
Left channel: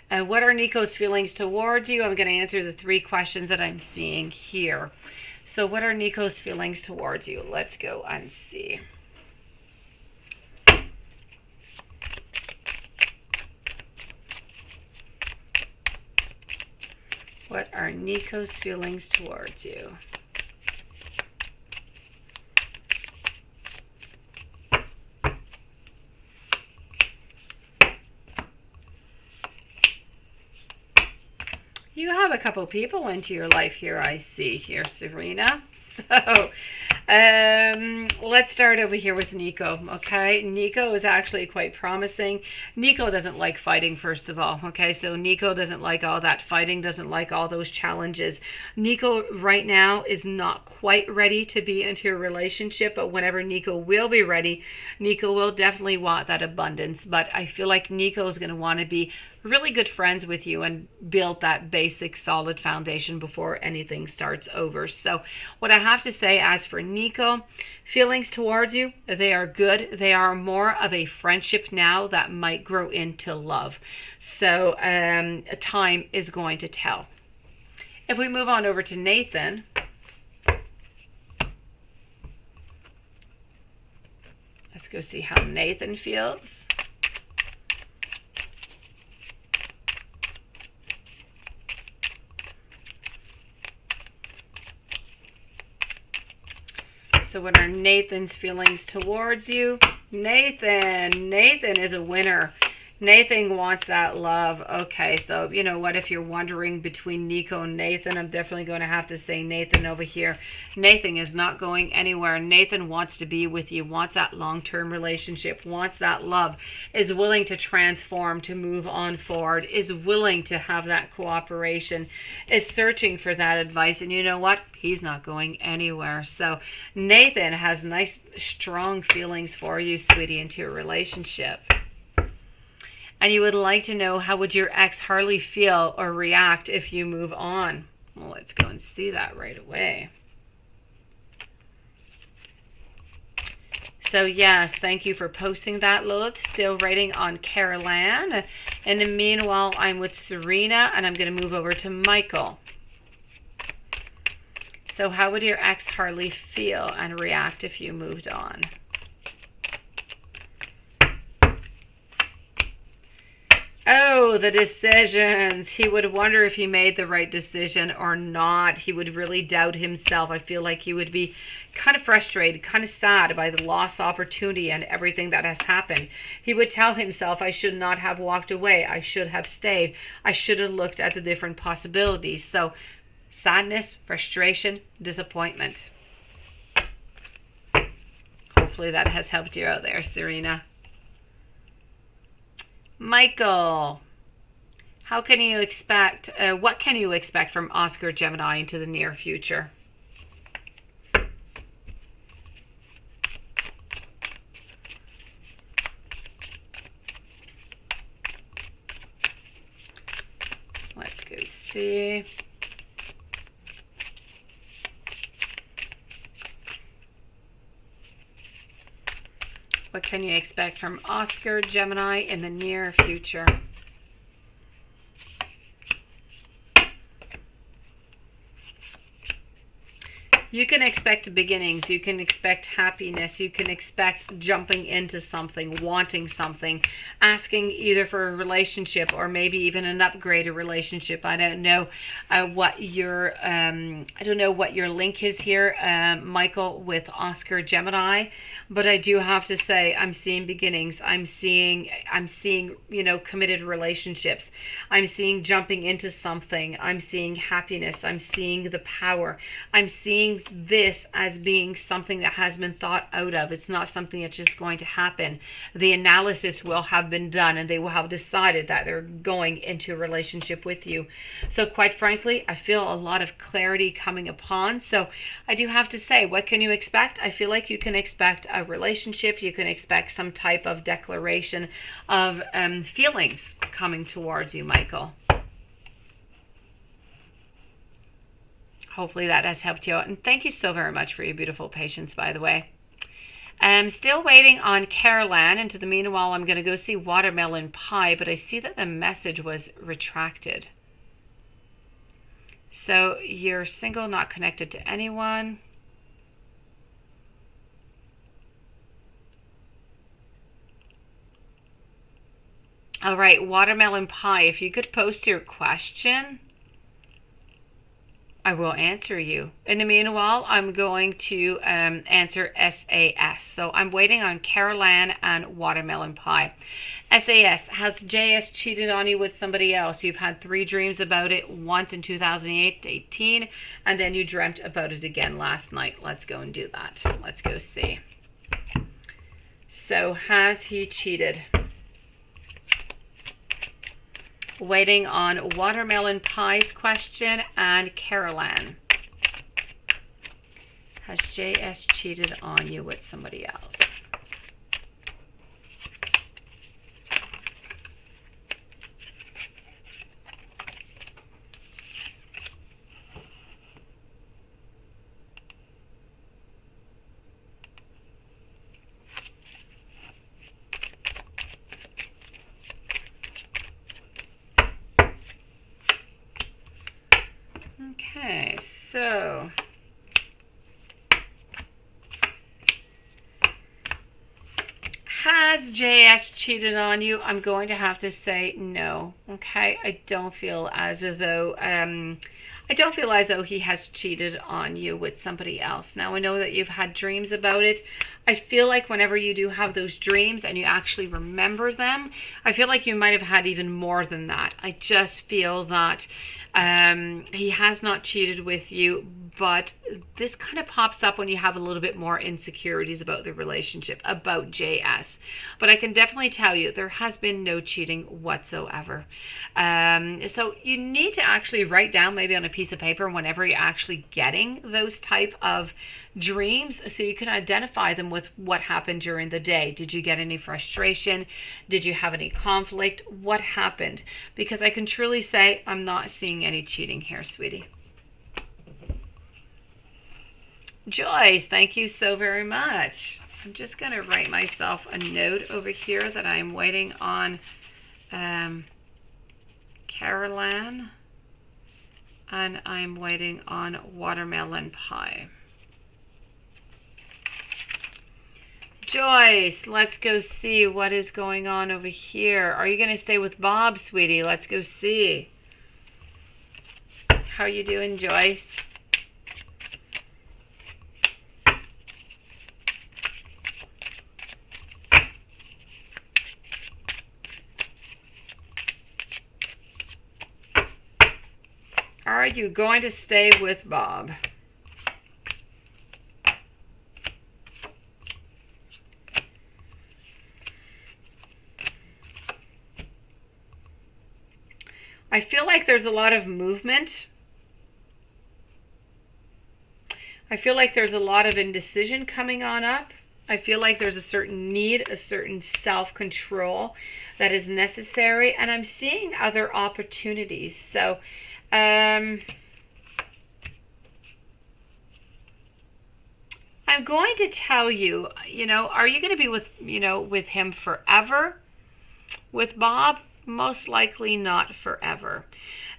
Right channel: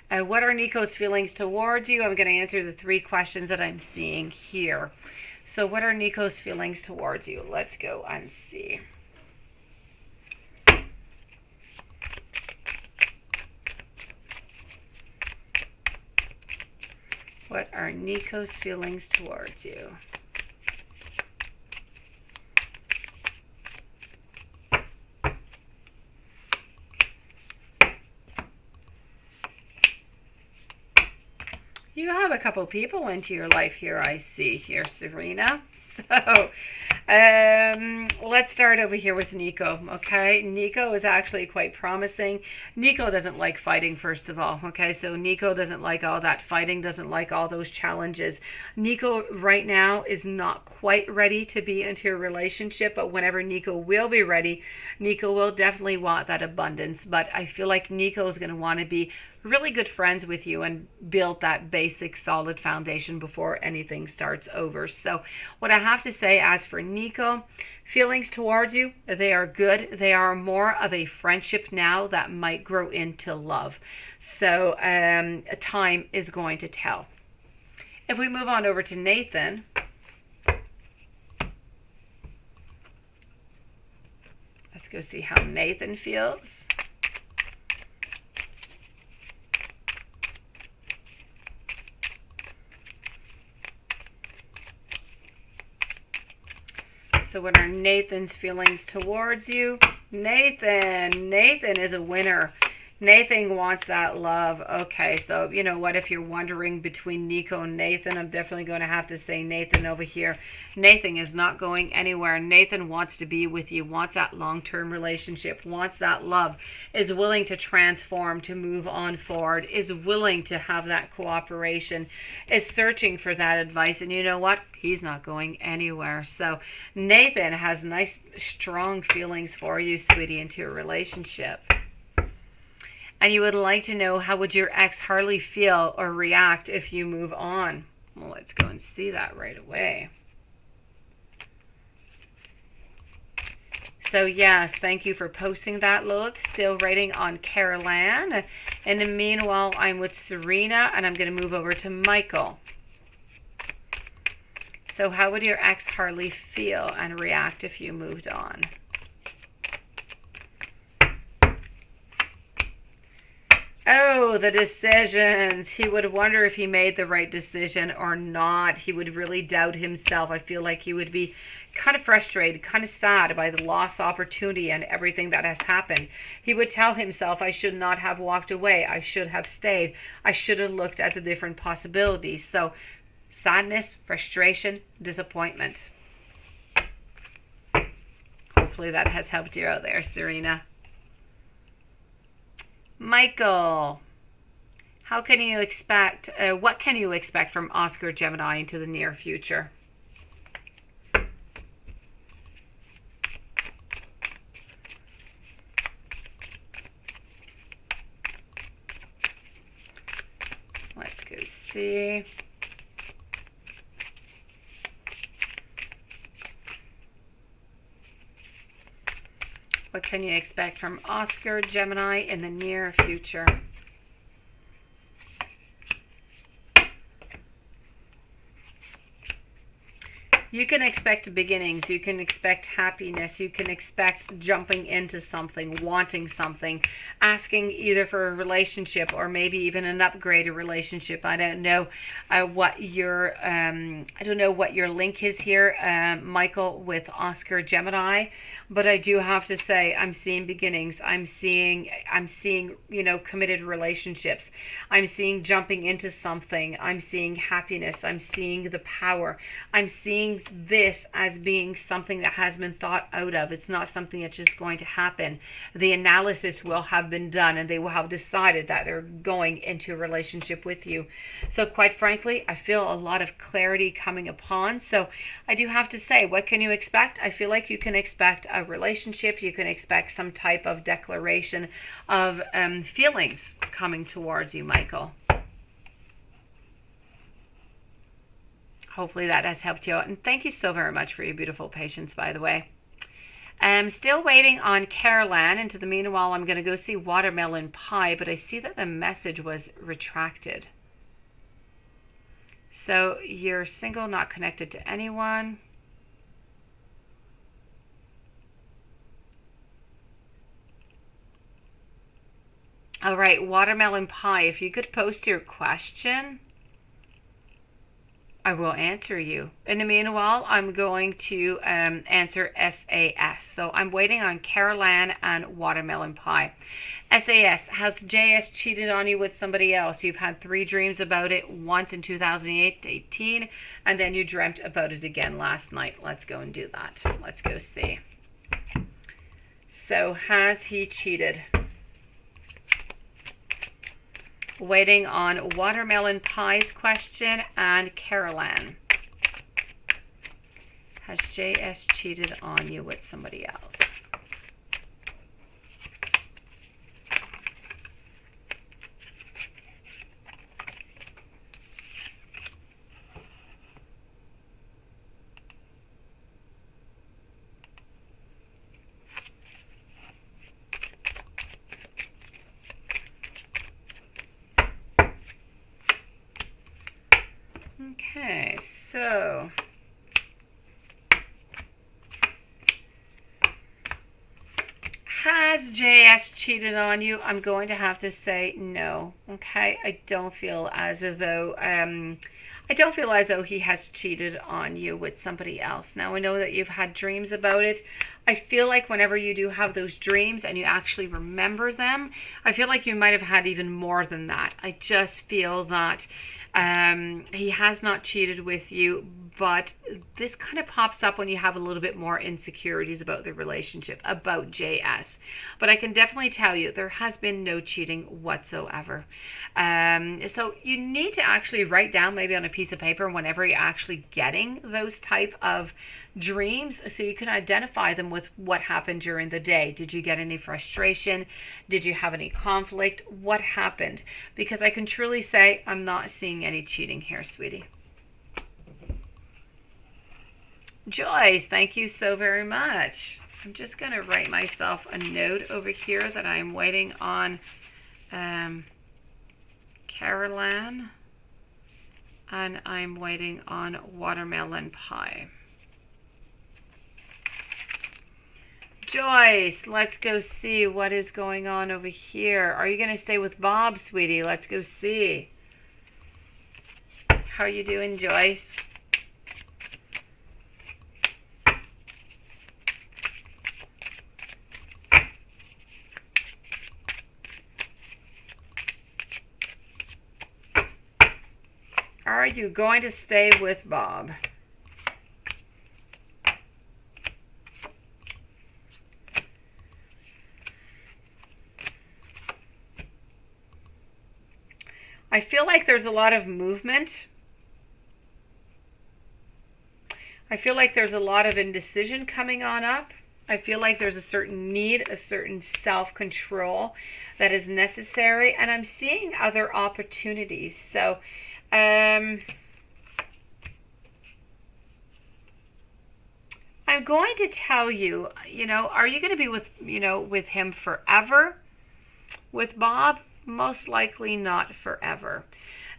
what are Nico's feelings towards you? I'm going to answer the 3 questions that I'm seeing here. So what are Nico's feelings towards you? Let's go and see. What are Nico's feelings towards you? You have a couple people into your life here, I see here, Serena. So let's start over here with Nico, okay? Nico is actually quite promising. Nico doesn't like fighting, first of all, okay? So Nico doesn't like all that fighting, doesn't like all those challenges. Nico right now is not quite ready to be into a relationship, but whenever Nico will be ready, Nico will definitely want that abundance. But I feel like Nico is going to want to be really good friends with you and build that basic solid foundation before anything starts over. So what I have to say, as for Nico, feelings towards you, they are good. They are more of a friendship now that might grow into love. So time is going to tell. If we move on over to Nathan, let's go see how Nathan feels. So what are Nathan's feelings towards you? Nathan is a winner. Nathan wants that love. Okay, so you know what? If you're wondering between Nico and Nathan, I'm definitely going to have to say Nathan over here. Nathan is not going anywhere. Nathan wants to be with you, wants that long-term relationship, wants that love, is willing to transform, to move on forward, is willing to have that cooperation, is searching for that advice. And you know what? He's not going anywhere. So Nathan has nice, strong feelings for you, sweetie, into a relationship. And you would like to know, how would your ex Harley feel or react if you move on? Well, let's go and see that right away. So yes, thank you for posting that, Lilith. Still writing on Caroline. In the meanwhile, I'm with Serena, and I'm going to move over to Michael. So how would your ex Harley feel and react if you moved on? Oh, the decisions. He would wonder if he made the right decision or not. He would really doubt himself. I feel like he would be kind of frustrated, kind of sad by the lost opportunity and everything that has happened. He would tell himself, I should not have walked away. I should have stayed. I should have looked at the different possibilities. So sadness, frustration, disappointment. Hopefully that has helped you out there, Serena. Michael, how can you expect, what can you expect from Oscar Gemini into the near future? Let's go see. What can you expect from Oscar Gemini in the near future? You can expect beginnings, you can expect happiness, you can expect jumping into something, wanting something, asking either for a relationship or maybe even an upgraded relationship. I don't know what your link is here, Michael, with Oscar Gemini, but I do have to say I'm seeing beginnings. I'm seeing committed relationships. I'm seeing jumping into something. I'm seeing happiness. I'm seeing the power. I'm seeing this as being something that has been thought out of. It's not something that's just going to happen. The analysis will have been done and they will have decided that they're going into a relationship with you. So quite frankly, I feel a lot of clarity coming upon. So I do have to say, what can you expect? I feel like you can expect a relationship. You can expect some type of declaration of feelings coming towards you, Michael. Hopefully that has helped you out. And thank you so very much for your beautiful patience, by the way. I'm still waiting on Caroline. And to the meanwhile, I'm going to go see Watermelon Pie. But I see that the message was retracted. So you're single, not connected to anyone. All right, Watermelon Pie, if you could post your question, I will answer you. In the meanwhile, I'm going to answer SAS. So I'm waiting on Caroline and Watermelon Pie. SAS, has JS cheated on you with somebody else? You've had 3 dreams about it, once in 2018, and then you dreamt about it again last night. Let's go and do that. Let's go see. So has he cheated? Waiting on Watermelon Pie's question and Caroline. Has JS cheated on you with somebody else? Okay, so has JS cheated on you? I'm going to have to say no. Okay, I don't feel as though he has cheated on you with somebody else. Now I know that you've had dreams about it. I feel like whenever you do have those dreams and you actually remember them, I feel like you might have had even more than that. I just feel that he has not cheated with you, but this kind of pops up when you have a little bit more insecurities about the relationship, about JS. But I can definitely tell you there has been no cheating whatsoever. So you need to actually write down maybe on a piece of paper whenever you're actually getting those type of dreams, so you can identify them with what happened during the day. Did you get any frustration? Did you have any conflict? What happened? Because I can truly say I'm not seeing any cheating here, sweetie. Joyce, thank you so very much. I'm just going to write myself a note over here that I'm waiting on Caroline, and I'm waiting on Watermelon Pie. Joyce, let's go see what is going on over here. Are you going to stay with Bob, sweetie? Let's go see. How are you doing, Joyce? Are you going to stay with Bob? I feel like there's a lot of movement. I feel like there's a lot of indecision coming on up. I feel like there's a certain need, a certain self-control that is necessary. And I'm seeing other opportunities. So, I'm going to tell you, are you going to be with him forever? With Bob? Most likely not forever.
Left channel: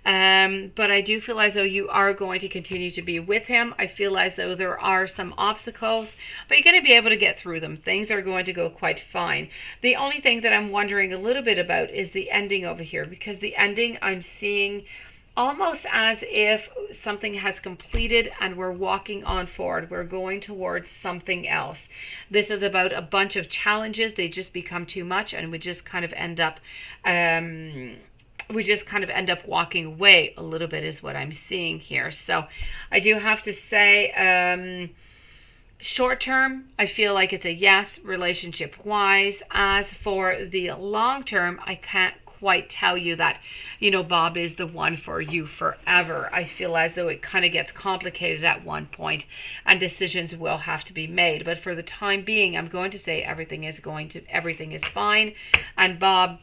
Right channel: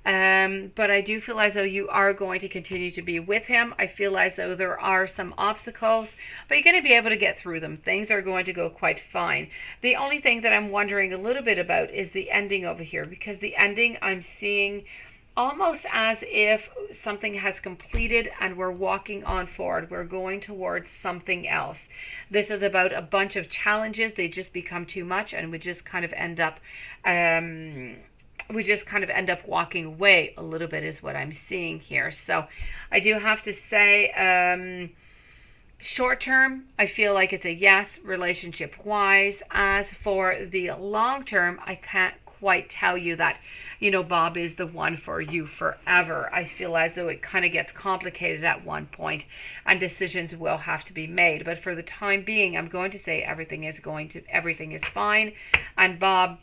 But I do feel as though you are going to continue to be with him. I feel as though there are some obstacles, but you're going to be able to get through them. Things are going to go quite fine. The only thing that I'm wondering a little bit about is the ending over here, because the ending I'm seeing almost as if something has completed and we're walking on forward. We're going towards something else. This is about a bunch of challenges. They just become too much and we just kind of end up walking away a little bit is what I'm seeing here. So I do have to say, short term, I feel like it's a yes, relationship wise. As for the long term, I can't quite tell you that, Bob is the one for you forever. I feel as though it kind of gets complicated at one point and decisions will have to be made. But for the time being, I'm going to say everything is fine. And Bob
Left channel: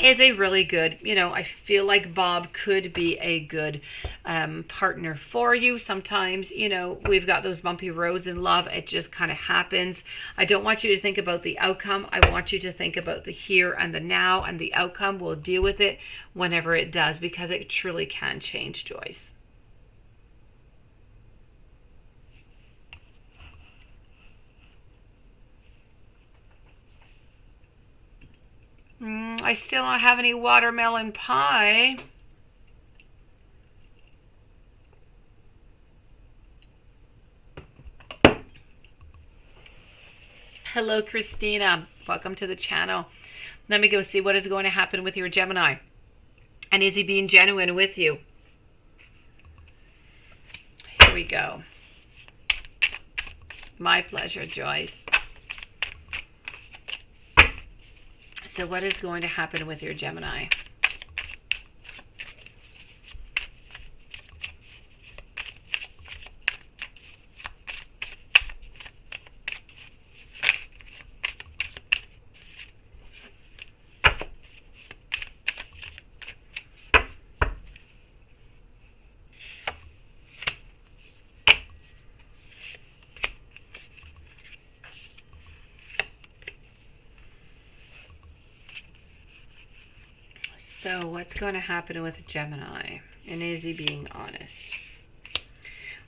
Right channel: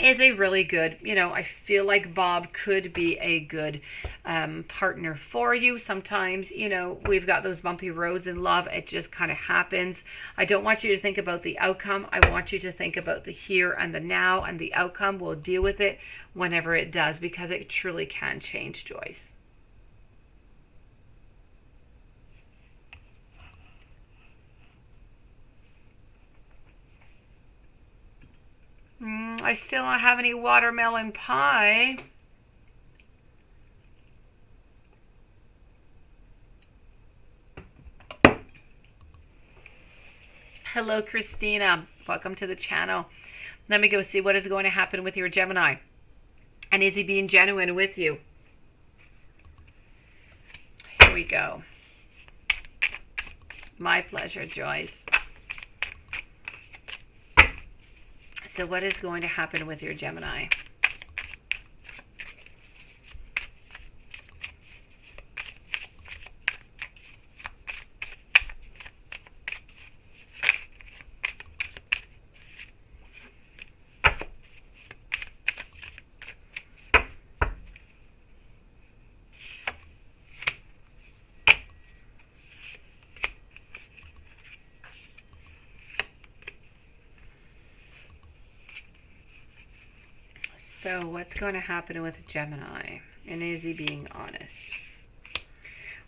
is a really good, I feel like Bob could be a good partner for you. Sometimes, we've got those bumpy roads in love. It just kind of happens. I don't want you to think about the outcome. I want you to think about the here and the now, and the outcome, we'll deal with it whenever it does, because it truly can change, Joyce. I still don't have any watermelon pie. Hello, Christina. Welcome to the channel. Let me go see what is going to happen with your Gemini. And is he being genuine with you? Here we go. My pleasure, Joyce. So what is going to happen with your Gemini? So what's going to happen with Gemini? And is he being honest?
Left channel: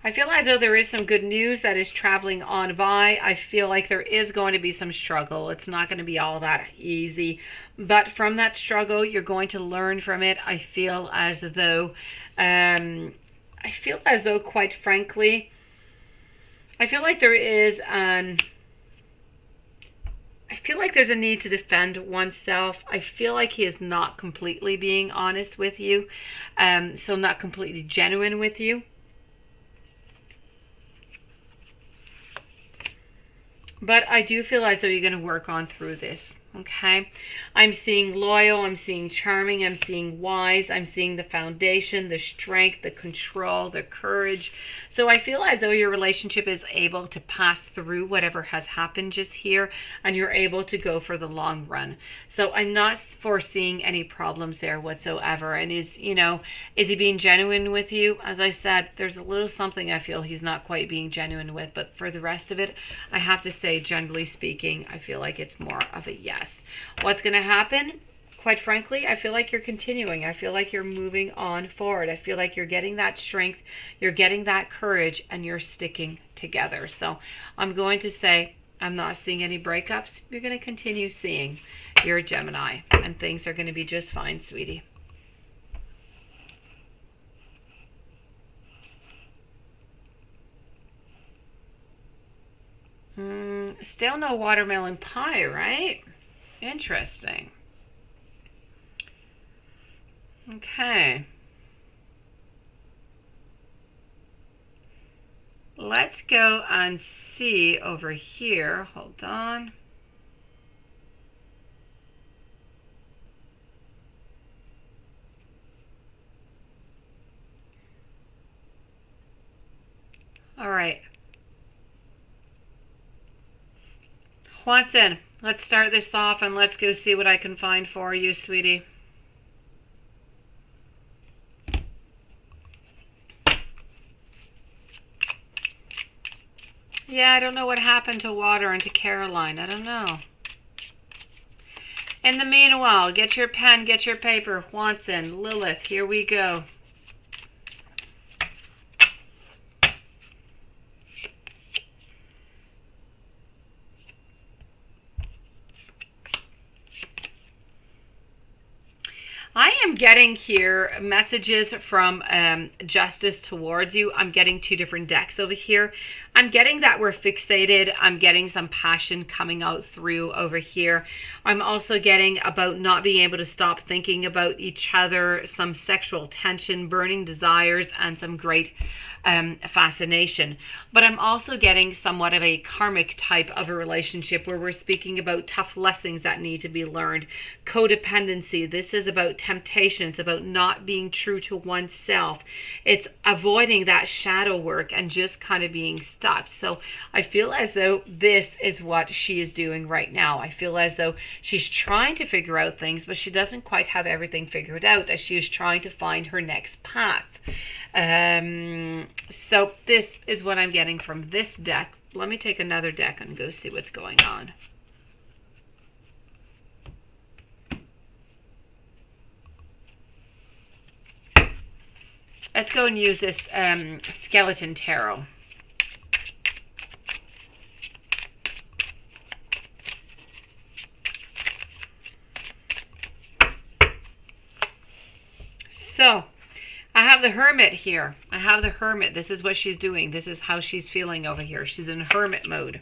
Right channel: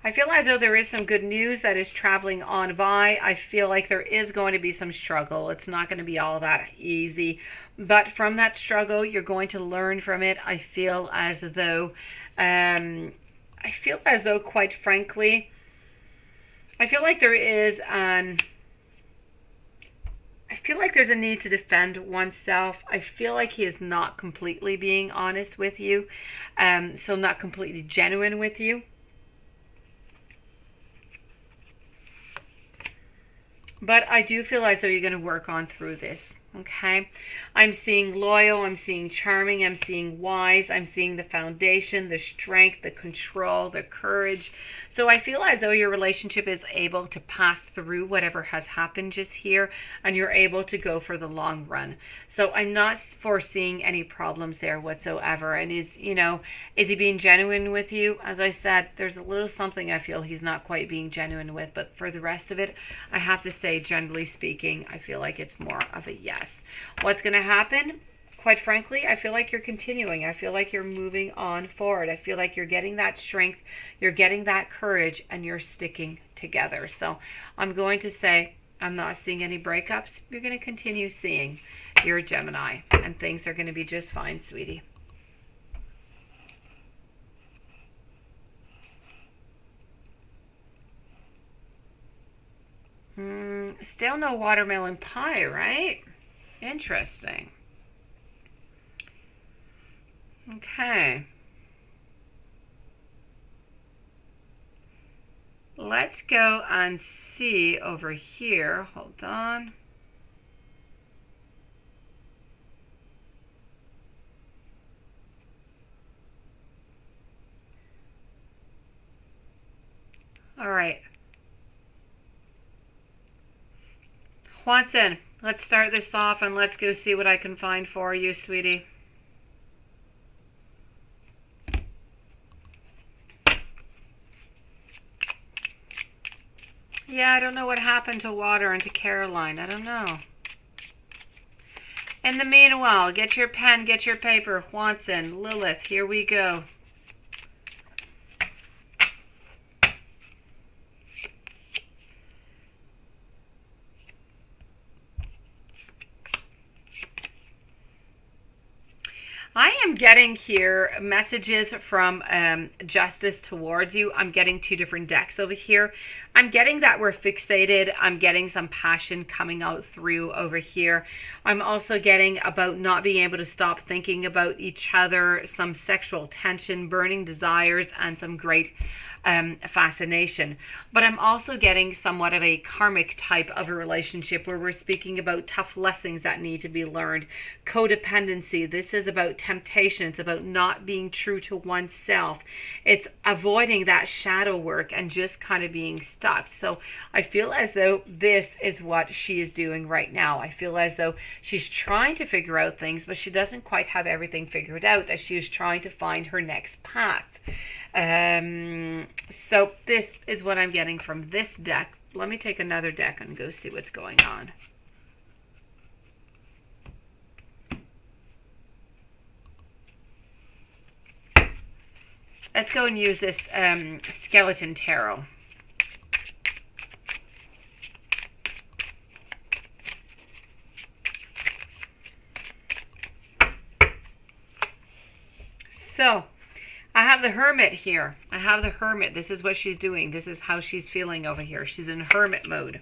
I feel as though there is some good news that is traveling on by. I feel like there is going to be some struggle. It's not going to be all that easy. But from that struggle, you're going to learn from it. I feel as though, quite frankly, I feel like there is I feel like there's a need to defend oneself. I feel like he is not completely being honest with you. So not completely genuine with you. But I do feel as though you're going to work on through this. Okay. I'm seeing loyal. I'm seeing charming. I'm seeing wise. I'm seeing the foundation, the strength, the control, the courage. So I feel as though your relationship is able to pass through whatever has happened just here, and you're able to go for the long run. So I'm not foreseeing any problems there whatsoever. And is he being genuine with you? As I said, there's a little something I feel he's not quite being genuine with, but for the rest of it, I have to say, generally speaking, I feel like it's more of a yes. What's going to happen? Quite frankly, I feel like you're continuing. I feel like you're moving on forward. I feel like you're getting that strength, you're getting that courage, and you're sticking together. So I'm going to say I'm not seeing any breakups. You're going to continue seeing your Gemini, and things are going to be just fine, sweetie. Still no watermelon pie, right? Interesting. Okay. Let's go and see over here. Hold on. All right. Watson, let's start this off and let's go see what I can find for you, sweetie. Yeah, I don't know what happened to Water and to Caroline. I don't know. In the meanwhile, get your pen, get your paper. Watson, Lilith, here we go. I am getting here messages from Justice towards you. I'm getting two different decks over here. I'm getting that we're fixated. I'm getting some passion coming out through over here. I'm also getting about not being able to stop thinking about each other, some sexual tension, burning desires, and some great fascination. But I'm also getting somewhat of a karmic type of a relationship where we're speaking about tough lessons that need to be learned. Codependency. This is about temptation. It's about not being true to oneself. It's avoiding that shadow work and just kind of being stuck. So I feel as though this is what she is doing right now. I feel as though she's trying to figure out things, but she doesn't quite have everything figured out as she is trying to find her next path. So this is what I'm getting from this deck. Let me take another deck and go see what's going on. Let's go and use this skeleton tarot. So I have the Hermit here. I have the Hermit. This is what she's doing. This is how she's feeling over here. She's in Hermit mode.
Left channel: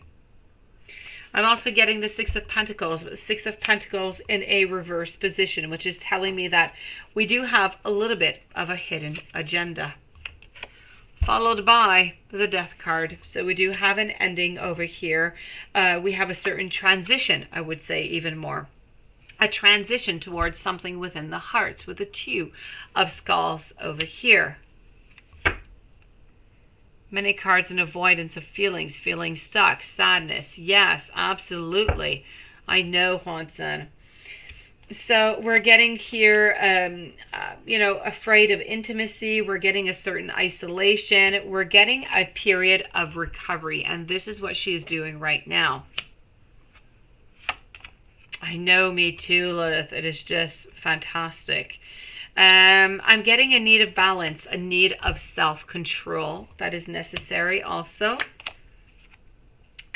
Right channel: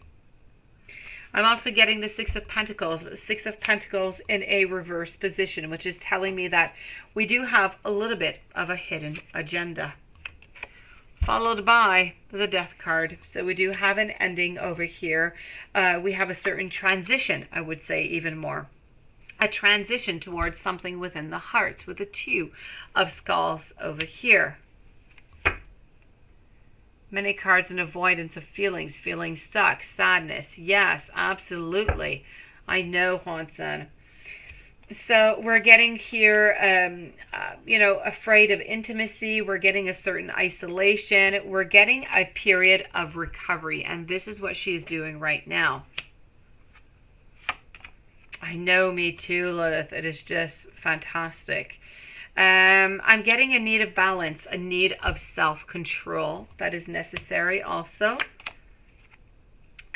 I'm also getting the Six of Pentacles, but the Six of Pentacles in a reverse position, which is telling me that we do have a little bit of a hidden agenda. Followed by the Death card. So we do have an ending over here. We have a certain transition, I would say, even more. A transition towards something within the hearts with the Two of Skulls over here. Many cards in avoidance of feelings, feeling stuck, sadness. Yes, absolutely. I know, Juanson. So we're getting here, afraid of intimacy. We're getting a certain isolation. We're getting a period of recovery. And this is what she's doing right now. I know, me too, Lilith. It is just fantastic. I'm getting a need of balance, a need of self-control that is necessary also.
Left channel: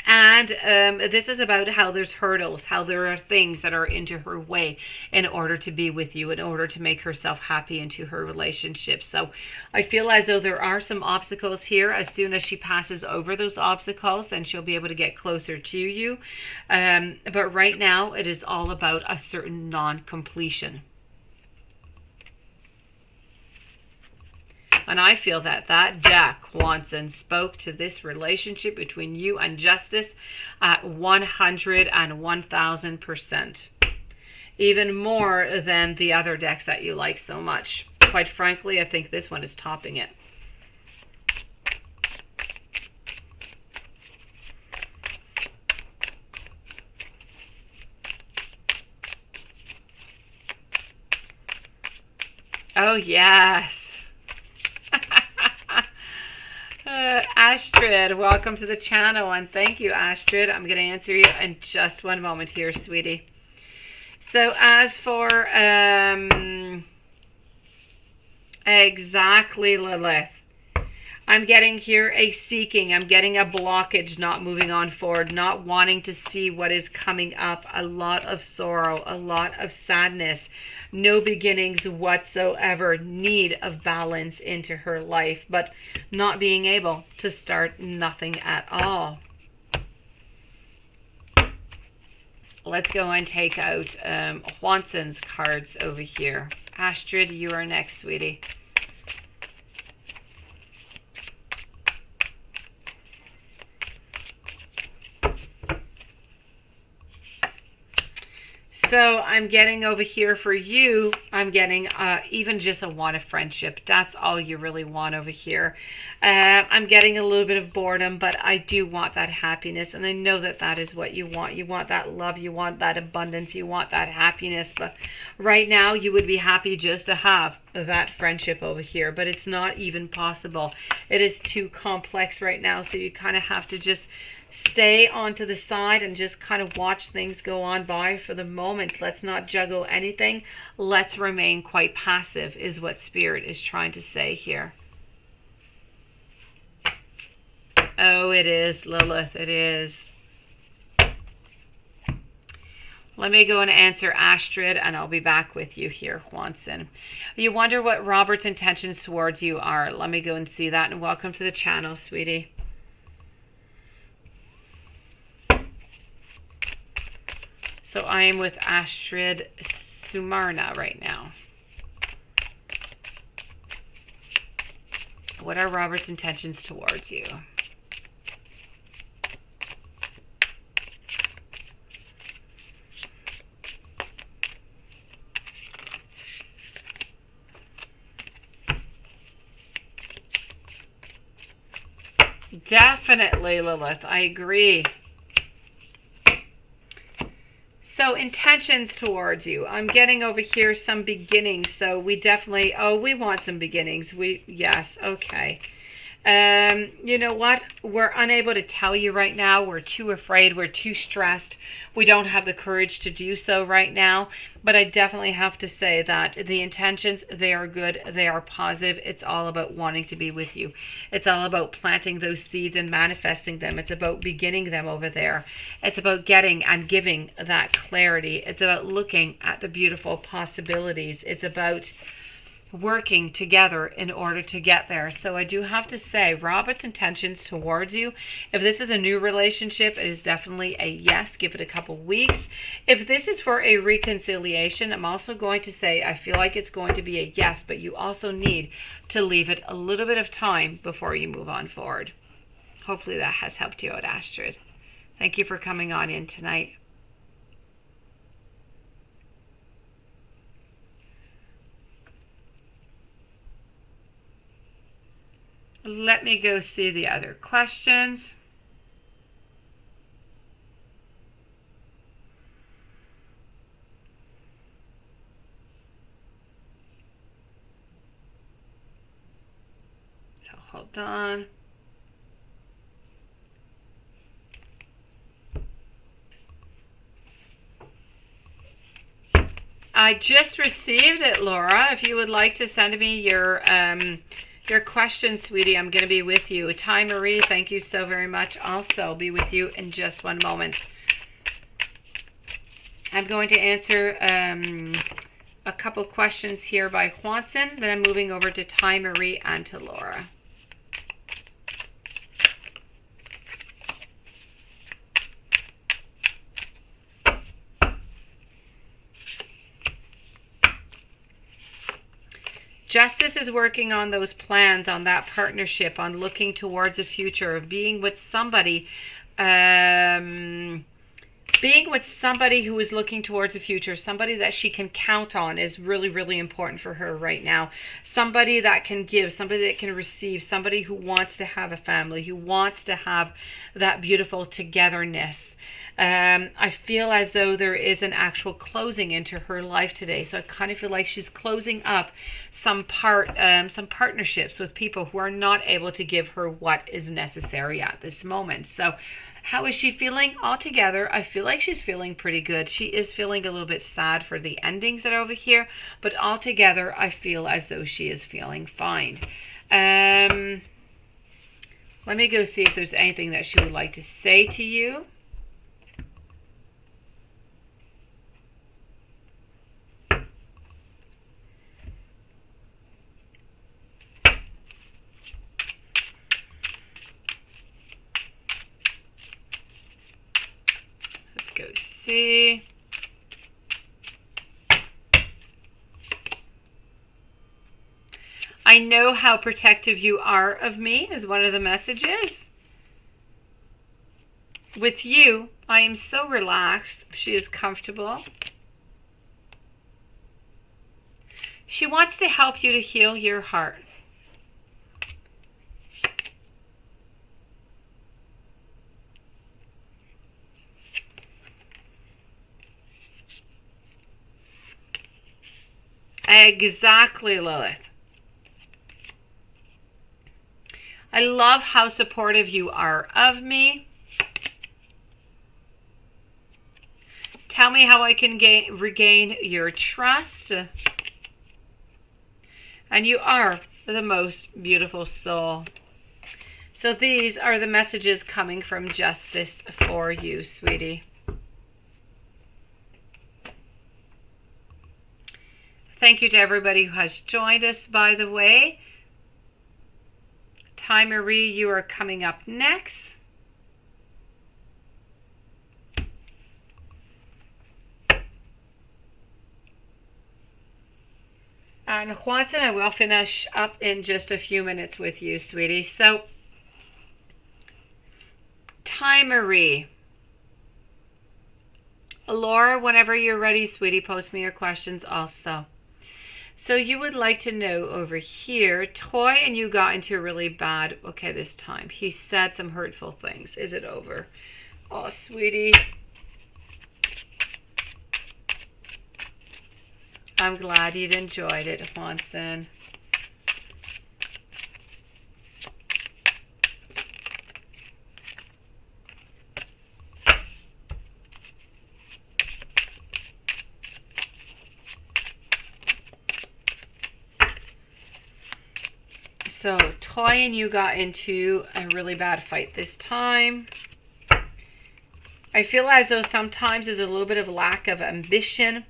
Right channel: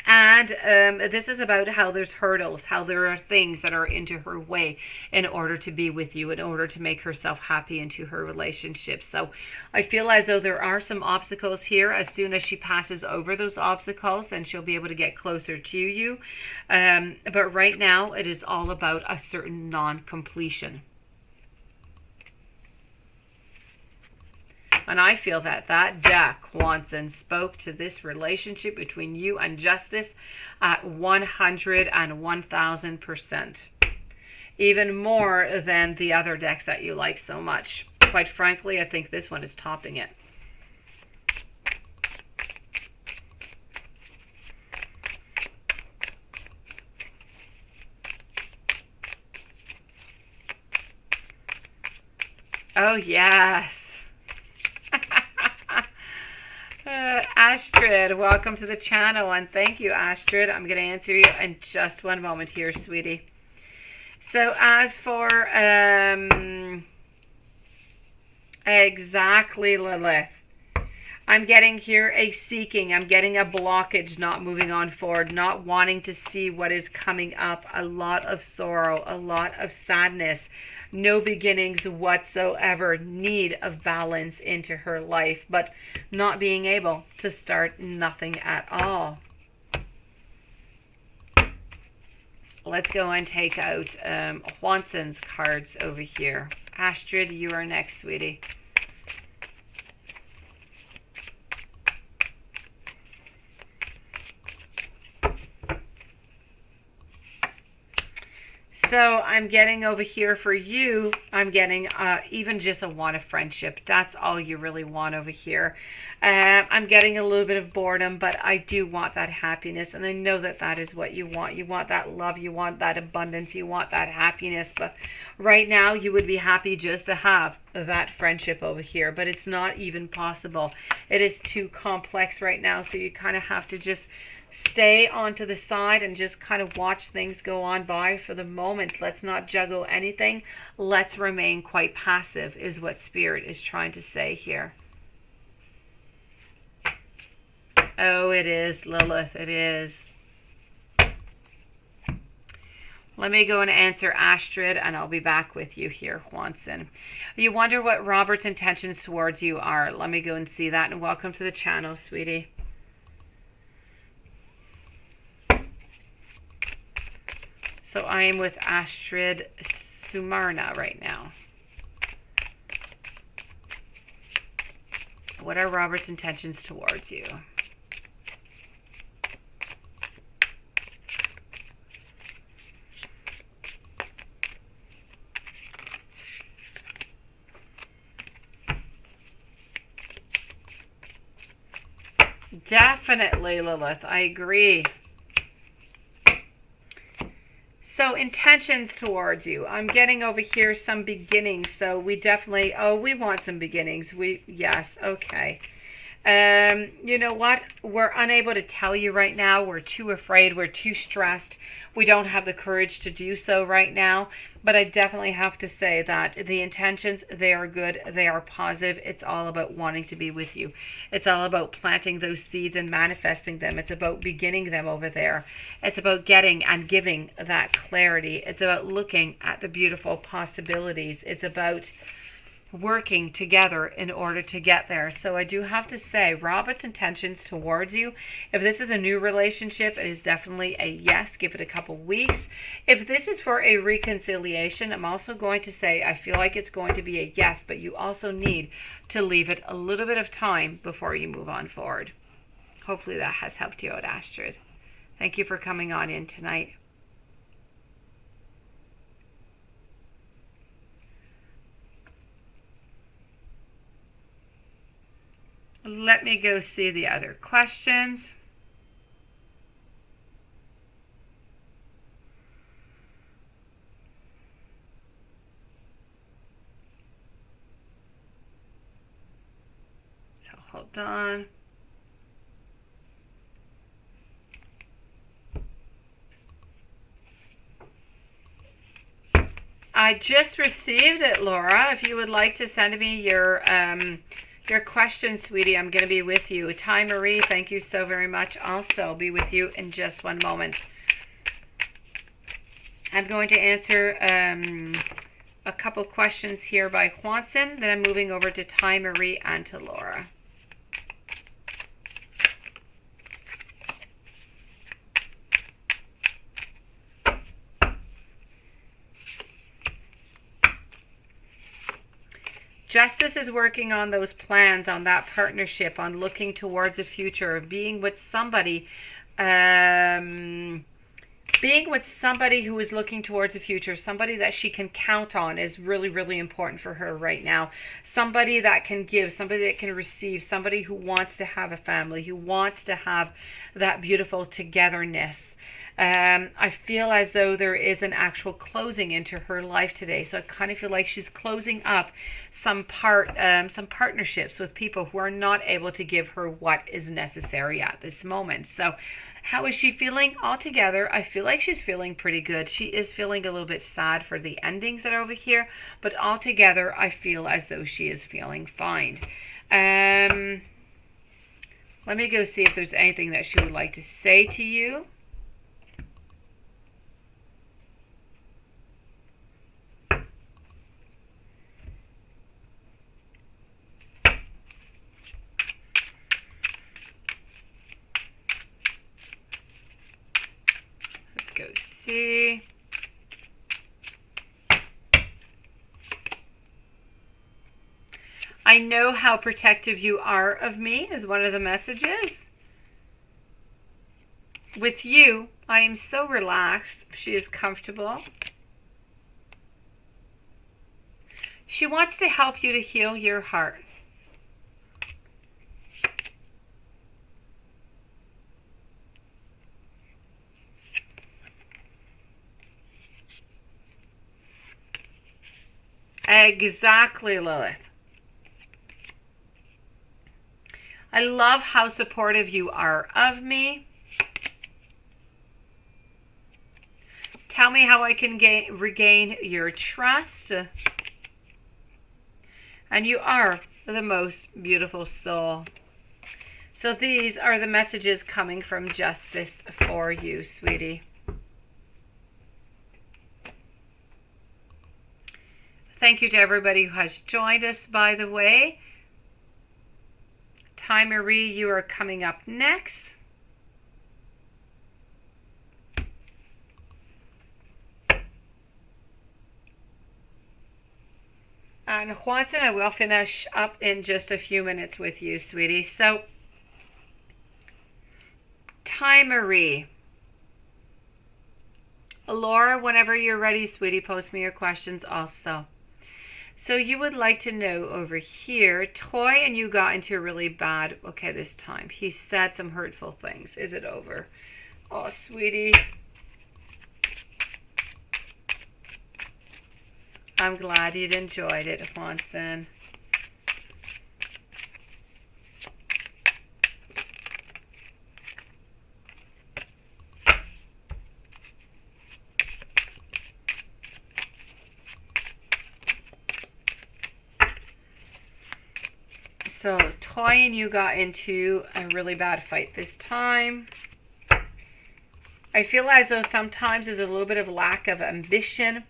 And this is about how there's hurdles, how there are things that are into her way in order to be with you, in order to make herself happy into her relationship. So I feel as though there are some obstacles here. As soon as she passes over those obstacles, then she'll be able to get closer to you. But right now, it is all about a certain non-completion. And I feel that that deck, Watson, spoke to this relationship between you and Justice at 100 and 1000%. Even more than the other decks that you like so much. Quite frankly, I think this one is topping it. Oh, yes. Astrid, welcome to the channel, and thank you, Astrid. I'm going to answer you in just one moment here, sweetie. So as for exactly, Lilith, I'm getting here a seeking. I'm getting a blockage, not moving on forward, not wanting to see what is coming up. A lot of sorrow, a lot of sadness, no beginnings whatsoever, need of balance into her life, but not being able to start nothing at all. Let's go and take out Juanson's cards over here. Astrid, you are next, sweetie. So I'm getting over here for you, I'm getting even just a want of friendship. That's all you really want over here. I'm getting a little bit of boredom, but I do want that happiness. And I know that that is what you want. You want that love. You want that abundance. You want that happiness. But right now you would be happy just to have that friendship over here. But it's not even possible. It is too complex right now. So you kind of have to just stay onto the side and just kind of watch things go on by for the moment. Let's not juggle anything. Let's remain quite passive is what Spirit is trying to say here. Oh, it is, Lilith. It is. Let me go and answer Astrid, and I'll be back with you here, Juanson. You wonder what Robert's intentions towards you are. Let me go and see that, and welcome to the channel, sweetie. So I am with Astrid Sumarna right now. What are Robert's intentions towards you? Definitely, Lilith. I agree. So intentions towards you. I'm getting over here some beginnings. So we definitely, we want some beginnings. Yes, okay. You know what? We're unable to tell you right now. We're too afraid. We're too stressed. We don't have the courage to do so right now. But I definitely have to say that the intentions, they are good. They are positive. It's all about wanting to be with you. It's all about planting those seeds and manifesting them. It's about beginning them over there. It's about getting and giving that clarity. It's about looking at the beautiful possibilities. It's about working together in order to get there. So I do have to say, Robert's intentions towards you, if this is a new relationship, it is definitely a yes. Give it a couple weeks. If this is for a reconciliation, I'm also going to say I feel like it's going to be a yes, but you also need to leave it a little bit of time before you move on forward. Hopefully that has helped you out, Astrid. Thank you for coming on in tonight. Let me go see the other questions. So hold on. I just received it, Laura. If you would like to send me your question, sweetie, I'm going to be with you. Ty Marie, thank you so very much. Also be with you in just one moment. I'm going to answer a couple questions here by Juanson. Then I'm moving over to Ty Marie and to Laura. Justice is working on those plans, on that partnership, on looking towards a future, being with somebody who is looking towards a future, somebody that she can count on is really, really important for her right now. Somebody that can give, somebody that can receive, somebody who wants to have a family, who wants to have that beautiful togetherness. I feel as though there is an actual closing into her life today. So I kind of feel like she's closing up some partnerships with people who are not able to give her what is necessary at this moment. So how is she feeling altogether? I feel like she's feeling pretty good. She is feeling a little bit sad for the endings that are over here, but altogether I feel as though she is feeling fine. Let me go see if there's anything that she would like to say to you. Let's go see. I know how protective you are of me is one of the messages. With you, I am so relaxed. She is comfortable. She wants to help you to heal your heart. Exactly, Lilith. I love how supportive you are of me. Tell me how I can regain your trust. And you are the most beautiful soul. So these are the messages coming from Justice for you, sweetie. Thank you to everybody who has joined us, by the way. Ty Marie, you are coming up next. And Juanson, I will finish up in just a few minutes with you, sweetie. So, Ty Marie. Laura, whenever you're ready, sweetie, post me your questions also. So you would like to know over here, Toy and you got into a really bad, okay, this time. He said some hurtful things. Is it over? Oh, sweetie. I'm glad you'd enjoyed it, Juanson. So, Toy and you got into a really bad fight this time. I feel as though sometimes there's a little bit of lack of ambition.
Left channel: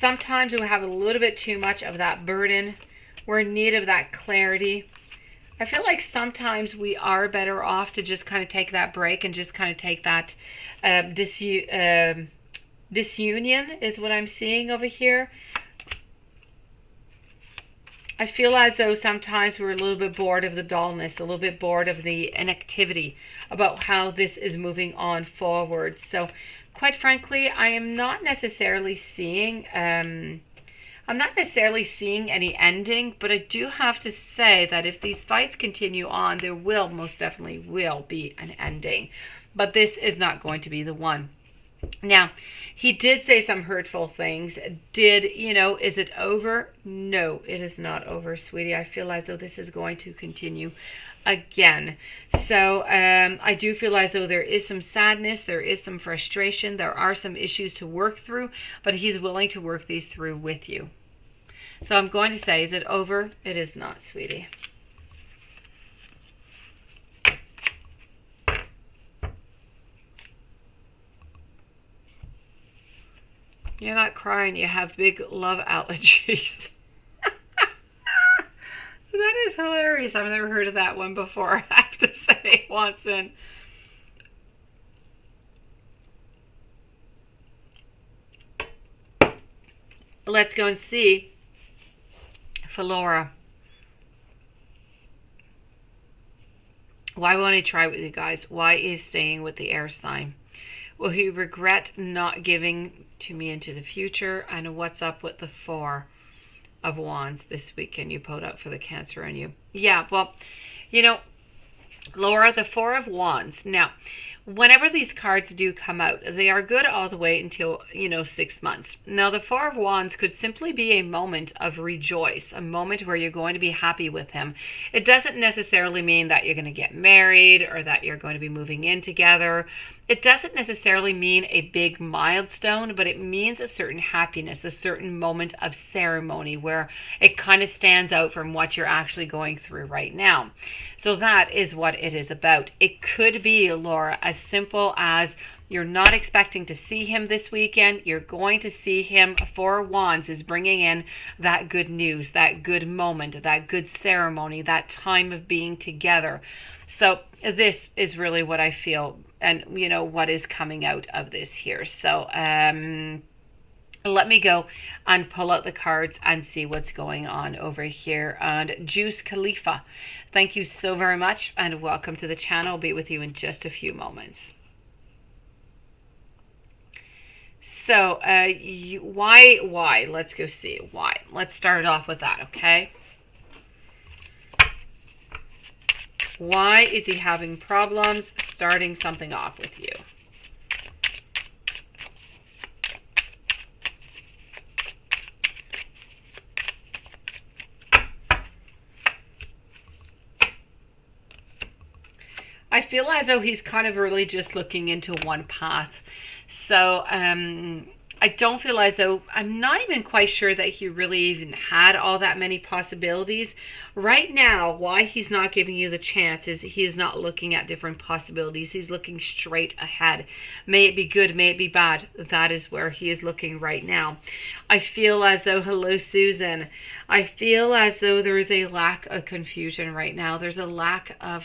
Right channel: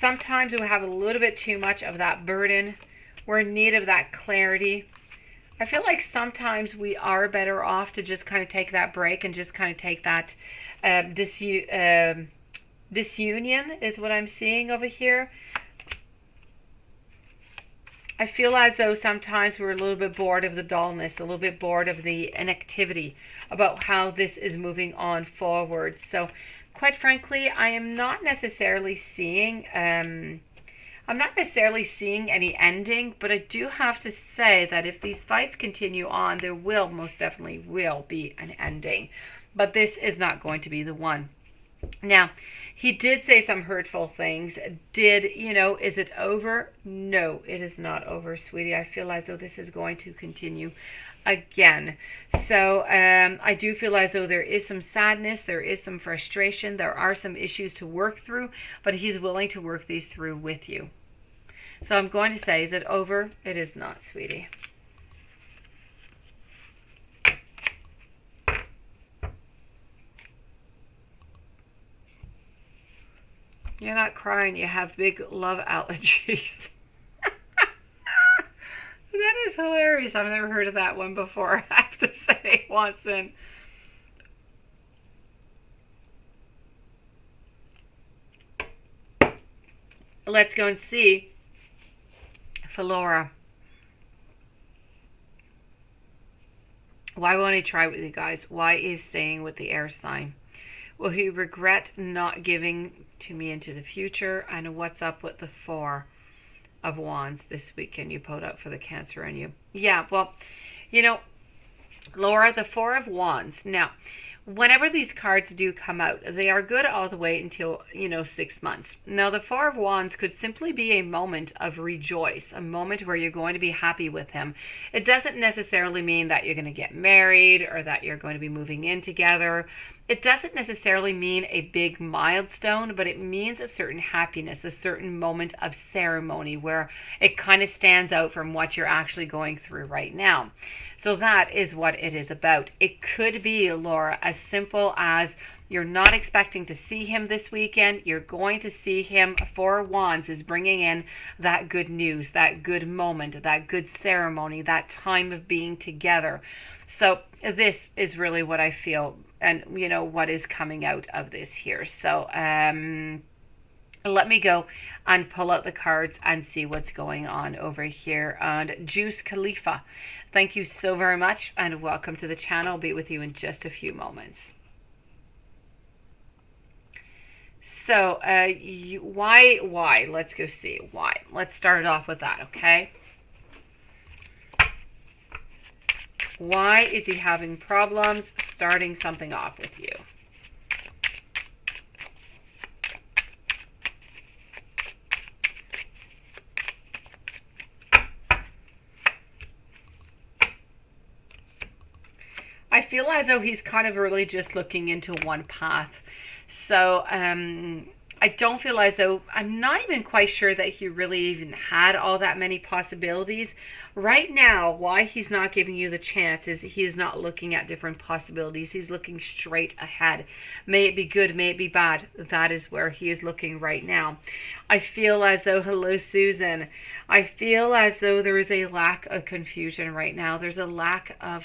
Sometimes we have a little bit too much of that burden. We're in need of that clarity. I feel like sometimes we are better off to just kind of take that break and just kind of take that disunion is what I'm seeing over here. I feel as though sometimes we're a little bit bored of the dullness, a little bit bored of the inactivity about how this is moving on forward. So, quite frankly, I am not necessarily seeing, any ending, but I do have to say that if these fights continue on, there will most definitely will be an ending. But this is not going to be the one. Now, he did say some hurtful things. Is it over? No, it is not over, sweetie. I feel as though this is going to continue again. So I do feel as though there is some sadness, there is some frustration, there are some issues to work through, but he's willing to work these through with you. So I'm going to say, is it over? It is not, sweetie. You're not crying, you have big love allergies. That is hilarious. I've never heard of that one before, I have to say, Watson. Let's go and see for Laura. Why won't he try with you guys? Why is staying with the air sign? Will he regret not giving to me into the future? And what's up with the 4 of Wands this weekend you put up for the Cancer in you? Yeah, well, Laura, the 4 of Wands. Now, whenever these cards do come out, they are good all the way until, 6 months. Now, the 4 of Wands could simply be a moment of rejoice, a moment where you're going to be happy with him. It doesn't necessarily mean that you're going to get married or that you're going to be moving in together. It doesn't necessarily mean a big milestone, but it means a certain happiness, a certain moment of ceremony where it kind of stands out from what you're actually going through right now. So that is what it is about. It could be, Laura, as simple as you're not expecting to see him this weekend. You're going to see him. Four of Wands is bringing in that good news, that good moment, that good ceremony, that time of being together. So this is really what I feel, and you know what is coming out of this here. So let me go and pull out the cards and see what's going on over here. And Juice Khalifa, thank you so very much and welcome to the channel. I'll be with you in just a few moments. So why? Let's go see why. Let's start off with that, okay? Why is he having problems starting something off with you? I feel as though he's kind of really just looking into one path. So I don't feel as though, I'm not even quite sure that he really even had all that many possibilities. Right now, why he's not giving you the chance is he is not looking at different possibilities. He's looking straight ahead. May it be good, may it be bad. That is where he is looking right now. I feel as though, hello Susan, I feel as though there is a lack of confusion right now. There's a lack of,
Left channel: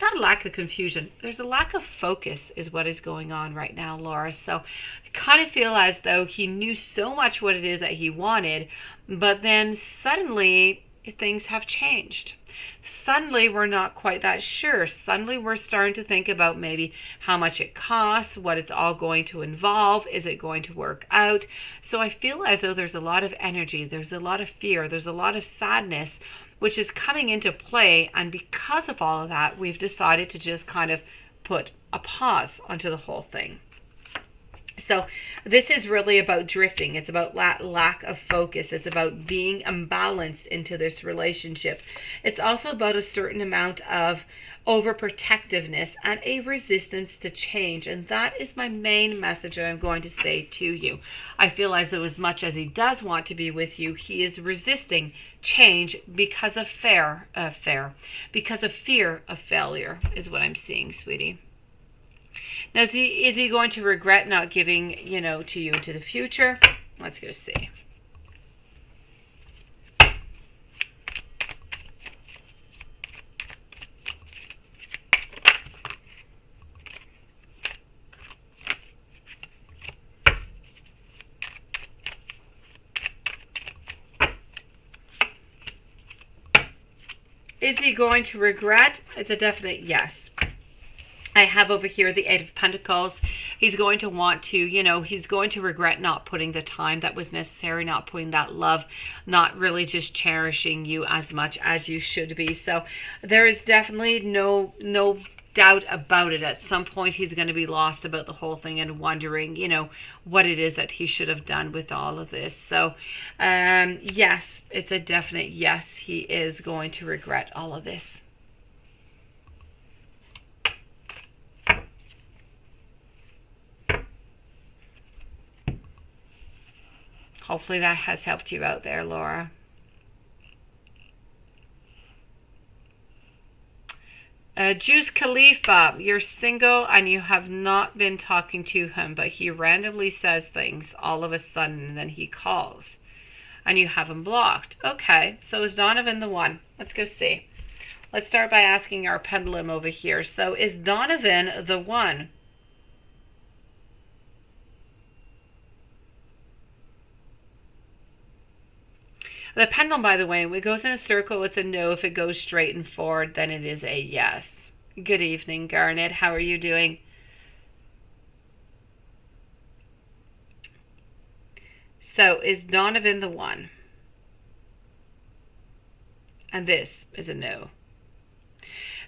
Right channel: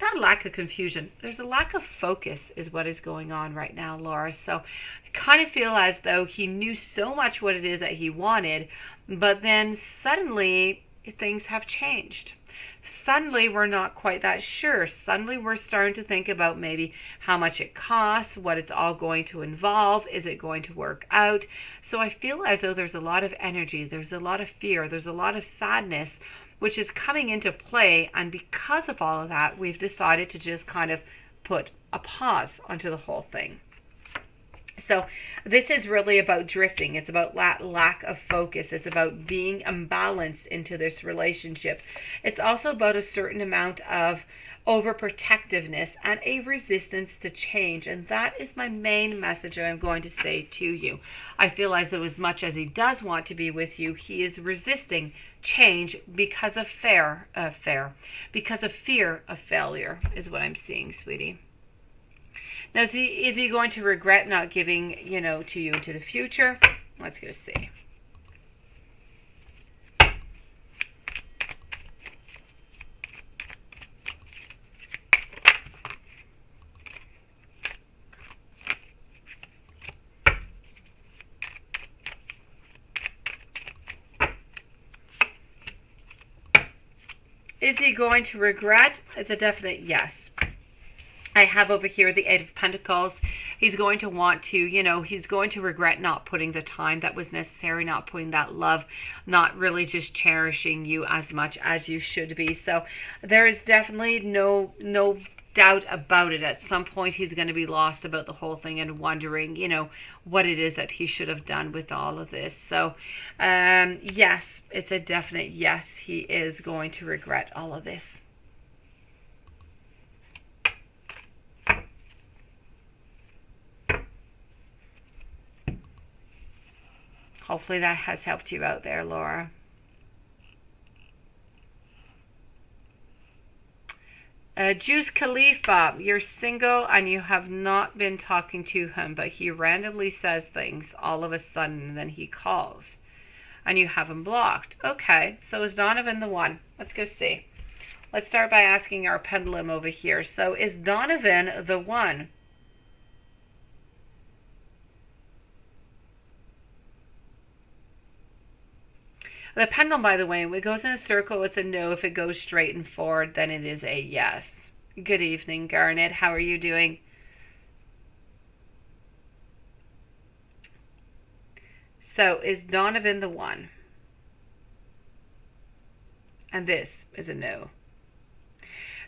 not a lack of confusion, there's a lack of focus is what is going on right now, Laura. So I kind of feel as though he knew so much what it is that he wanted, but then suddenly things have changed. Suddenly we're not quite that sure. Suddenly we're starting to think about maybe how much it costs, what it's all going to involve, is it going to work out? So I feel as though there's a lot of energy, there's a lot of fear, there's a lot of sadness which is coming into play, and because of all of that, we've decided to just kind of put a pause onto the whole thing. So this is really about drifting. It's about lack of focus. It's about being imbalanced into this relationship. It's also about a certain amount of overprotectiveness and a resistance to change. And that is my main message that I'm going to say to you. I feel as though as much as he does want to be with you, he is resisting change because of fear of failure is what I'm seeing, sweetie. Now, is he going to regret not giving, to you into the future? Let's go see. Is he going to regret? It's a definite yes. I have over here the Eight of Pentacles. He's going to want to, he's going to regret not putting the time that was necessary, not putting that love, not really just cherishing you as much as you should be. So there is definitely no doubt about it. At some point he's going to be lost about the whole thing and wondering, what it is that he should have done with all of this. So yes, it's a definite yes. He is going to regret all of this. Hopefully that has helped you out there, Laura. Juice Khalifa, you're single and you have not been talking to him, but he randomly says things all of a sudden and then he calls and you have him blocked. Okay, so is Donovan the one? Let's go see. Let's start by asking our pendulum over here. So is Donovan the one? The pendulum, by the way, when it goes in a circle, it's a no. If it goes straight and forward, then it is a yes. Good evening, Garnet. How are you doing? So, is Donovan the one? And this is a no.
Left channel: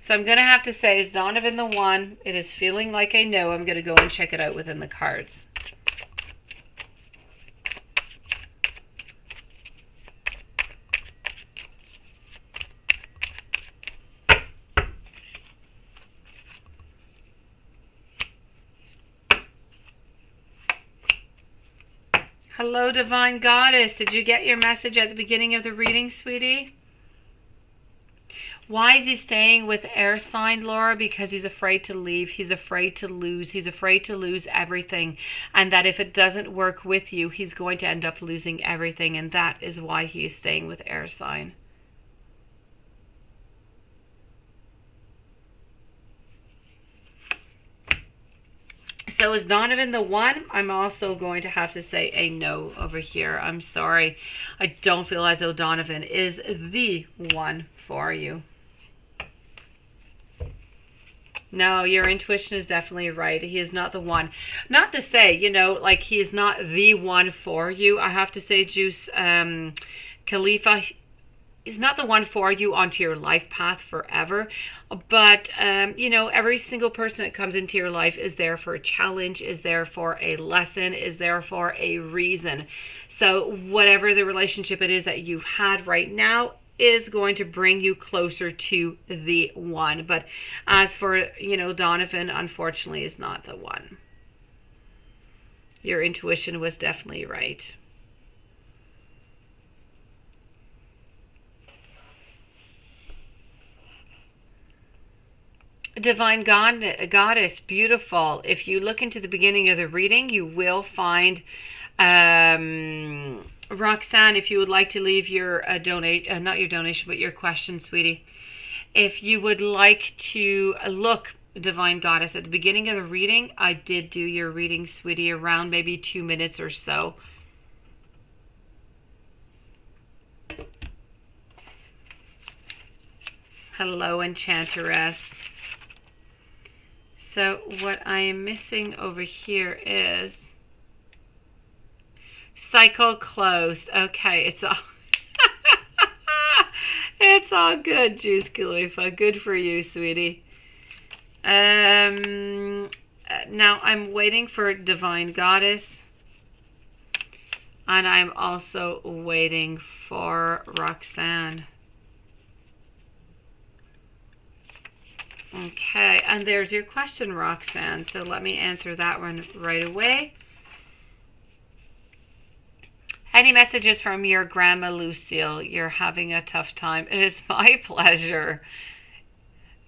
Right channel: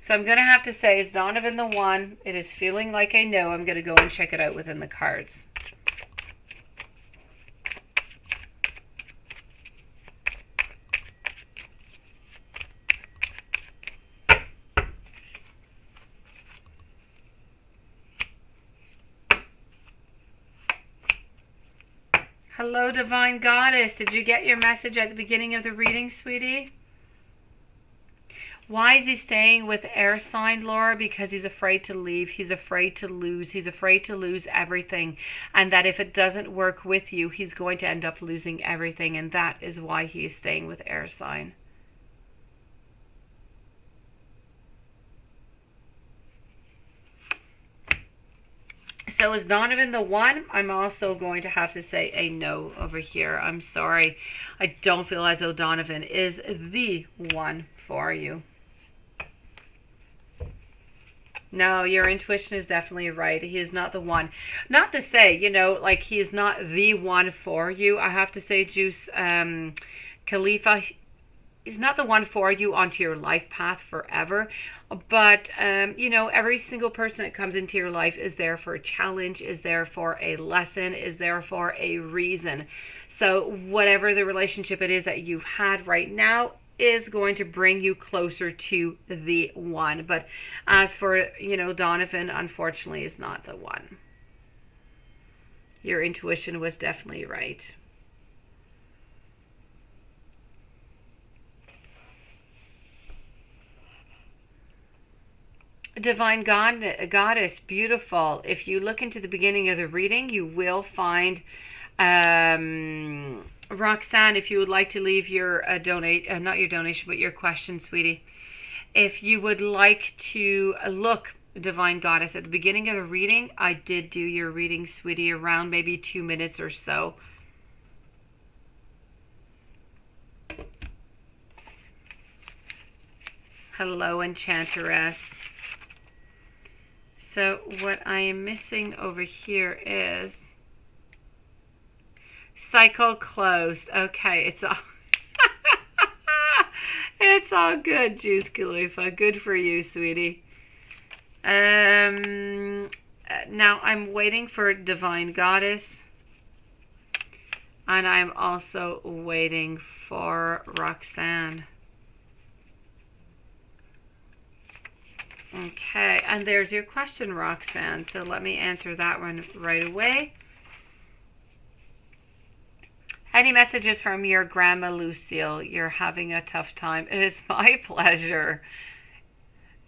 So I'm going to have to say, is Donovan the one? It is feeling like a no. I'm going to go and check it out within the cards. Hello, Divine Goddess. Did you get your message at the beginning of the reading, sweetie? Why is he staying with air sign, Laura? Because he's afraid to leave. He's afraid to lose. He's afraid to lose everything. And that if it doesn't work with you, he's going to end up losing everything. And that is why he is staying with air sign. So is Donovan the one? I'm also going to have to say a no over here. I'm sorry. I don't feel as though Donovan is the one for you. No, your intuition is definitely right. He is not the one. Not to say, you know, like he is not the one for you. I have to say, Juice, Khalifa, is not the one for you onto your life path forever. But, you know, every single person that comes into your life is there for a challenge, is there for a lesson, is there for a reason. So whatever the relationship it is that you've had right now is going to bring you closer to the one. But as for, you know, Donovan, unfortunately, is not the one. Your intuition was definitely right. Divine Goddess, beautiful. If you look into the beginning of the reading, you will find Roxanne, if you would like to leave your not your donation, but your question, sweetie. If you would like to look, Divine Goddess, at the beginning of the reading, I did do your reading, sweetie, around maybe 2 minutes or so. Hello, Enchantress. So what I am missing over here is cycle closed. Okay, it's all it's all good, Juice Khalifa. Good for you, sweetie. Now I'm waiting for Divine Goddess, and I'm also waiting for Roxanne. Okay, and there's your question, Roxanne. So let me answer that one right away. Any messages from your grandma, Lucille? You're having a tough time. It is my pleasure.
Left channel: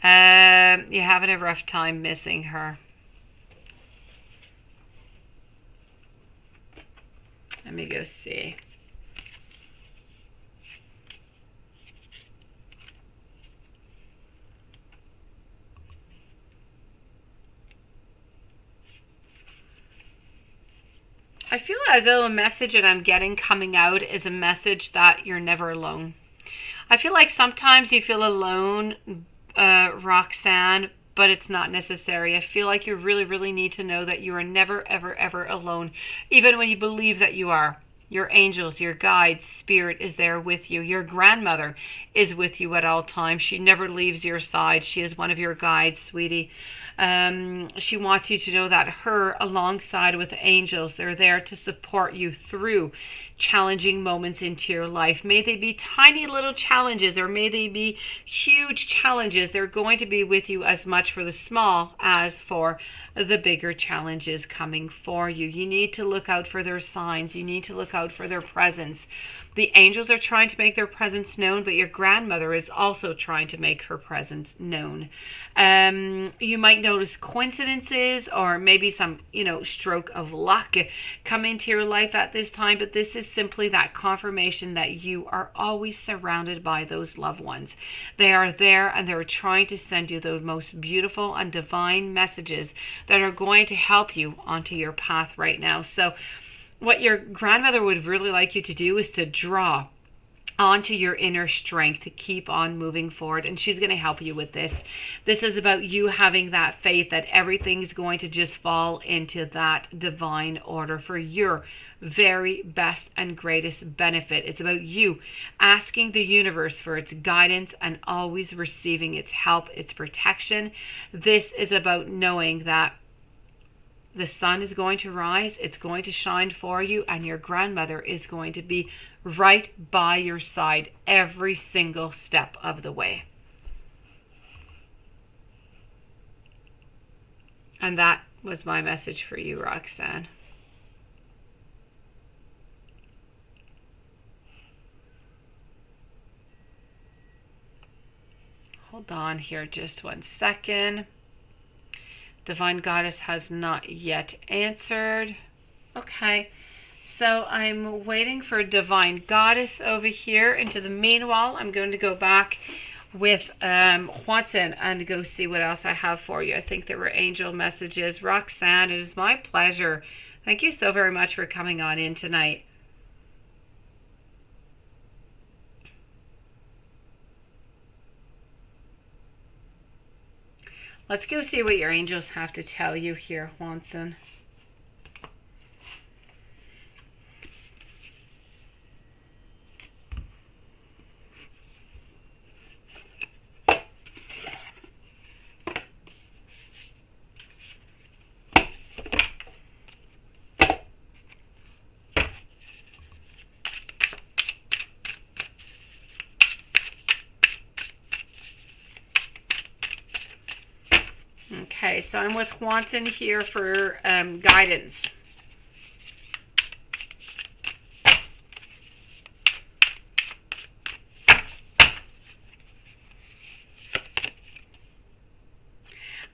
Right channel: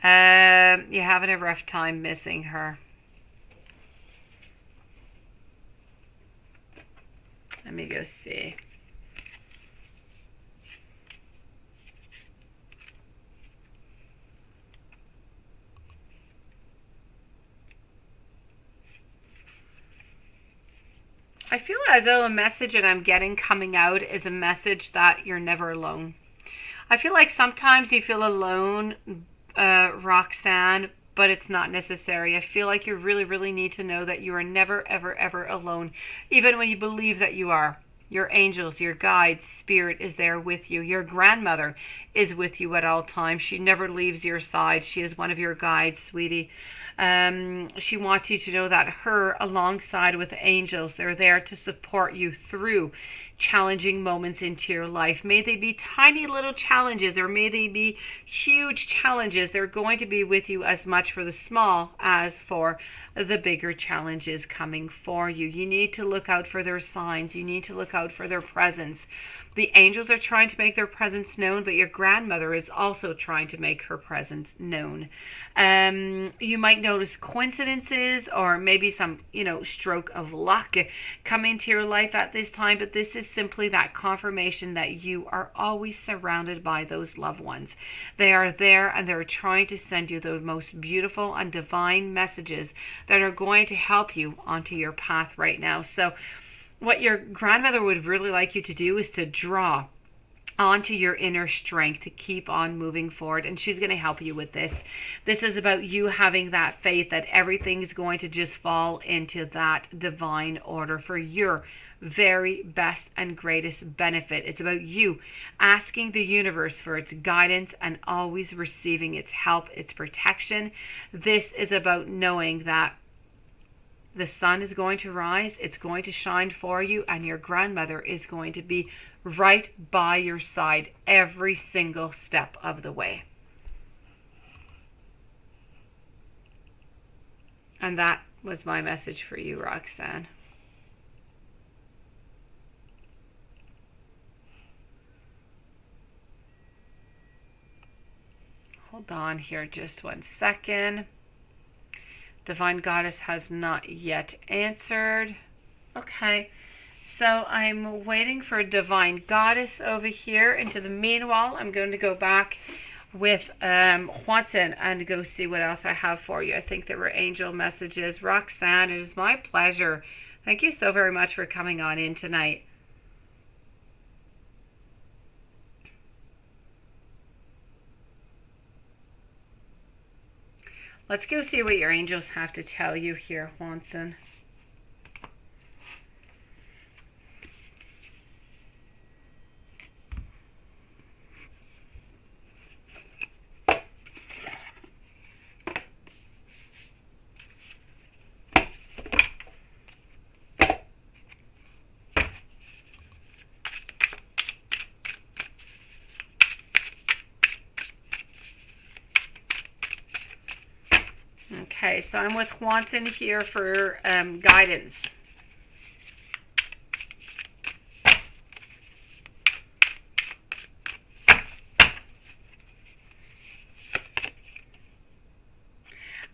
You're having a rough time missing her. Let me go see. I feel as though a message that I'm getting coming out is a message that you're never alone. I feel like sometimes you feel alone, Roxanne, but it's not necessary. I feel like you really, really need to know that you are never, ever, ever alone, even when you believe that you are. Your angels, your guides, spirit is there with you. Your grandmother is with you at all times. She never leaves your side. She is one of your guides, sweetie. She wants you to know that her, alongside with the angels, they're there to support you through challenging moments into your life. May they be tiny little challenges, or may they be huge challenges. They're going to be with you as much for the small as for the bigger challenges coming for you. You need to look out for their signs. You need to look out for their presence. The angels are trying to make their presence known, but your grandmother is also trying to make her presence known. You might notice coincidences, or maybe some, stroke of luck come into your life at this time, but this is simply that confirmation that you are always surrounded by those loved ones. They are there, and they're trying to send you the most beautiful and divine messages that are going to help you onto your path right now. So what your grandmother would really like you to do is to draw onto your inner strength to keep on moving forward, and she's going to help you with this. This is about you having that faith that everything's going to just fall into that divine order for your very best and greatest benefit. It's about you asking the universe for its guidance and always receiving its help, its protection. This is about knowing that the sun is going to rise, it's going to shine for you, and your grandmother is going to be right by your side every single step of the way. And that was my message for you, Roxanne. Hold on here just 1 second. Divine Goddess has not yet answered. Okay, so I'm waiting for Divine Goddess over here. Into the meanwhile, I'm going to go back with Juanson and go see what else I have for you. I think there were angel messages. Roxanne, it is my pleasure. Thank you so very much for coming on in tonight. Let's go see what your angels have to tell you here, Juanson. Okay, so I'm with Juanson here for guidance.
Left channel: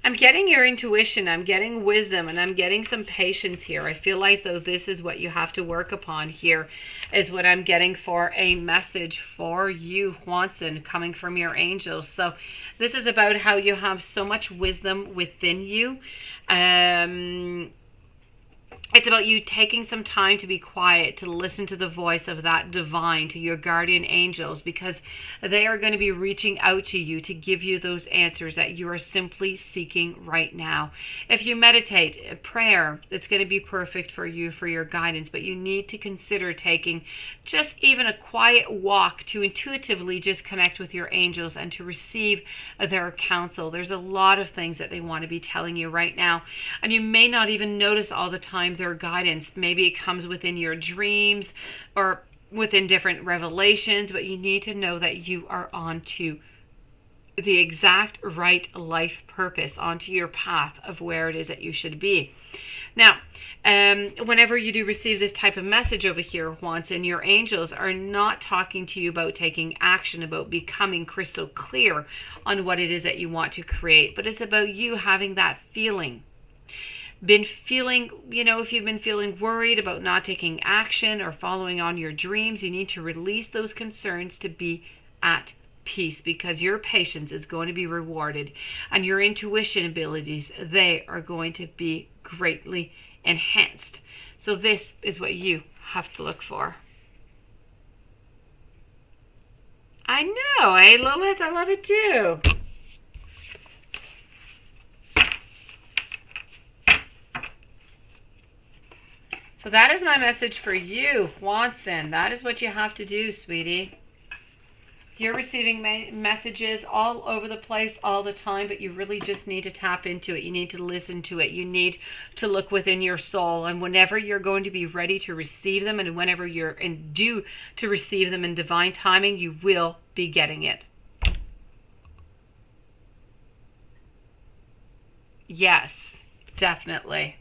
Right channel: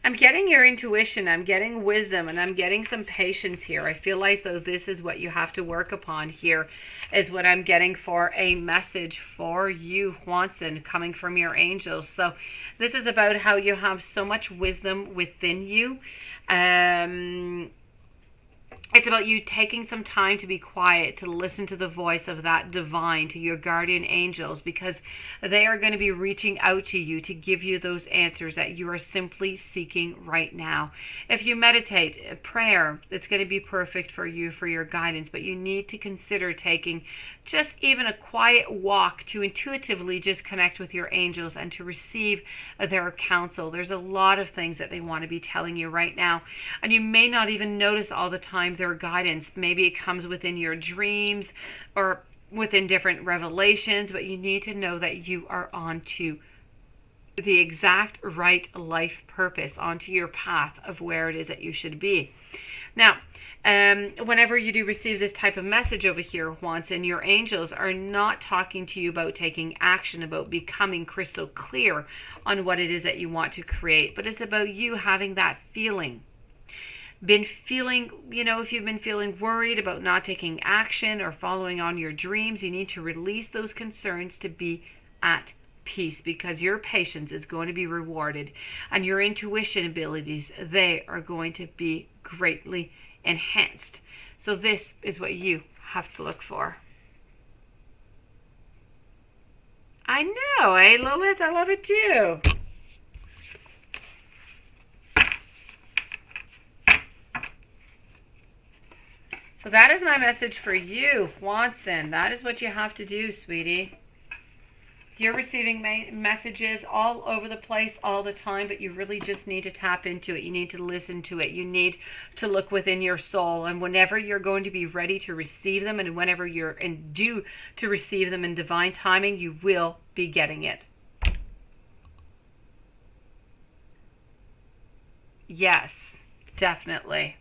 I'm getting your intuition, I'm getting wisdom, and I'm getting some patience here. I feel like though this is what you have to work upon here, is what I'm getting for a message for you, Juanson, coming from your angels. So this is about how you have so much wisdom within you. It's about you taking some time to be quiet, to listen to the voice of that divine, to your guardian angels, because they are going to be reaching out to you to give you those answers that you are simply seeking right now. If you meditate, prayer, it's going to be perfect for you, for your guidance, but you need to consider taking just even a quiet walk to intuitively just connect with your angels and to receive their counsel. There's a lot of things that they want to be telling you right now, and you may not even notice all the time their guidance. Maybe it comes within your dreams or within different revelations, but you need to know that you are onto the exact right life purpose, onto your path of where it is that you should be. Now, whenever you do receive this type of message over here, Juanson, your angels are not talking to you about taking action, about becoming crystal clear on what it is that you want to create, but it's about you having that feeling. If you've been feeling worried about not taking action or following on your dreams, you need to release those concerns to be at peace, because your patience is going to be rewarded and your intuition abilities, they are going to be greatly enhanced. So this is what you have to look for. I know, eh, Lilith? I love it too. So that is my message for you, Juanson. That is what you have to do, sweetie. You're receiving messages all over the place all the time, but you really just need to tap into it. You need to listen to it. You need to look within your soul. And whenever you're going to be ready to receive them, and whenever you're due to receive them in divine timing, you will be getting it. Yes, definitely.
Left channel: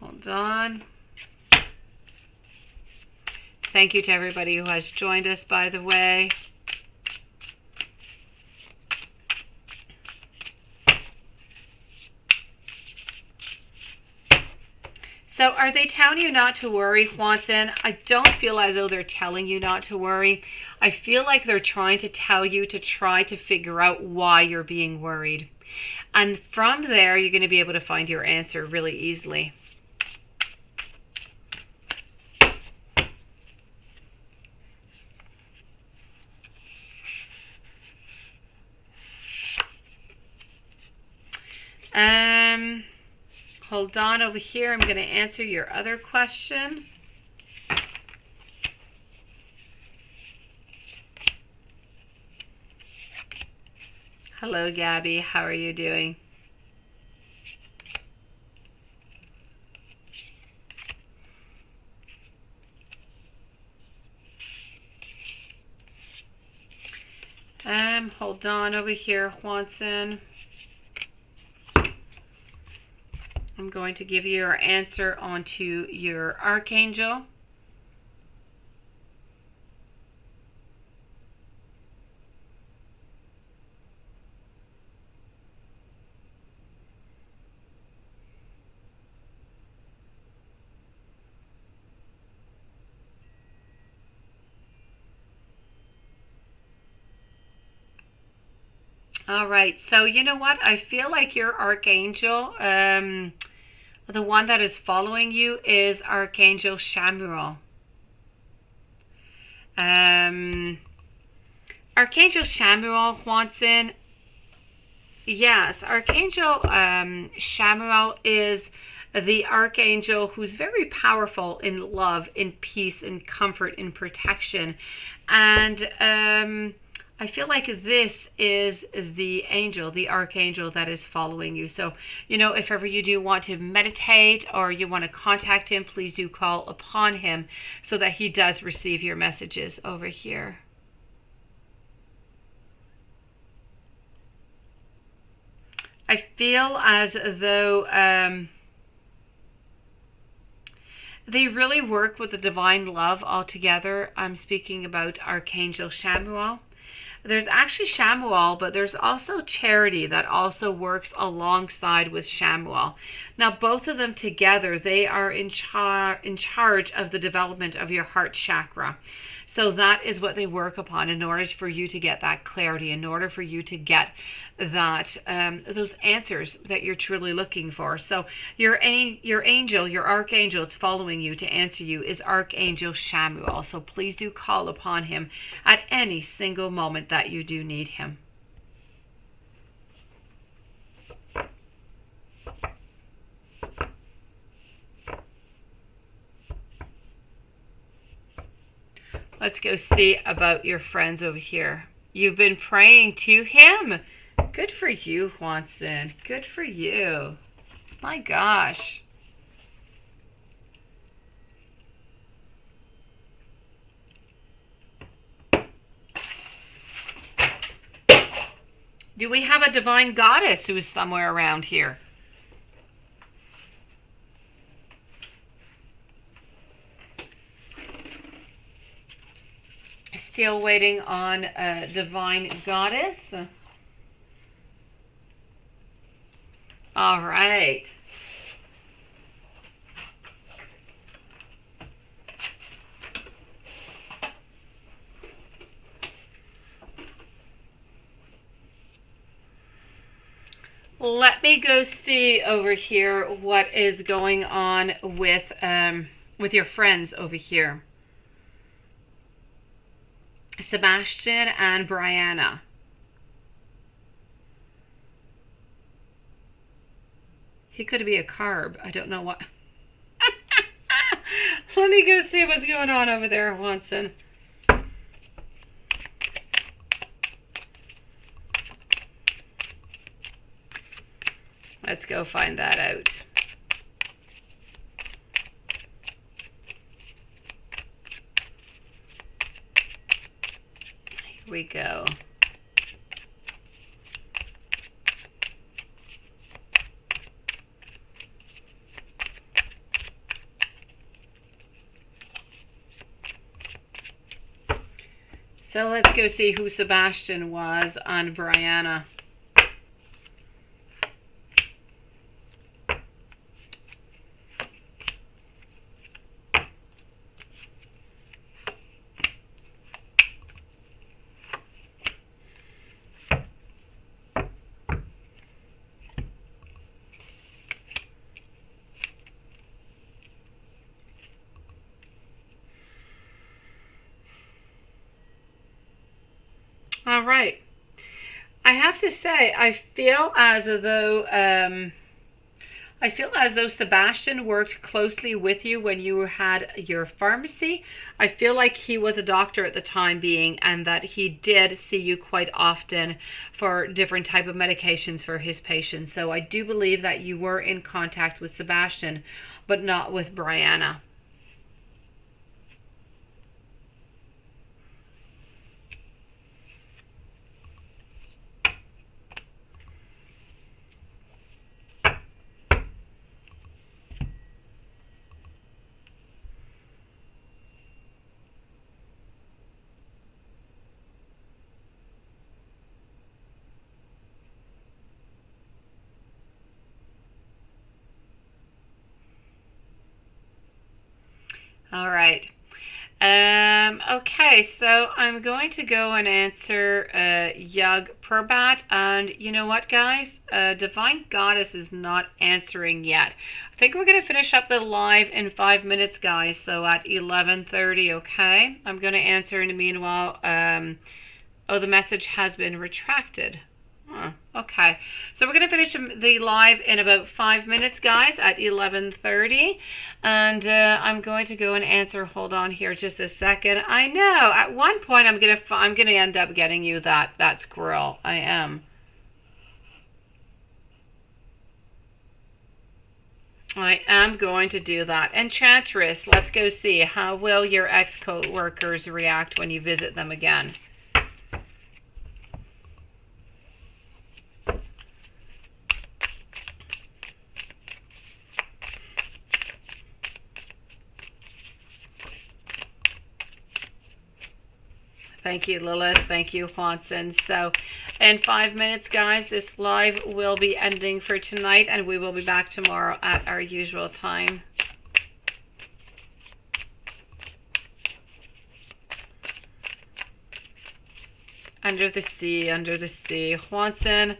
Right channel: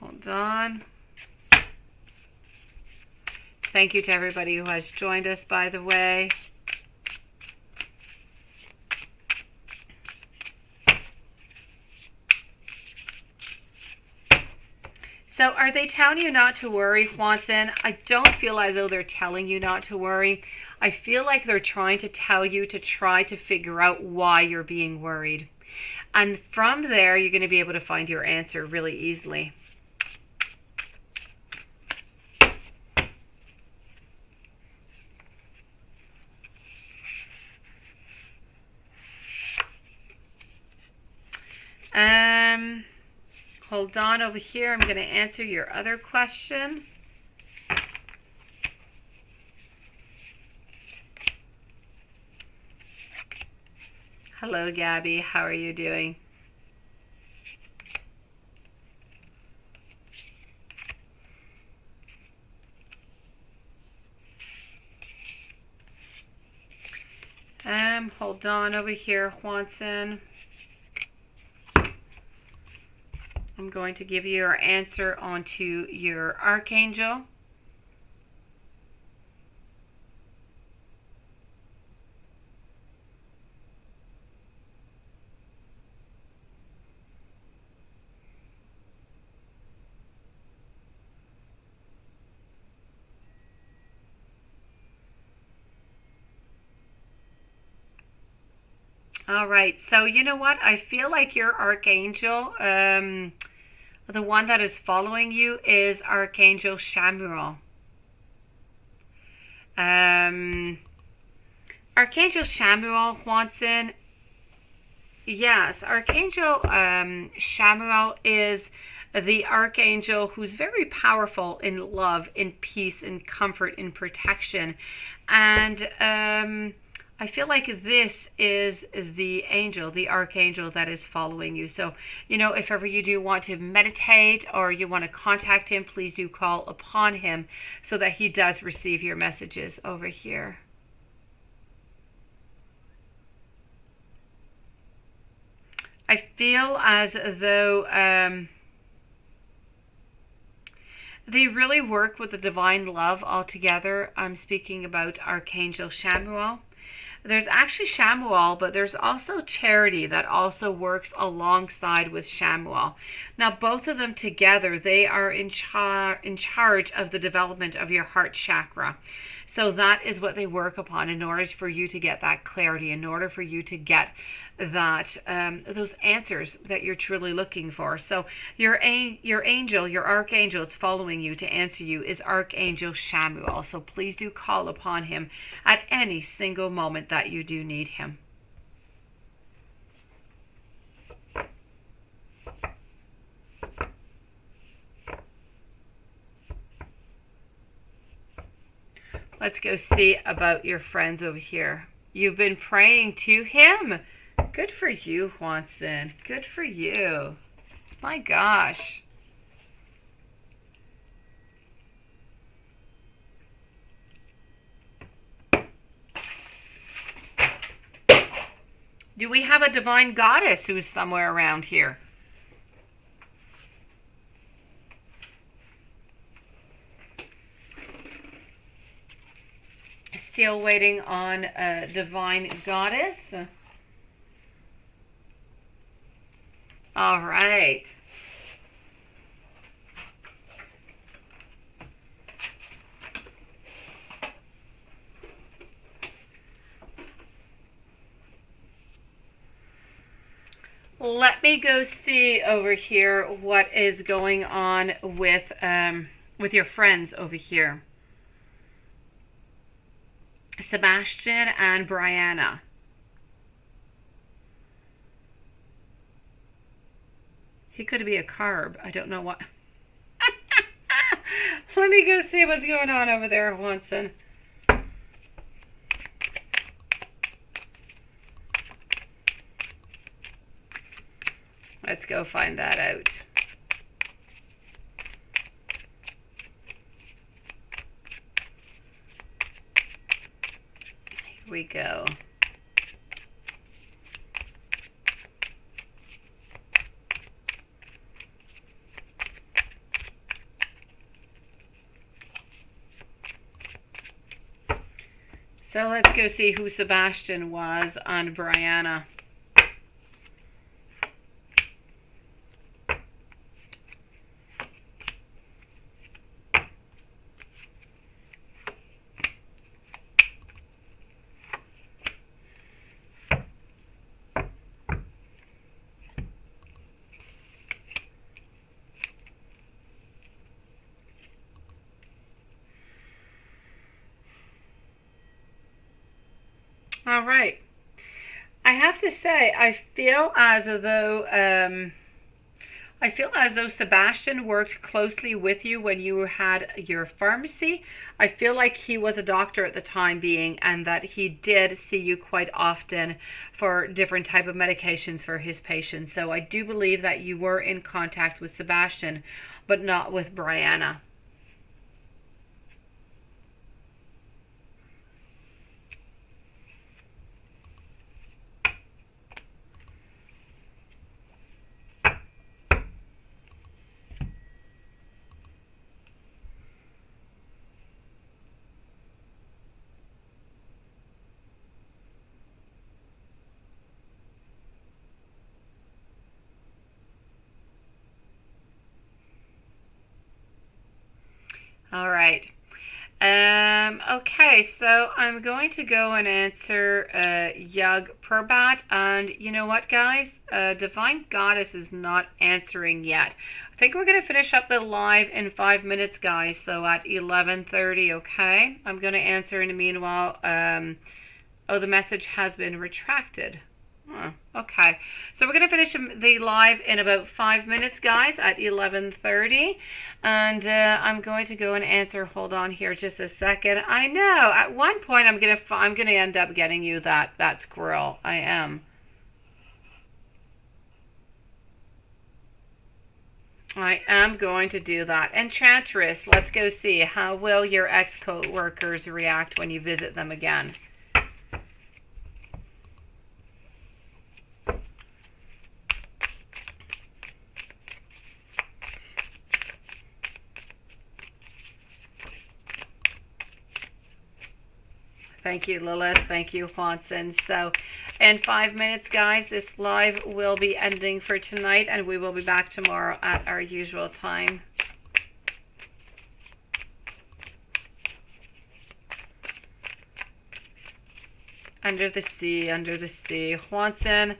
Hold on. Thank you to everybody who has joined us, by the way. So are they telling you not to worry, Juanson? I don't feel as though they're telling you not to worry. I feel like they're trying to tell you to try to figure out why you're being worried. And from there, you're going to be able to find your answer really easily. Hold on over here. I'm going to answer your other question. Hello, Gabby. How are you doing? Hold on over here, Juanson. I'm going to give you your answer onto your archangel. All right, so you know what? I feel like your archangel, the one that is following you, is Archangel Chamuel. Archangel Chamuel, Juanson. Yes, Archangel Chamuel is the archangel who's very powerful in love, in peace, in comfort, in protection. And I feel like this is the angel, the archangel that is following you. So, you know, if ever you do want to meditate or you want to contact him, please do call upon him so that he does receive your messages over here. I feel as though they really work with the divine love altogether. I'm speaking about Archangel Chamuel. There's actually Chamuel, but there's also Charity that also works alongside with Chamuel. Now, both of them together, they are in charge of the development of your heart chakra. So that is what they work upon in order for you to get that clarity, in order for you to get that those answers that you're truly looking for. So your angel, your archangel, it's following you to answer you is Archangel Chamuel. So please do call upon him at any single moment that you do need him. Let's go see about your friends over here. You've been praying to him. Good for you, Juanson. Good for you. My gosh. Do we have a divine goddess who is somewhere around here? Still waiting on a divine goddess. All right. Let me go see over here what is going on with your friends over here. Sebastian and Brianna. He could be a carb. I don't know what. Let me go see what's going on over there, Juanson. Let's go find that out. Here we go. So let's go see who Sebastian was on Brianna. All right. I have to say, I feel as though Sebastian worked closely with you when you had your pharmacy. I feel like he was a doctor at the time being, and that he did see you quite often for different type of medications for his patients. So I do believe that you were in contact with Sebastian, but not with Brianna. right. Okay, so I'm going to go and answer Yug Purbat, and you know what, guys? Divine Goddess is not answering yet. I think we're going to finish up the live in 5 minutes, guys, so at 11:30, okay? I'm going to answer in the meanwhile. Oh, the message has been retracted. Okay, so we're going to finish the live in about 5 minutes, guys, at 11:30, and I'm going to go and answer. Hold on here just a second. I know at one point I'm gonna end up getting you that squirrel. I am. I am going to do that. Enchantress, let's go see. How will your ex-co-workers react when you visit them again? Thank you, Lilith. Thank you, Juanson. So, in 5 minutes, guys, this live will be ending for tonight, and we will be back tomorrow at our usual time. Under the sea, under the sea. Juanson,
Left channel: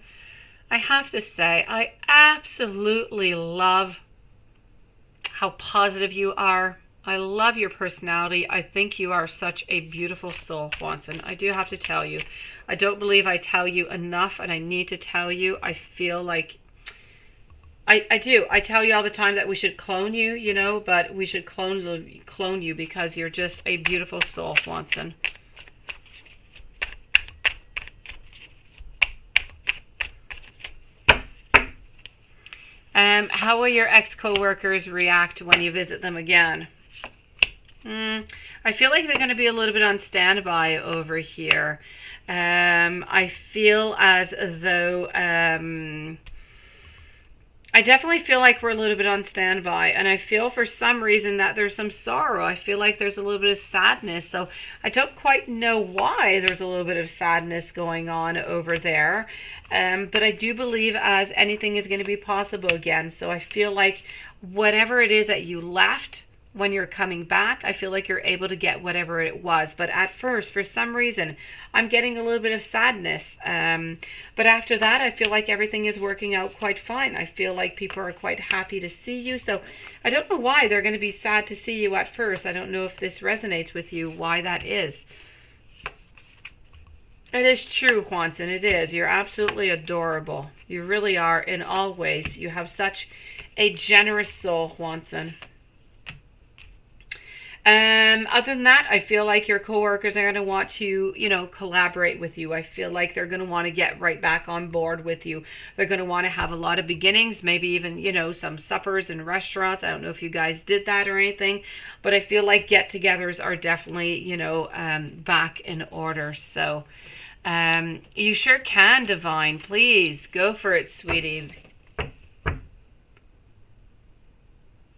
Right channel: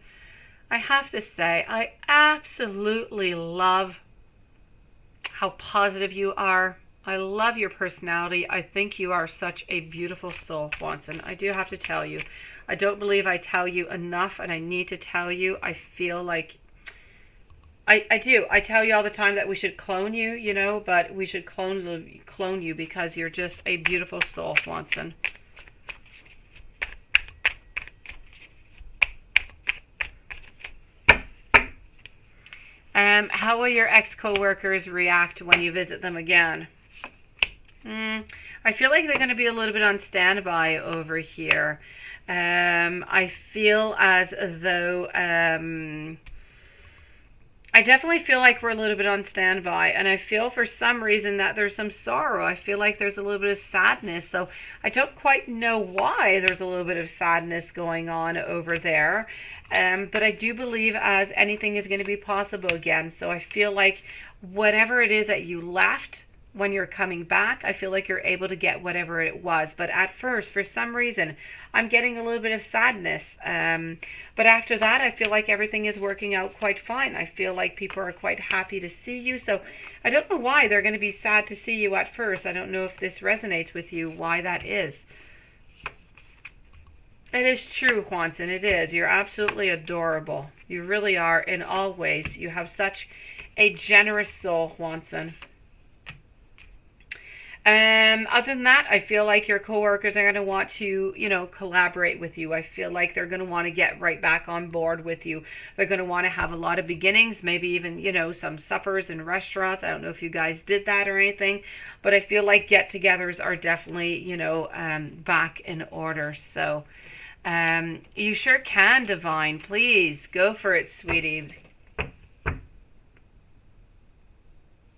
I have to say, I absolutely love how positive you are. I love your personality. I think you are such a beautiful soul, Juanson. I do have to tell you. I don't believe I tell you enough, and I need to tell you. I feel like I do. I tell you all the time that we should clone you, you know, but we should clone you because you're just a beautiful soul, Juanson. How will your ex-co-workers react when you visit them again? I feel like they're going to be a little bit on standby over here. I feel as though I definitely feel like we're a little bit on standby, and I feel for some reason that there's some sorrow. I feel like there's a little bit of sadness, so I don't quite know why there's a little bit of sadness going on over there. But I do believe as anything is going to be possible again. So I feel like whatever it is that you left, when you're coming back, I feel like you're able to get whatever it was. But at first, for some reason, I'm getting a little bit of sadness. But after that, I feel like everything is working out quite fine. I feel like people are quite happy to see you. So I don't know why they're going to be sad to see you at first. I don't know if this resonates with you, why that is. It is true, Juanson. It is. You're absolutely adorable. You really are in all ways. You have such a generous soul, Juanson. Other than that, I feel like your coworkers are going to want to, you know, collaborate with you. I feel like they're going to want to get right back on board with you. They're going to want to have a lot of beginnings, maybe even, you know, some suppers in restaurants. I don't know if you guys did that or anything, but I feel like get-togethers are definitely, you know, back in order. So, you sure can, Divine. Please go for it, sweetie.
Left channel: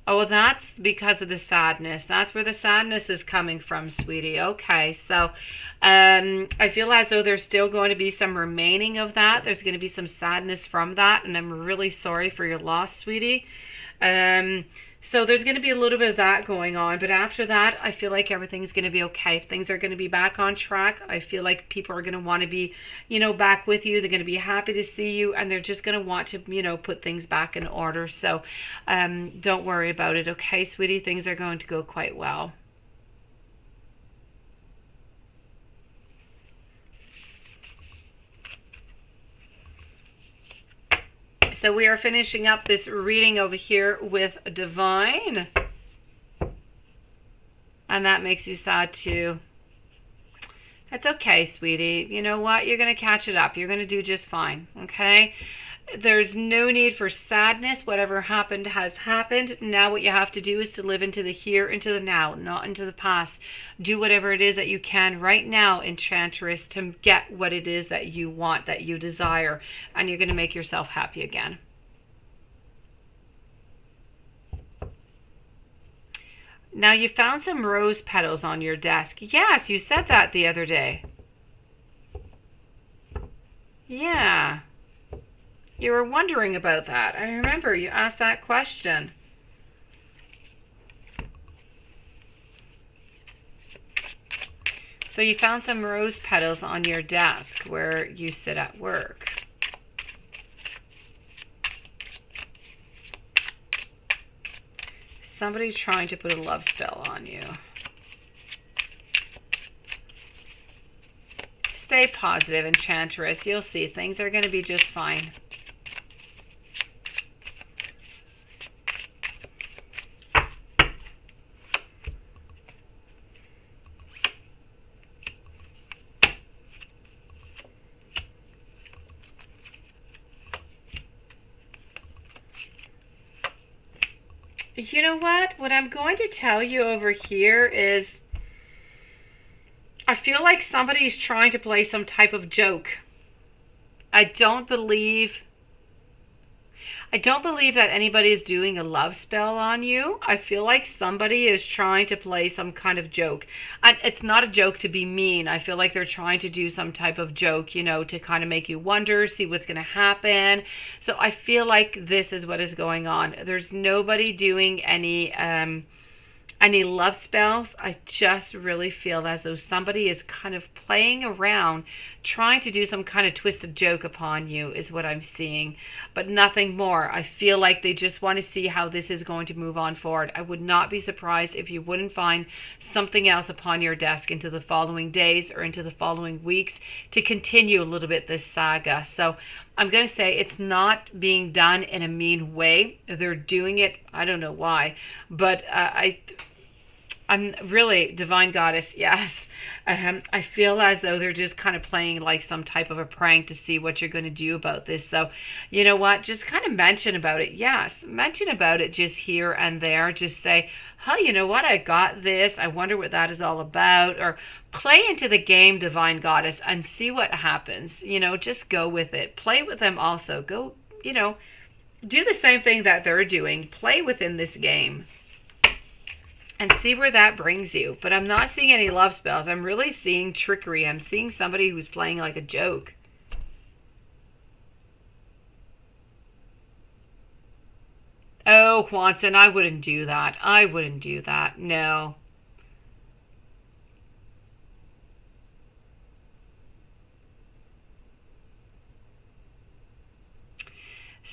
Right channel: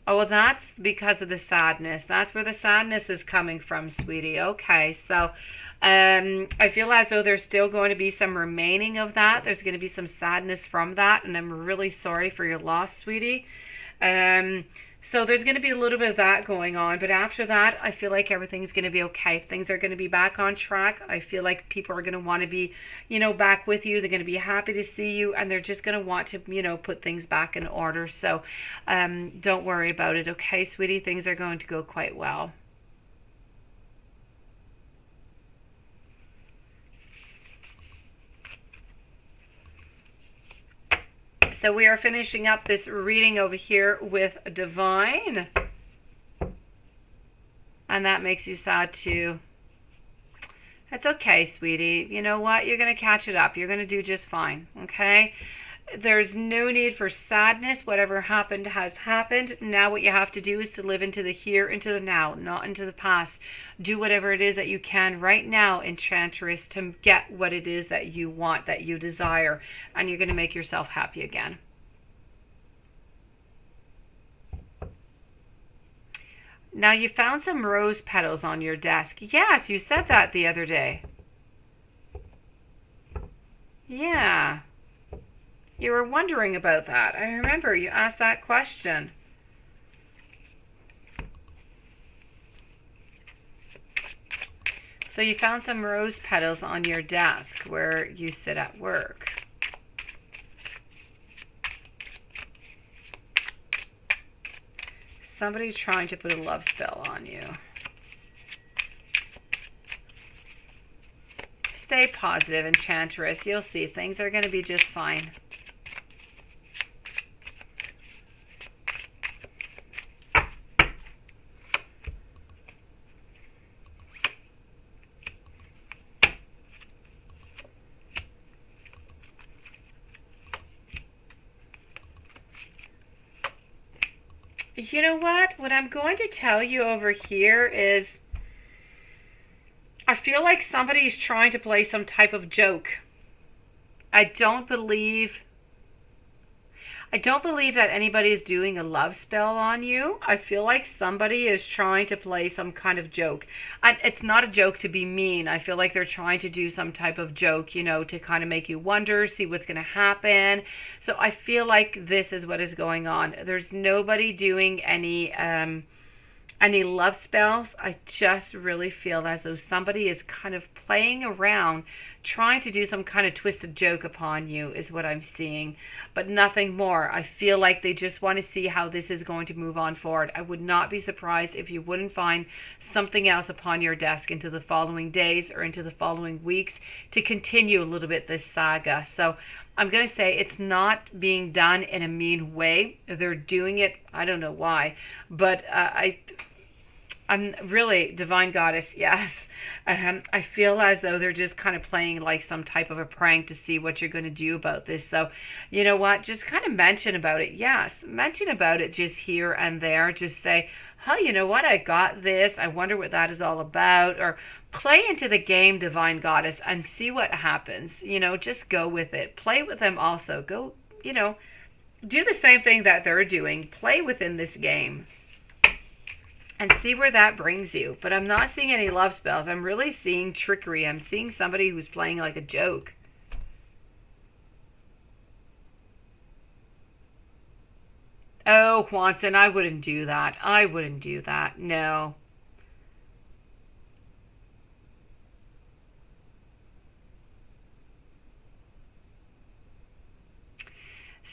Oh, well, that's because of the sadness. That's where the sadness is coming from, sweetie. Okay, so I feel as though there's still going to be some remaining of that. There's going to be some sadness from that, and I'm really sorry for your loss, sweetie. So there's going to be a little bit of that going on, but after that, I feel like everything's going to be okay. Things are going to be back on track. I feel like people are going to want to be, you know, back with you. They're going to be happy to see you, and they're just going to want to, you know, put things back in order. So don't worry about it, okay, sweetie? Things are going to go quite well. So we are finishing up this reading over here with Divine. And that makes you sad too. That's okay, sweetie. You know what? You're going to catch it up. You're going to do just fine, okay? There's no need for sadness. Whatever happened has happened. Now what you have to do is to live into the here, into the now, not into the past. Do whatever it is that you can right now, Enchantress, to get what it is that you want, that you desire. And you're going to make yourself happy again. Now you found some rose petals on your desk. Yes, you said that the other day. Yeah. You were wondering about that. I remember you asked that question. So you found some rose petals on your desk where you sit at work. Somebody trying to put a love spell on you. Stay positive, Enchantress. You'll see things are going to be just fine. You know what I'm going to tell you over here is I feel like somebody's trying to play some type of joke. I don't believe that anybody is doing a love spell on you. I feel like somebody is trying to play some kind of joke. And it's not a joke to be mean. I feel like they're trying to do some type of joke, you know, to kind of make you wonder, see what's going to happen. So I feel like this is what is going on. There's nobody doing any love spells. I just really feel as though somebody is kind of playing around, trying to do some kind of twisted joke upon you is what I'm seeing, but nothing more. I feel like they just want to see how this is going to move on forward. I would not be surprised if you wouldn't find something else upon your desk into the following days or into the following weeks to continue a little bit this saga. So I'm going to say it's not being done in a mean way. They're doing it, I don't know why, but I'm really, Divine Goddess, yes. I feel as though they're just kind of playing like some type of a prank to see what you're going to do about this. So, you know what? Just kind of mention about it. Yes, mention about it just here and there. Just say, oh, you know what? I got this. I wonder what that is all about. Or play into the game, Divine Goddess, and see what happens. You know, just go with it. Play with them also. Go, you know, do the same thing that they're doing. Play within this game. And see where that brings you. But I'm not seeing any love spells. I'm really seeing trickery. I'm seeing somebody who's playing like a joke. Oh, Juanson, I wouldn't do that. I wouldn't do that. No.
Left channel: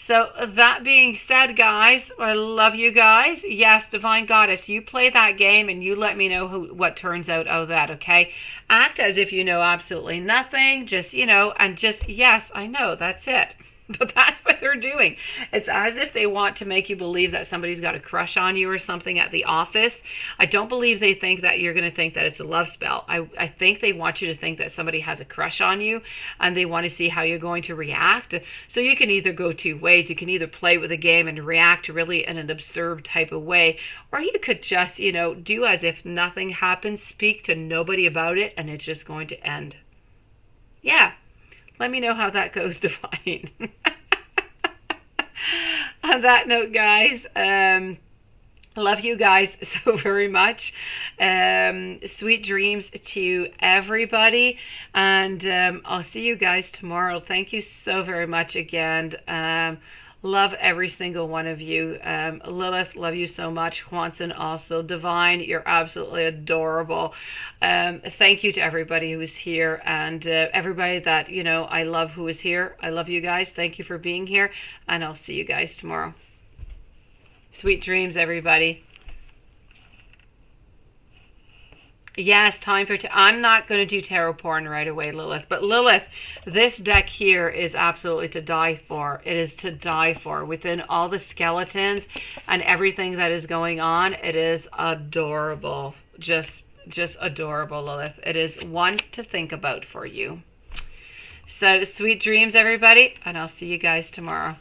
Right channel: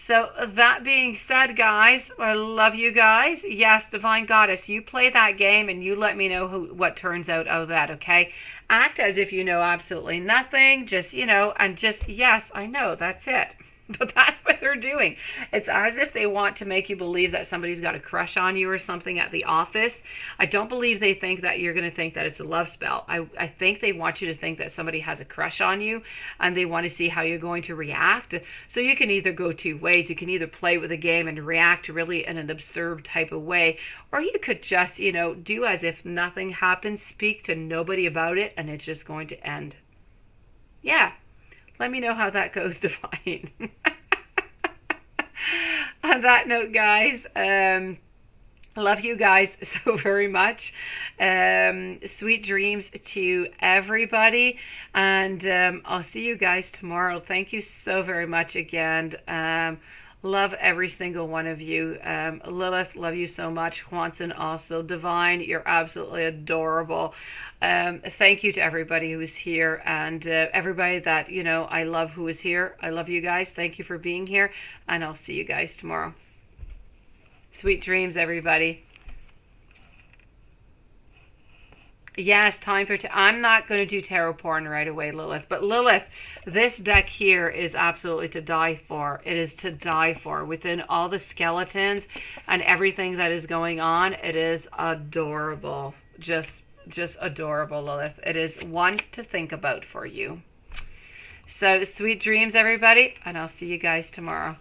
So that being said, guys, I love you guys. Yes, Divine Goddess, you play that game and you let me know what turns out of that, okay? Act as if you know absolutely nothing. Just, you know, and just, yes, I know, that's it. But that's what they're doing. It's as if they want to make you believe that somebody's got a crush on you or something at the office. I don't believe they think that you're going to think that it's a love spell. I think they want you to think that somebody has a crush on you and they want to see how you're going to react. So you can either go two ways. You can either play with the game and react really in an absurd type of way, or you could just, you know, do as if nothing happened, speak to nobody about it, and it's just going to end. Yeah. Let me know how that goes, Divine. On that note, guys, love you guys so very much. Sweet dreams to everybody. And I'll see you guys tomorrow. Thank you so very much again. Love every single one of you. Lilith, love you so much. Juanson also. Divine, you're absolutely adorable. Thank you to everybody who is here and everybody that, you know, I love who is here. I love you guys. Thank you for being here. And I'll see you guys tomorrow. Sweet dreams, everybody. Yes, time for... I'm not going to do tarot porn right away, Lilith. But Lilith, this deck here is absolutely to die for. It is to die for. Within all the skeletons and everything that is going on, it is adorable. Just adorable, Lilith. It is one to think about for you. So, sweet dreams, everybody. And I'll see you guys tomorrow.